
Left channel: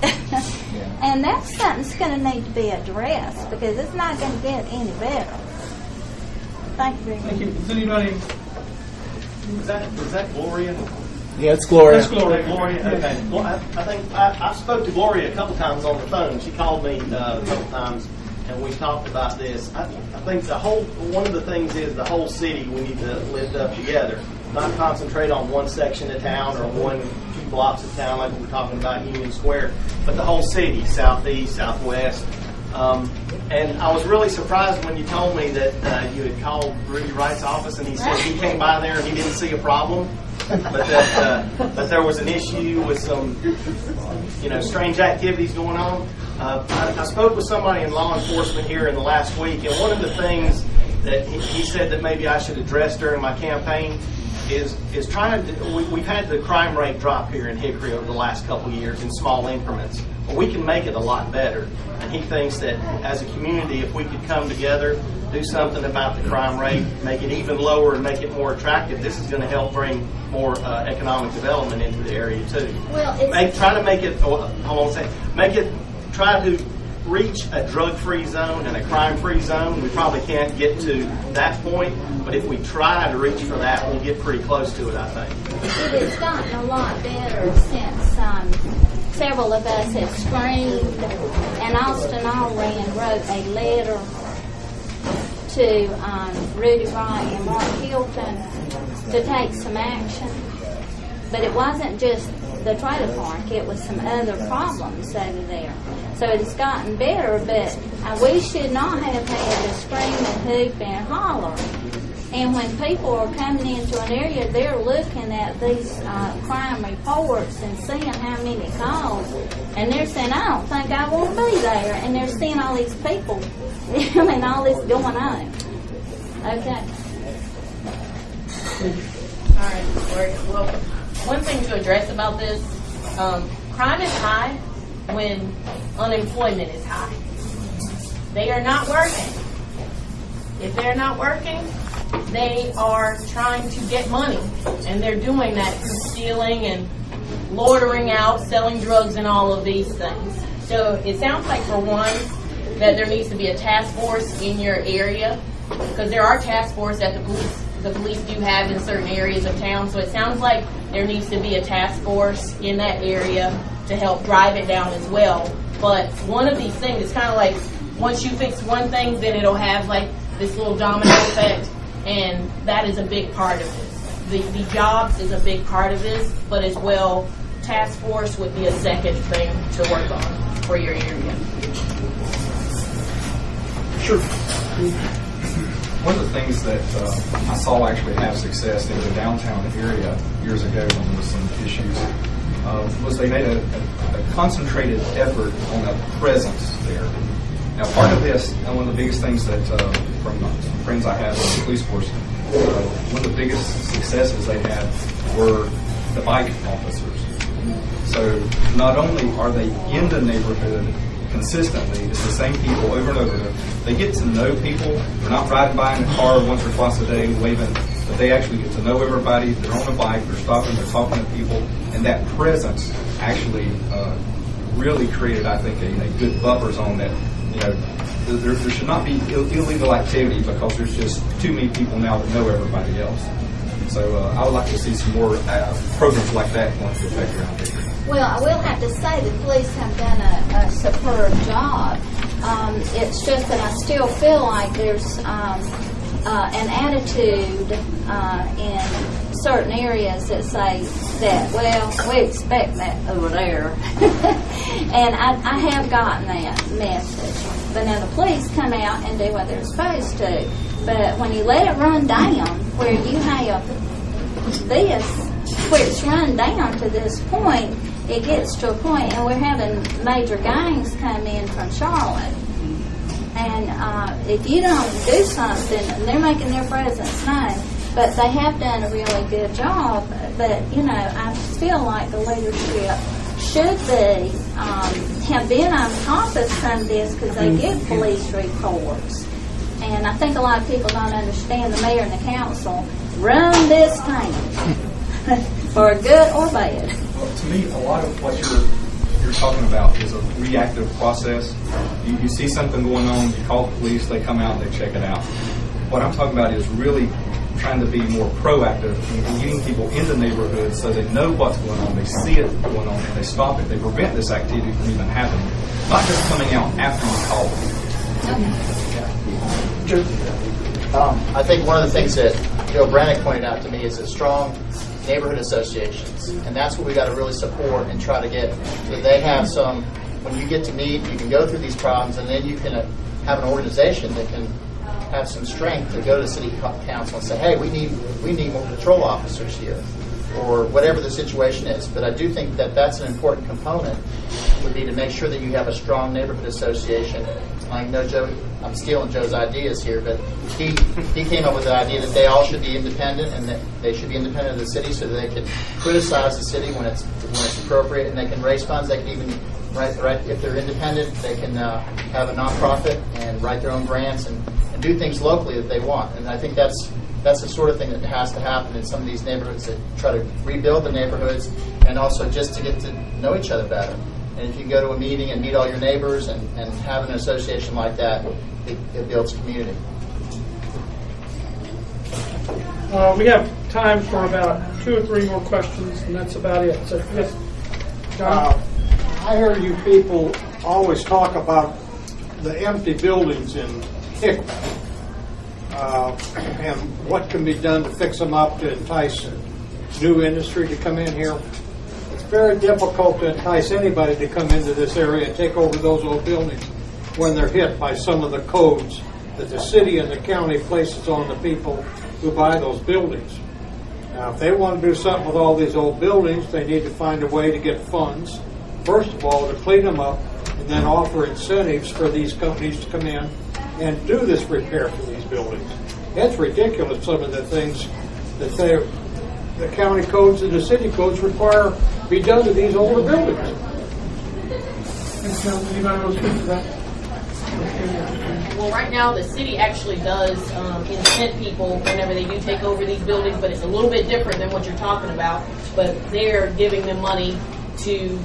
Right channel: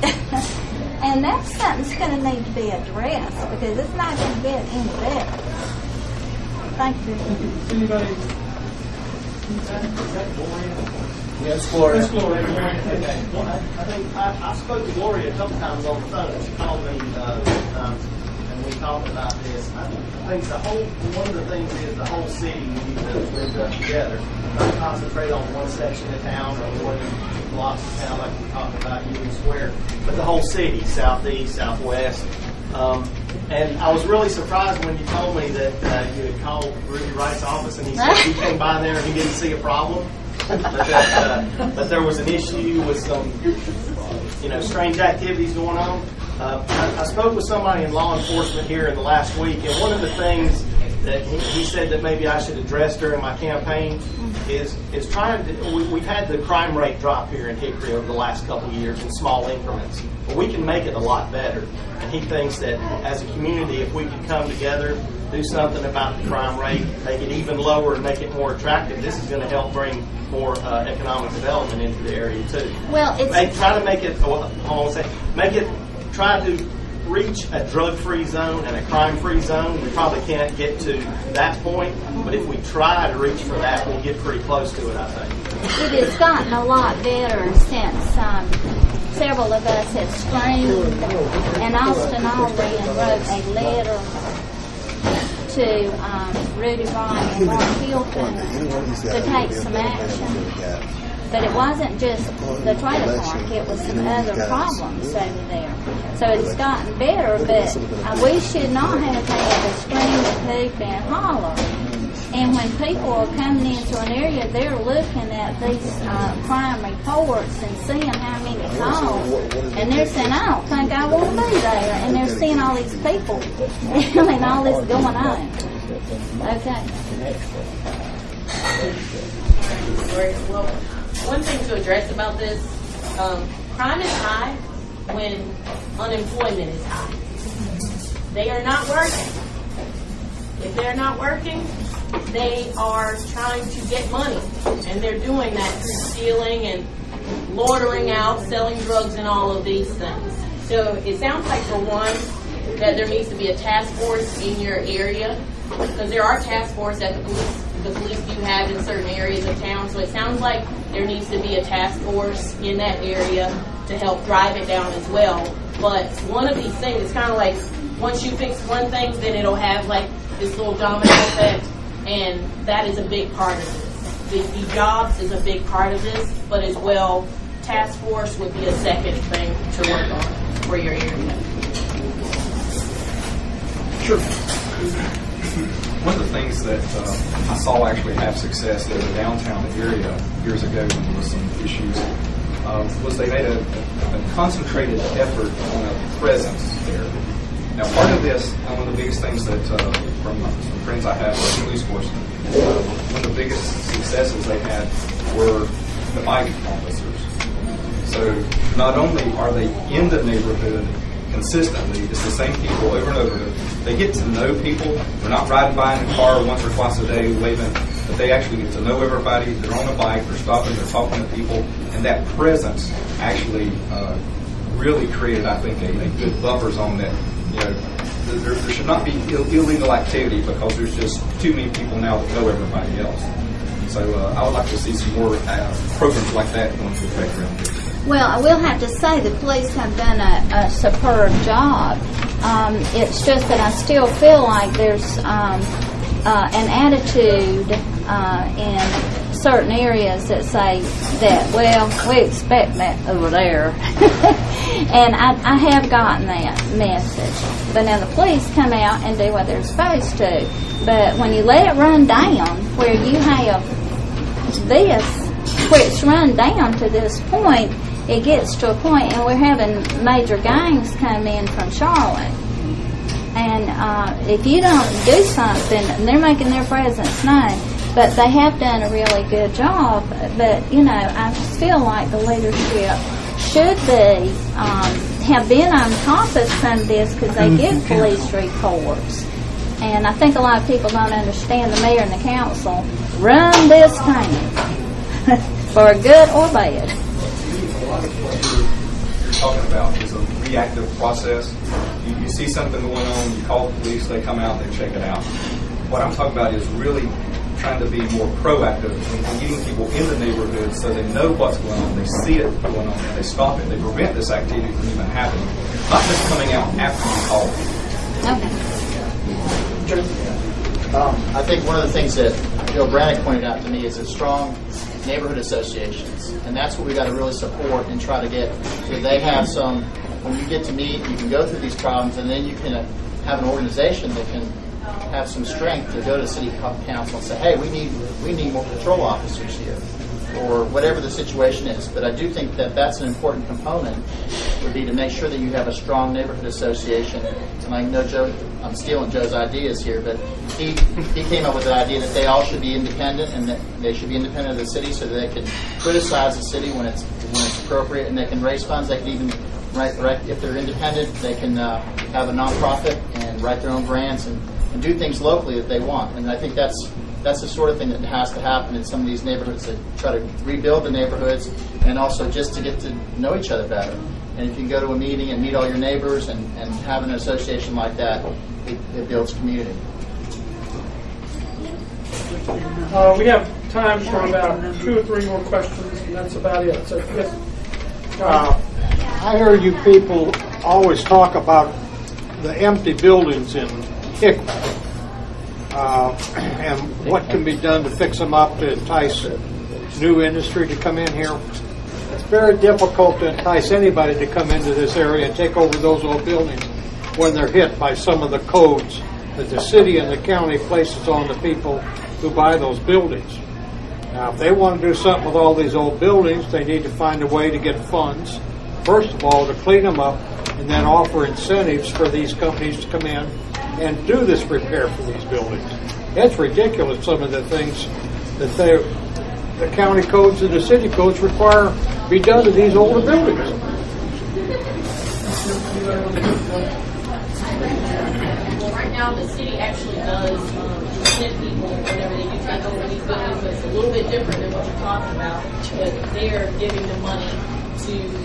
And that's something that's going to need to be addressed, because it's not going to get any better. Thank you very much. Thank you. Does anybody? Is that Gloria? Yeah, it's Gloria. That's Gloria. Okay. Well, I think I spoke to Gloria a couple times on the phone. She called me a couple times, and and we talked about this. I think one of the things is the whole city we need to live up together. Not concentrate on one section of town or one or two blocks of town like we're talking about Union Square, but the whole city, southeast, southwest. And I was really surprised when you told me that you had called Rudy Wright's office and he said he came by there and he didn't see a problem, but there was an issue with some, strange activities going on. I spoke with somebody in law enforcement here in the last week, and one of the things that he said that maybe I should address during my campaign is trying to. We've had the crime rate drop here in Hickory over the last couple of years in small increments, but we can make it a lot better. And he thinks that as a community, if we could come together, do something about the crime rate, make it even lower and make it more attractive, this is going to help bring more economic development into the area too. Well, Try to reach a drug-free zone and a crime-free zone. We probably can't get to that point, but if we try to reach for that, we'll get pretty close to it, I think. It has gotten a lot better since several of us have screamed, and Austin Allred wrote a letter to Rudy Wright and Mark Hilton to take some action. But it wasn't just the trailer park, it was some other problems over there. So it has gotten better, but we should not have had to scream and hoop and holler. And when people are coming into an area, they're looking at these crime reports and seeing how many calls, and they're saying, I don't think I want to be there. And they're seeing all these people, all this going on. Okay. All right, well, one thing to address about this, crime is high when unemployment is high. They are not working. If they're not working, they are trying to get money, and they're doing that through stealing and loitering out, selling drugs, and all of these things. So it sounds like, for one, that there needs to be a task force in your area, because there are task forces that the police do have in certain areas of town. So it sounds like there needs to be a task force in that area to help drive it down as well. But one of these things is kind of like, once you fix one thing, then it'll have like this little domino effect, and that is a big part of this. The jobs is a big part of this, but as well, task force would be a second thing to work on for your area. Sure. One of the things that I saw actually have success in the downtown area years ago when there was some issues was they made a concentrated effort on a presence there. Now, part of this, and one of the biggest things that from some friends I have in the police force, one of the biggest successes they had were the bike officers. So not only are they in the neighborhood consistently, it's the same people over and over. They get to know people. They're not riding by in a car once or twice a day waving, but they actually get to know everybody. They're on a bike, they're stopping, they're talking to people, and that presence actually really created, I think, a good buffer zone that, there should not be illegal activity because there's just too many people now that know everybody else. So I would like to see some more programs like that going into effect around here. Well, I will have to say the police have done a superb job. It's just that I still feel like there's an attitude in certain areas that say that, well, we expect that over there. And I have gotten that message. But now the police come out and do what they're supposed to. But when you let it run down, where you have this, where it's run down to this point, it gets to a point, and we're having major gangs come in from Charlotte. And if you don't do something, and they're making their presence known, but they have done a really good job. But, I feel like the leadership should be, have been on top of some of this, because they give police reports. And I think a lot of people don't understand the mayor and the council run this town, for good or bad. Well, to me, a lot of what you're talking about is a reactive process. You see something going on, you call the police, they come out, they check it out. What I'm talking about is really trying to be more proactive in getting people in the neighborhood so they know what's going on, they see it going on, and they stop it. They prevent this activity from even happening. Not just coming out after you call. I think one of the things that Joe Brannick pointed out to me is that strong neighborhood associations, and that's what we got to really support and try to get. So they have some. When you get to meet, you can go through these problems, and then you can have an organization that can have some strength to go to city council and say, hey, we need more patrol officers here, or whatever the situation is. But I do think that that's an important component, would be to make sure that you have a strong neighborhood association. And I know Joe, I'm stealing Joe's ideas here, but he came up with the idea that they all should be independent, and that they should be independent of the city, so that they can criticize the city when it's appropriate, and they can raise funds. They can even if they're independent, they can have a nonprofit and write their own grants and do things locally that they want. And I think that's the sort of thing that has to happen in some of these neighborhoods, that try to rebuild the neighborhoods, and also just to get to know each other better. And if you go to a meeting and meet all your neighbors and have an association like that, it builds community. We have time for about 2 or 3 more questions, and that's about it. So, yes, John? I hear you people always talk about the empty buildings in Hickory and what can be done to fix them up to entice new industry to come in here. It's very difficult to entice anybody to come into this area and take over those old buildings when they're hit by some of the codes that the city and the county places on the people who buy those buildings. Now, if they want to do something with all these old buildings, they need to find a way to get funds, first of all, to clean them up, and then offer incentives for these companies to come in and do this repair for these buildings. It's ridiculous, some of the things that the county codes and the city codes require be done to these older buildings. Well, right now the city actually does incent people whenever they do take over these buildings, but it's a little bit different than what you're talking about. But they're giving them money to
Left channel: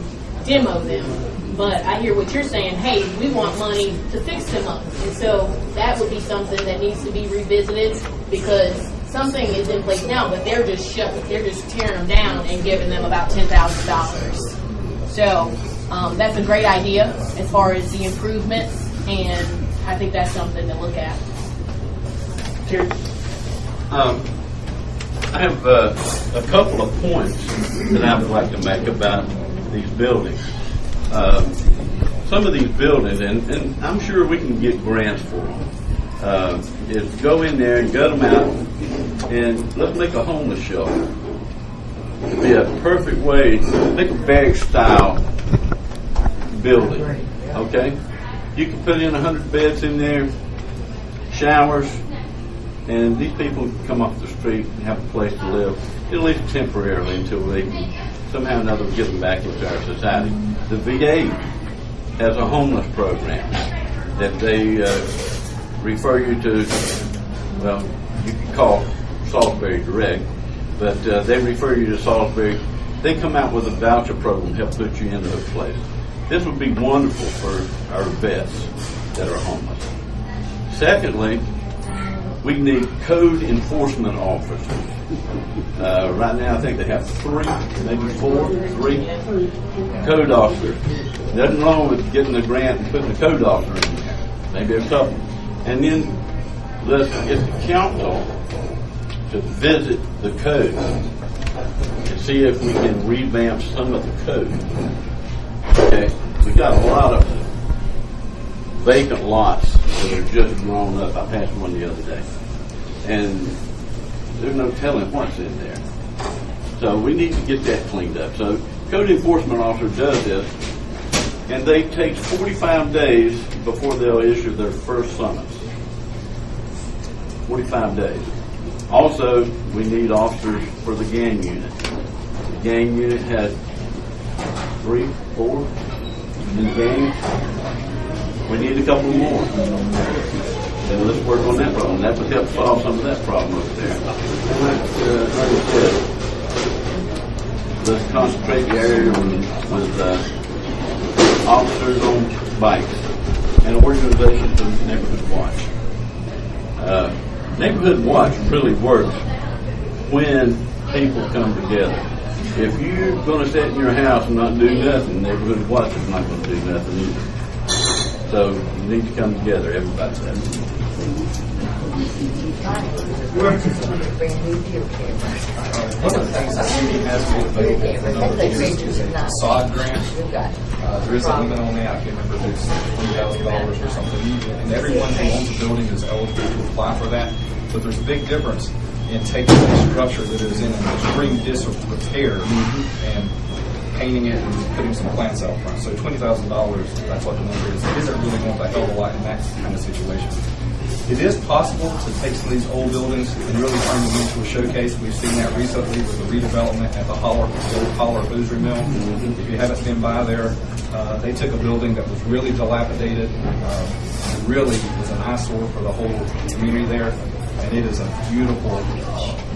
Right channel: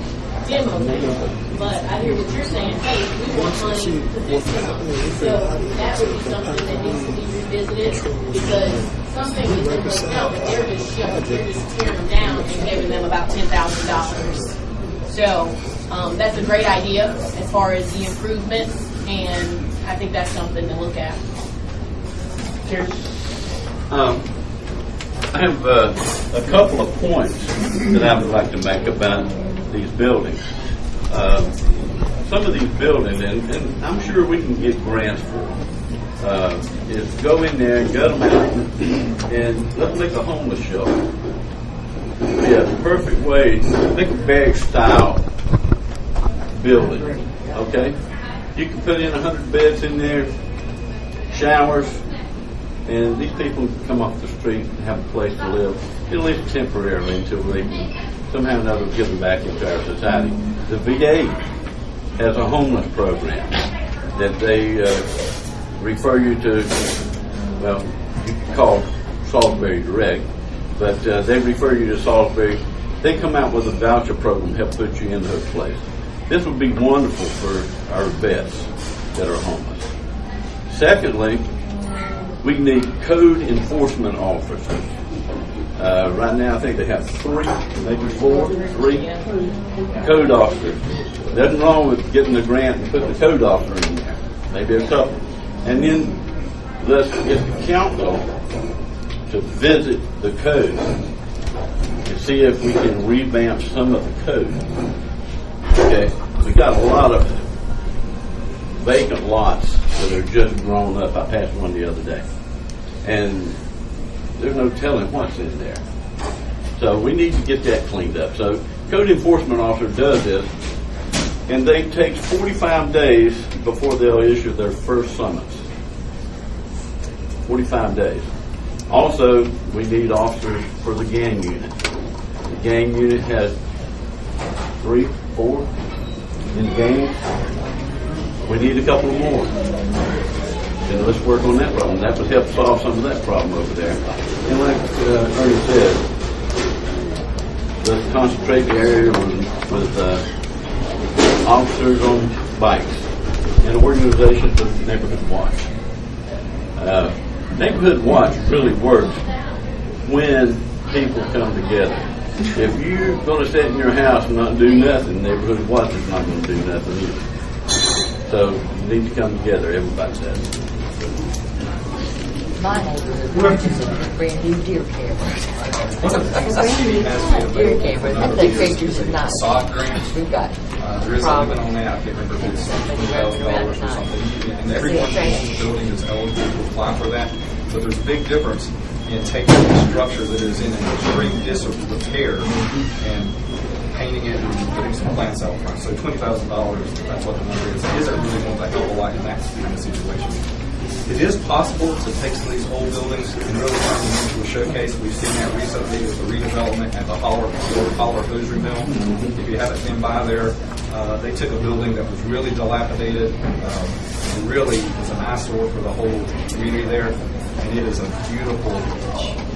demo them. But I hear what you're saying, hey, we want money to fix them up. So that would be something that needs to be revisited, because something is in place now, but they're just tearing them down and giving them about $10,000. So that's a great idea as far as the improvements, and I think that's something to look at. I have a couple of points that I would like to make about these buildings. Some of these buildings, and I'm sure we can get grants for them, is go in there and gut them out and let's make a homeless shelter. It'd be a perfect way to make a barrack style building. Okay? You can put in 100 beds in there, showers, and these people can come off the street and have a place to live, at least temporarily, until they somehow or another get them back into our society. The VA has a homeless program that they refer you to, well, you can call Salisbury direct, but they refer you to Salisbury. They come out with a voucher program to help put you into a place. This would be wonderful for our vets that are homeless. Secondly, we need code enforcement officers. Right now, I think they have 3, maybe 3 code officers. Nothing wrong with getting the grant and putting the code officer in there. Maybe a couple. And then let's get the council to visit the code and see if we can revamp some of the code. Okay, we got a lot of vacant lots that are just grown up. I passed one the other day, and there's no telling what's in there. So we need to get that cleaned up. So code enforcement officer does this, and they take 45 days before they'll issue their first summons. 45 days. Also, we need officers for the gang unit. The gang unit has 3, 4 in gangs. We need a couple more. And let's work on that problem. That would help solve some of that problem over there. And like Ernie said, let's concentrate the area with officers on bikes and organizations of Neighborhood Watch. Neighborhood Watch really works when people come together. If you're going to sit in your house and not do nothing, Neighborhood Watch is not going to do nothing either. So we need to come together, everybody does. One of the things the city has made available for a number of years is a facade grant. There is a limit on that. I can't remember if it's $20,000 or something. And everyone who owns a building is eligible to apply for that. But there's a big difference in taking a structure that is in an extreme disrepair and painting it and putting some plants out front. So $20,000, that's what the number is. It isn't really going to help a lot in that kind of situation. It is possible to take some of these old buildings and really turn them into a showcase. We've seen that recently with the redevelopment at the old Holler Hosiery Mill. If you haven't been by there, they took a building that was really dilapidated. It really was an eyesore for the whole community there. And it is a beautiful,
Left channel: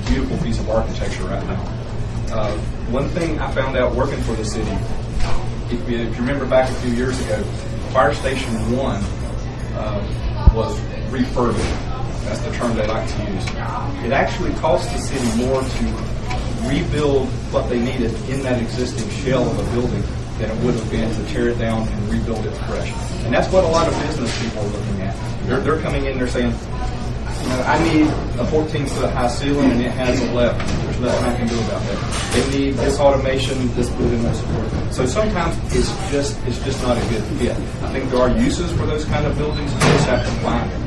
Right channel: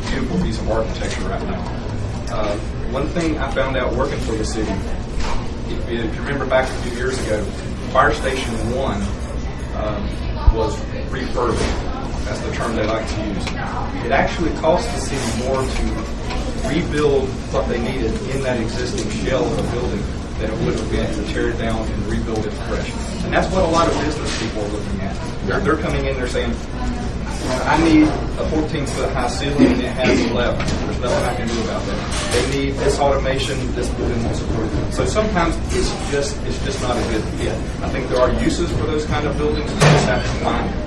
beautiful piece of architecture right now. One thing I found out working for the city, if you remember back a few years ago, Fire Station 1 was refurbished. That's the term they like to use. It actually cost the city more to rebuild what they needed in that existing shell of a building than it would have been to tear it down and rebuild it fresh. And that's what a lot of business people are looking at. They're coming in, they're saying, you know, I need a 14-foot high ceiling and it has 11. There's nothing I can do about that. They need this automation, this building won't support it. So sometimes it's just not a good fit. I think there are uses for those kind of buildings, you just have to find them.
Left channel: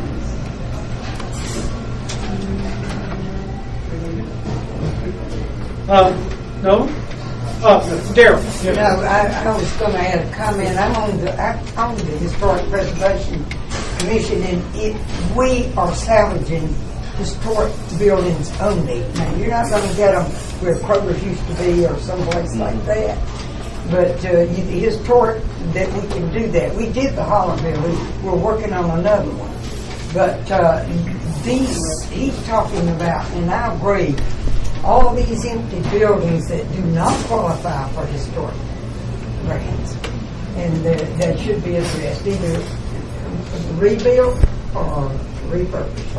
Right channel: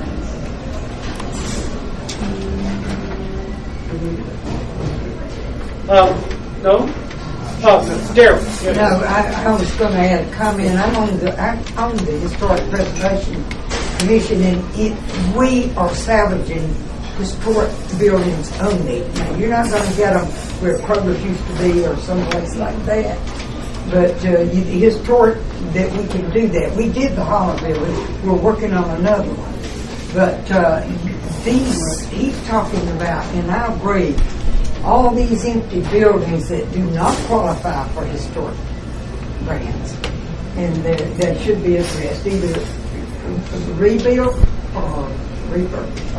No? Daryl. No, I was going to add a comment. I'm on the Historic Preservation Commission, and we are salvaging historic buildings only. Now, you're not going to get them where Kroger's used to be or someplace like that. But historic, that we can do that. We did the Holler building. We're working on another one. But these he's talking about, and I agree, all these empty buildings that do not qualify for historic grants, and that should be addressed, either rebuilt or refurbished.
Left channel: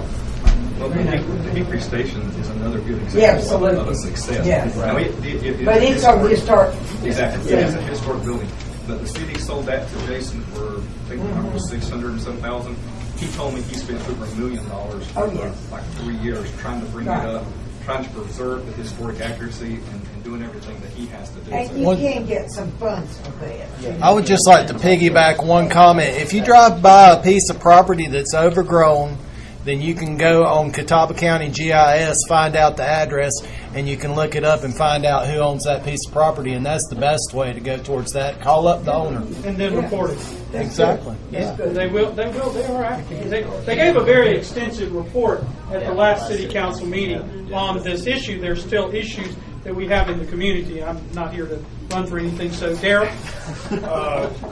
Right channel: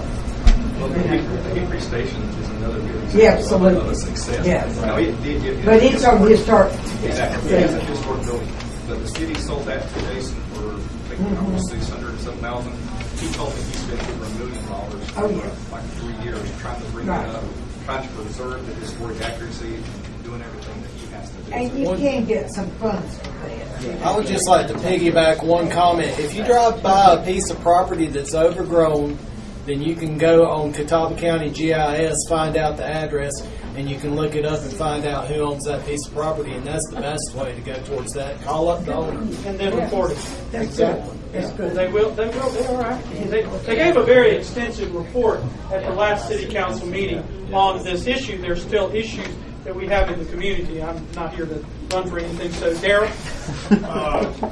Well, the Hickory Station is another good example of a success. Yes. Now, but it's a historic. Exactly. It's a historic building. But the city sold that to Jason for, I think, $600 and some thousand. He told me he spent over $1 million for like 3 years trying to bring it up, trying to preserve the historic accuracy and doing everything that he has to do. And you can get some funds for that. I would just like to piggyback one comment. If you drive by a piece of property that's overgrown, then you can go on Catawba County GIS, find out the address, and you can look it up and find out who owns that piece of property, and that's the best way to go towards that. Call up the owner. And then report it. Exactly. Yeah. They are active. They gave a very extensive report at the last city council meeting on this issue. There's still issues that we have in the community. I'm not here to run for anything. So, Daryl?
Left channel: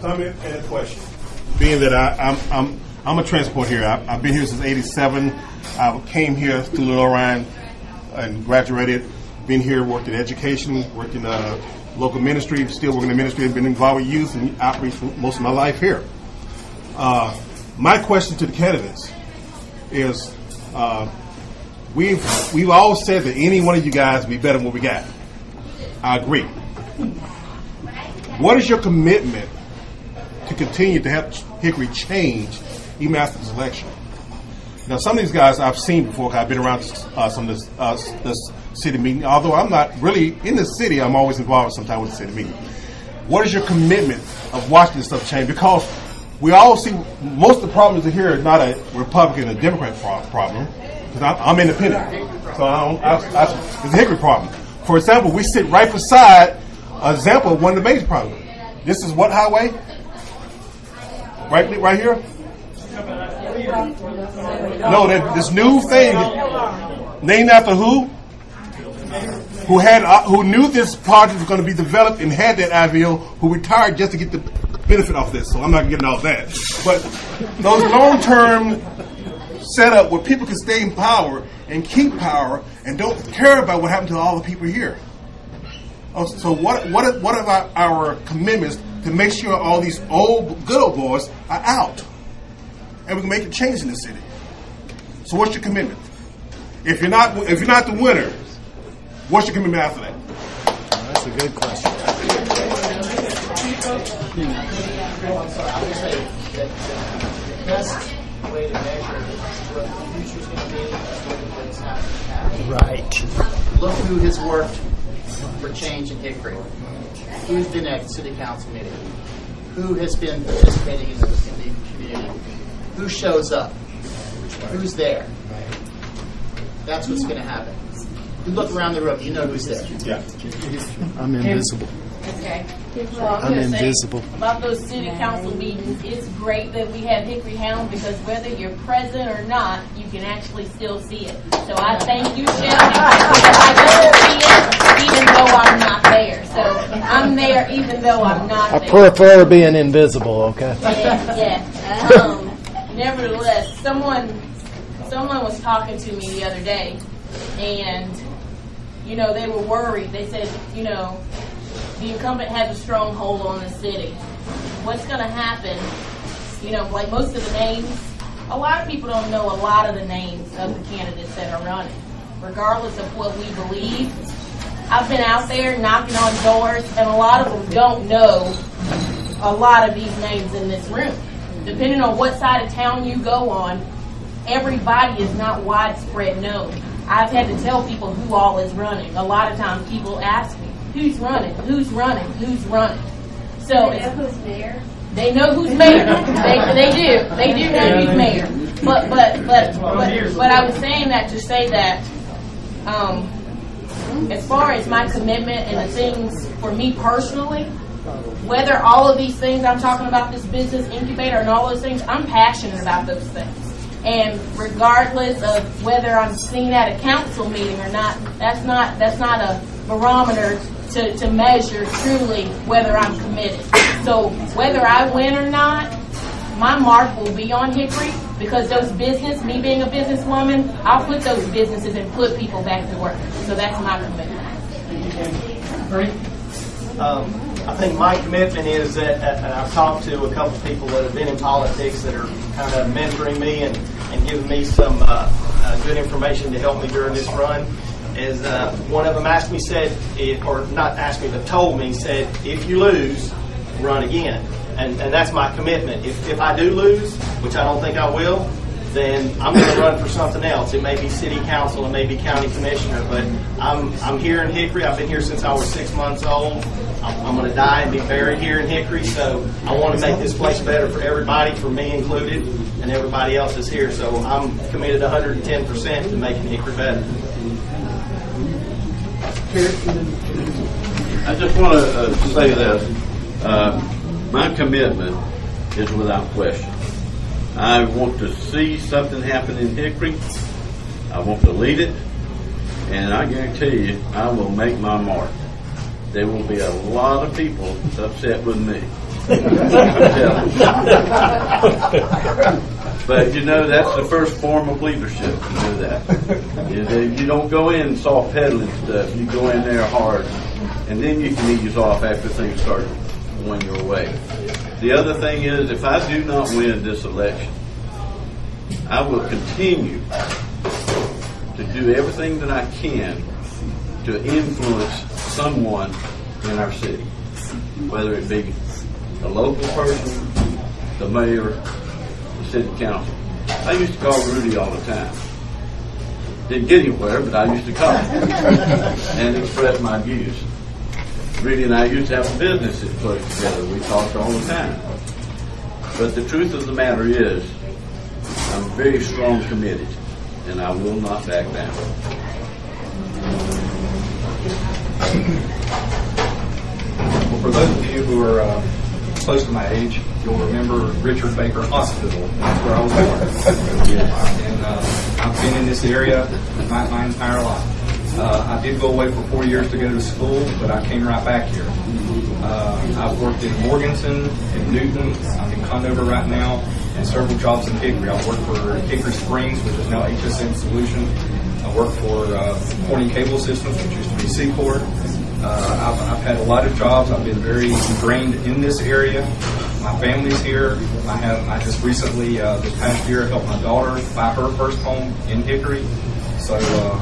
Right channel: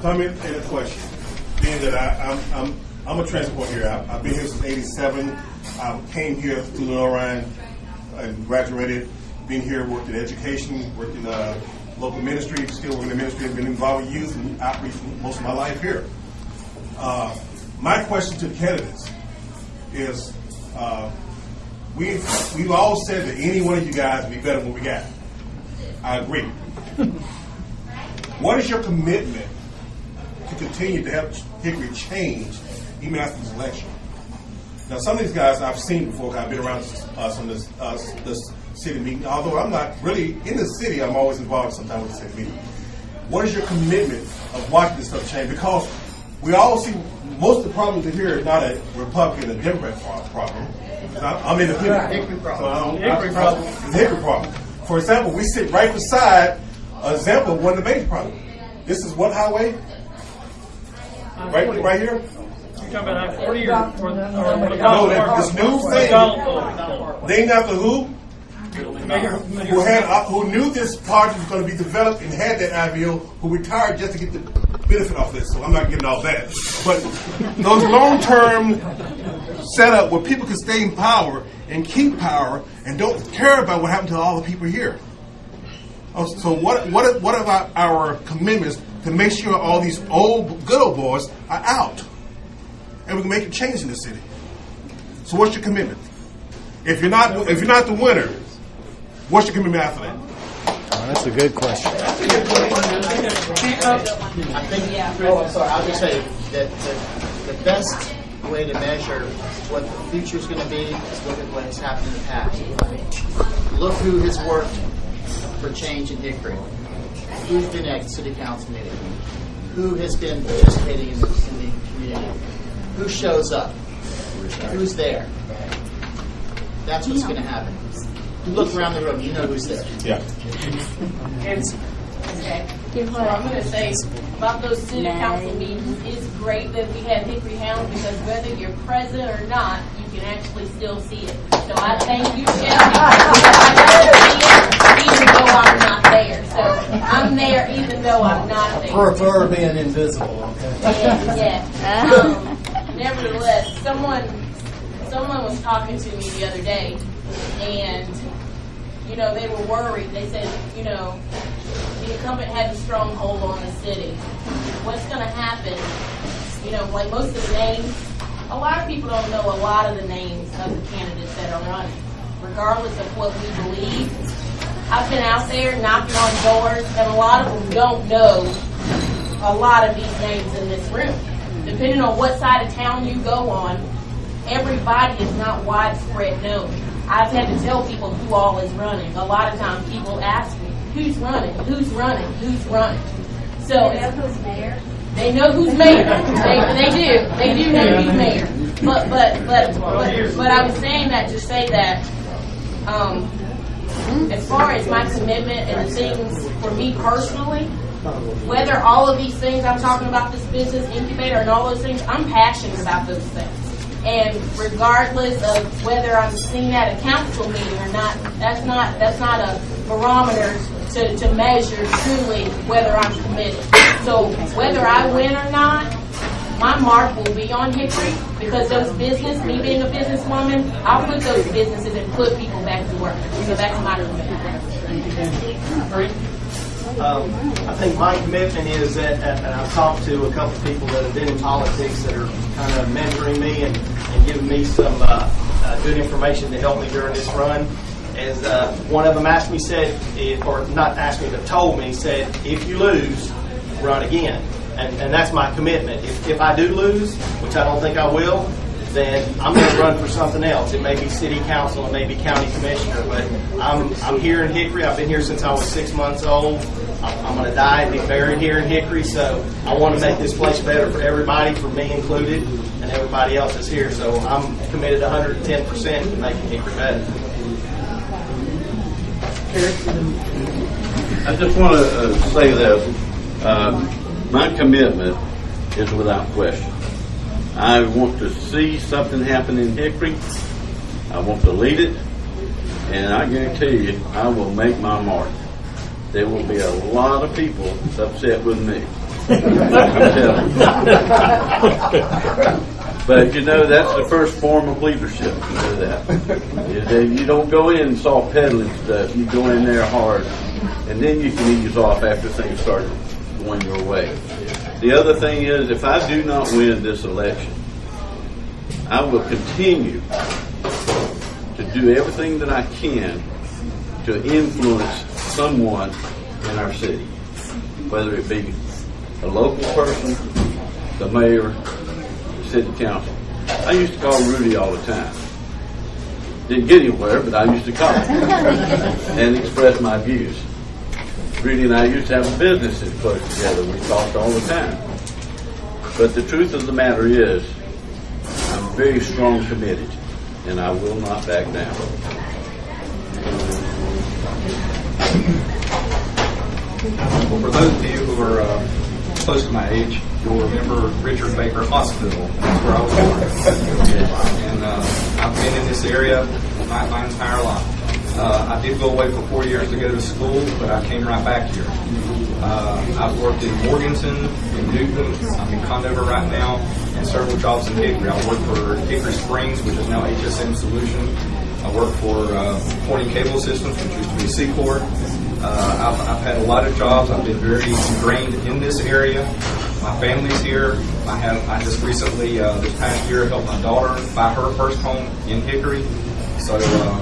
Comment and a question. Being that I'm a transport here. I've been here since '87. I came here to Little Orion and graduated. Been here, worked in education, worked in local ministry, still working in ministry. I've been involved with youth and outreach for most of my life here. My question to the candidates is, we've all said that any one of you guys would be better than what we got. I agree. What is your commitment to continue to help Hickory change even after this election? Now, some of these guys I've seen before. I've been around some of this city meeting. Although I'm not really in the city, I'm always involved sometimes with the city meeting. What is your commitment of watching this stuff change? Because we all see most of the problems that here is not a Republican or Democrat problem. Because I'm independent, so it's a Hickory problem. For example, we sit right beside an example of one of the major problems. This is what highway? Right here. No, this new thing named after who? Who knew this project was going to be developed and had that idea, who retired just to get the benefit off this. So I'm not getting all that. But those long-term setup where people can stay in power and keep power and don't care about what happened to all the people here. So what about our commitments to make sure all these good old boys are out and we can make a change in the city? So what's your commitment? If you're not the winner, what's your commitment after that? That's a good question. I would say that the best way to measure what the future is going to be is look at what has happened in the past. Right. Look who has worked for change in Hickory. Who's been at the city council meeting? Who has been participating in the community? Who shows up? Who's there? That's what's going to happen. You look around the room, you know who's there. Yeah. I'm invisible. Okay. Well, I'm going to say about those city council meetings, it's great that we have Hickory Hound because whether you're present or not, you can actually still see it. So I thank you, Shelby, because I go see it even though I'm not there. So I'm there even though I'm not there. I prefer being invisible, okay? Yeah. Nevertheless, someone was talking to me the other day, and they were worried. They said, the incumbent has a stronghold on the city. What's going to happen? Like most of the names, a lot of people don't know a lot of the names of the candidates that are running, regardless of what we believe. I've been out there knocking on doors, and a lot of them don't know a lot of these names in this room. Depending on what side of town you go on, everybody is not widespread known. I've had to tell people who all is running. A lot of times people ask me, who's running, who's running, who's running. So they know who's mayor? They know who's mayor. They do know who's mayor. But I was saying that to say that as far as my commitment and the things for me personally, whether all of these things I'm talking about, this business incubator and all those things, I'm passionate about those things. And regardless of whether I'm seen at a council meeting or not, that's not a barometer to measure truly whether I'm committed. So whether I win or not, my mark will be on Hickory because me being a businesswoman, I'll put those businesses and put people back to work. So that's my commitment. I think my commitment is that, and I've talked to a couple of people that have been in politics that are kind of mentoring me and giving me some good information to help me during this run. Is one of them asked me, or not asked me, but told me, said, if you lose, run again. And that's my commitment. If I do lose, which I don't think I will, then I'm going to run for something else. It may be city council, it may be county commissioner, but I'm here in Hickory. I've been here since I was 6 months old. I'm going to die and be buried here in Hickory, so I want to make this place better for everybody, for me included, and everybody else is here. So I'm committed 110% to making Hickory better. I just want to say this. My commitment is without question. I want to see something happen in Hickory. I want to lead it, and I guarantee you, I will make my mark. There will be a lot of people upset with me. I'm telling you. But that's the first form of leadership. You know that. You don't go in soft pedaling stuff. You go in there hard, and then you can ease off after things start going your way. The other thing is, if I do not win this election, I will continue to do everything that I can to influence someone in our city, whether it be a local person, the mayor, the city council. I used to call Rudy all the time. Didn't get anywhere, but I used to call him and express my views. Rudy and I used to have a business that close together. We talked all the time. But the truth of the matter is, I'm very strong committed, and I will not back down. Well, for those of you who are close to my age, you'll remember Richard Baker Hospital. That's where I was born. And I've been in this area my entire life. I did go away for 4 years to go to school, but I came right back here. I've worked in Morganton, in Newton, I'm in Condover right now, and several jobs in Hickory. I work for Hickory Springs, which is now HSM Solution. I work for Corny Cable Systems, which used to be Secord. I've had a lot of jobs. I've been very ingrained in this area. My family's here. I just recently, this past year, helped my daughter buy her first home in Hickory. So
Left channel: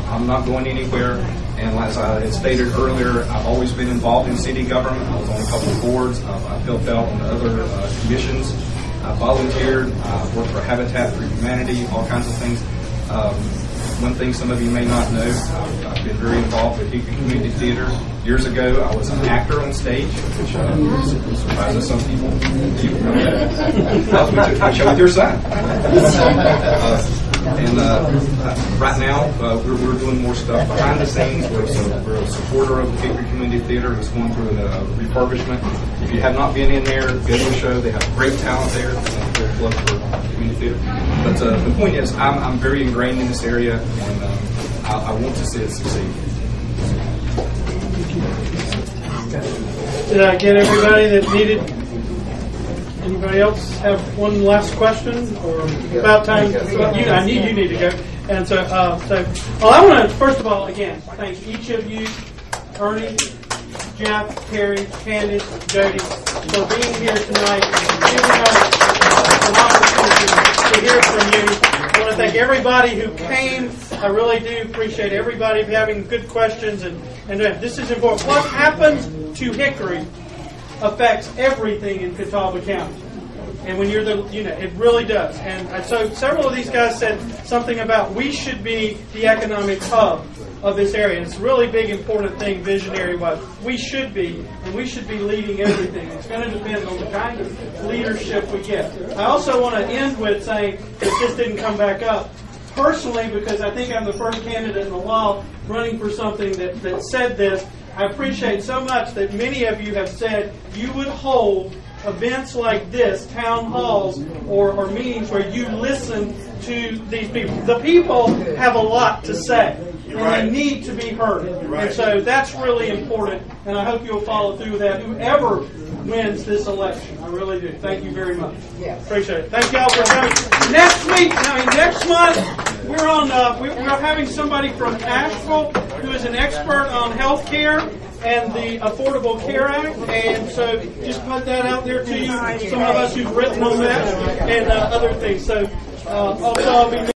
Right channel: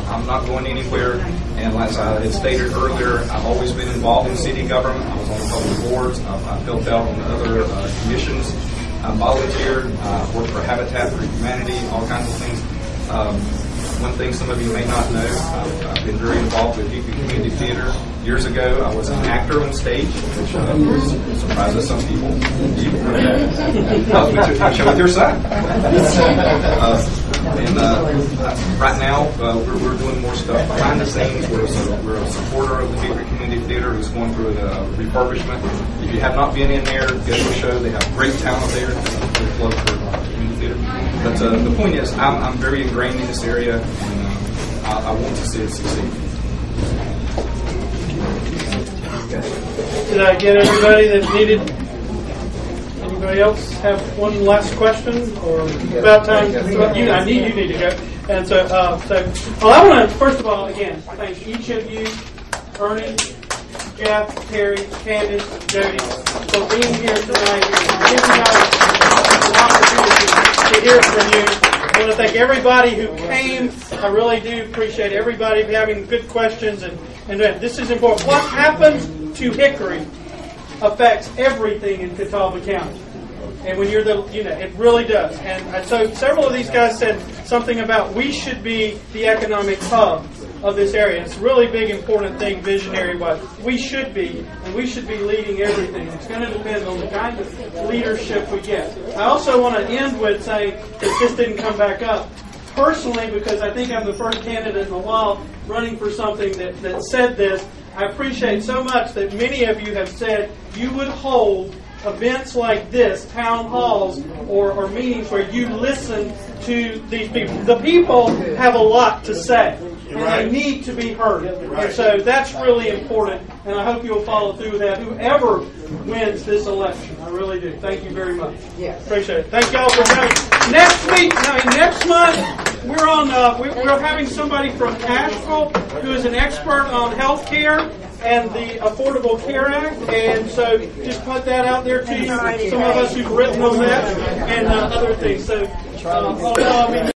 I'm not going anywhere. And as I had stated earlier, I've always been involved in city government. I was on a couple of boards. I've helped out on other commissions. I volunteered, worked for Habitat for Humanity, all kinds of things. One thing some of you may not know, I've been very involved with Hickory Community Theater. Years ago, I was an actor on stage, which surprises some people. I show with your son. Right now, we're doing more stuff behind the scenes. We're a supporter of the Hickory Community Theater. It's going through a refurbishment. If you have not been in there, go to a show. They have great talent there. There's love for community theater. But the point is, I'm very ingrained in this area, and I want to see it succeed. Did I get everybody that needed? Anybody else have one last question, or about time? I need you need to go. And so, well, I want to first of all again thank each of you, Ernie, Jeff, Terry, Candice, Jody, for being here tonight and giving us an opportunity to hear from you. I want to thank everybody who came. I really do appreciate everybody having good questions, and this is important. What happens to Hickory affects everything in Catawba County. And when you're it really does. And so several of these guys said something about we should be the economic hub of this area. It's a really big, important thing, visionary-wise. We should be, and we should be leading everything. It's going to depend on the kind of leadership we get. I also want to end with saying that this didn't come back up. Personally, because I think I'm the first candidate in a while running for something that said this, I appreciate so much that many of you have said you would hold events like this, town halls or meetings where you listen to these people. The people have a lot to say, and they need to be heard. And so that's really important, and I hope you'll follow through with that, whoever wins this election. I really do. Thank you very much. Yes. Appreciate it. Thank y'all for coming. Next month, we're having somebody from Asheville who is an expert on health care and the Affordable Care Act, and so just put that out there to you. Some of us who've written on that and other things. So I'll be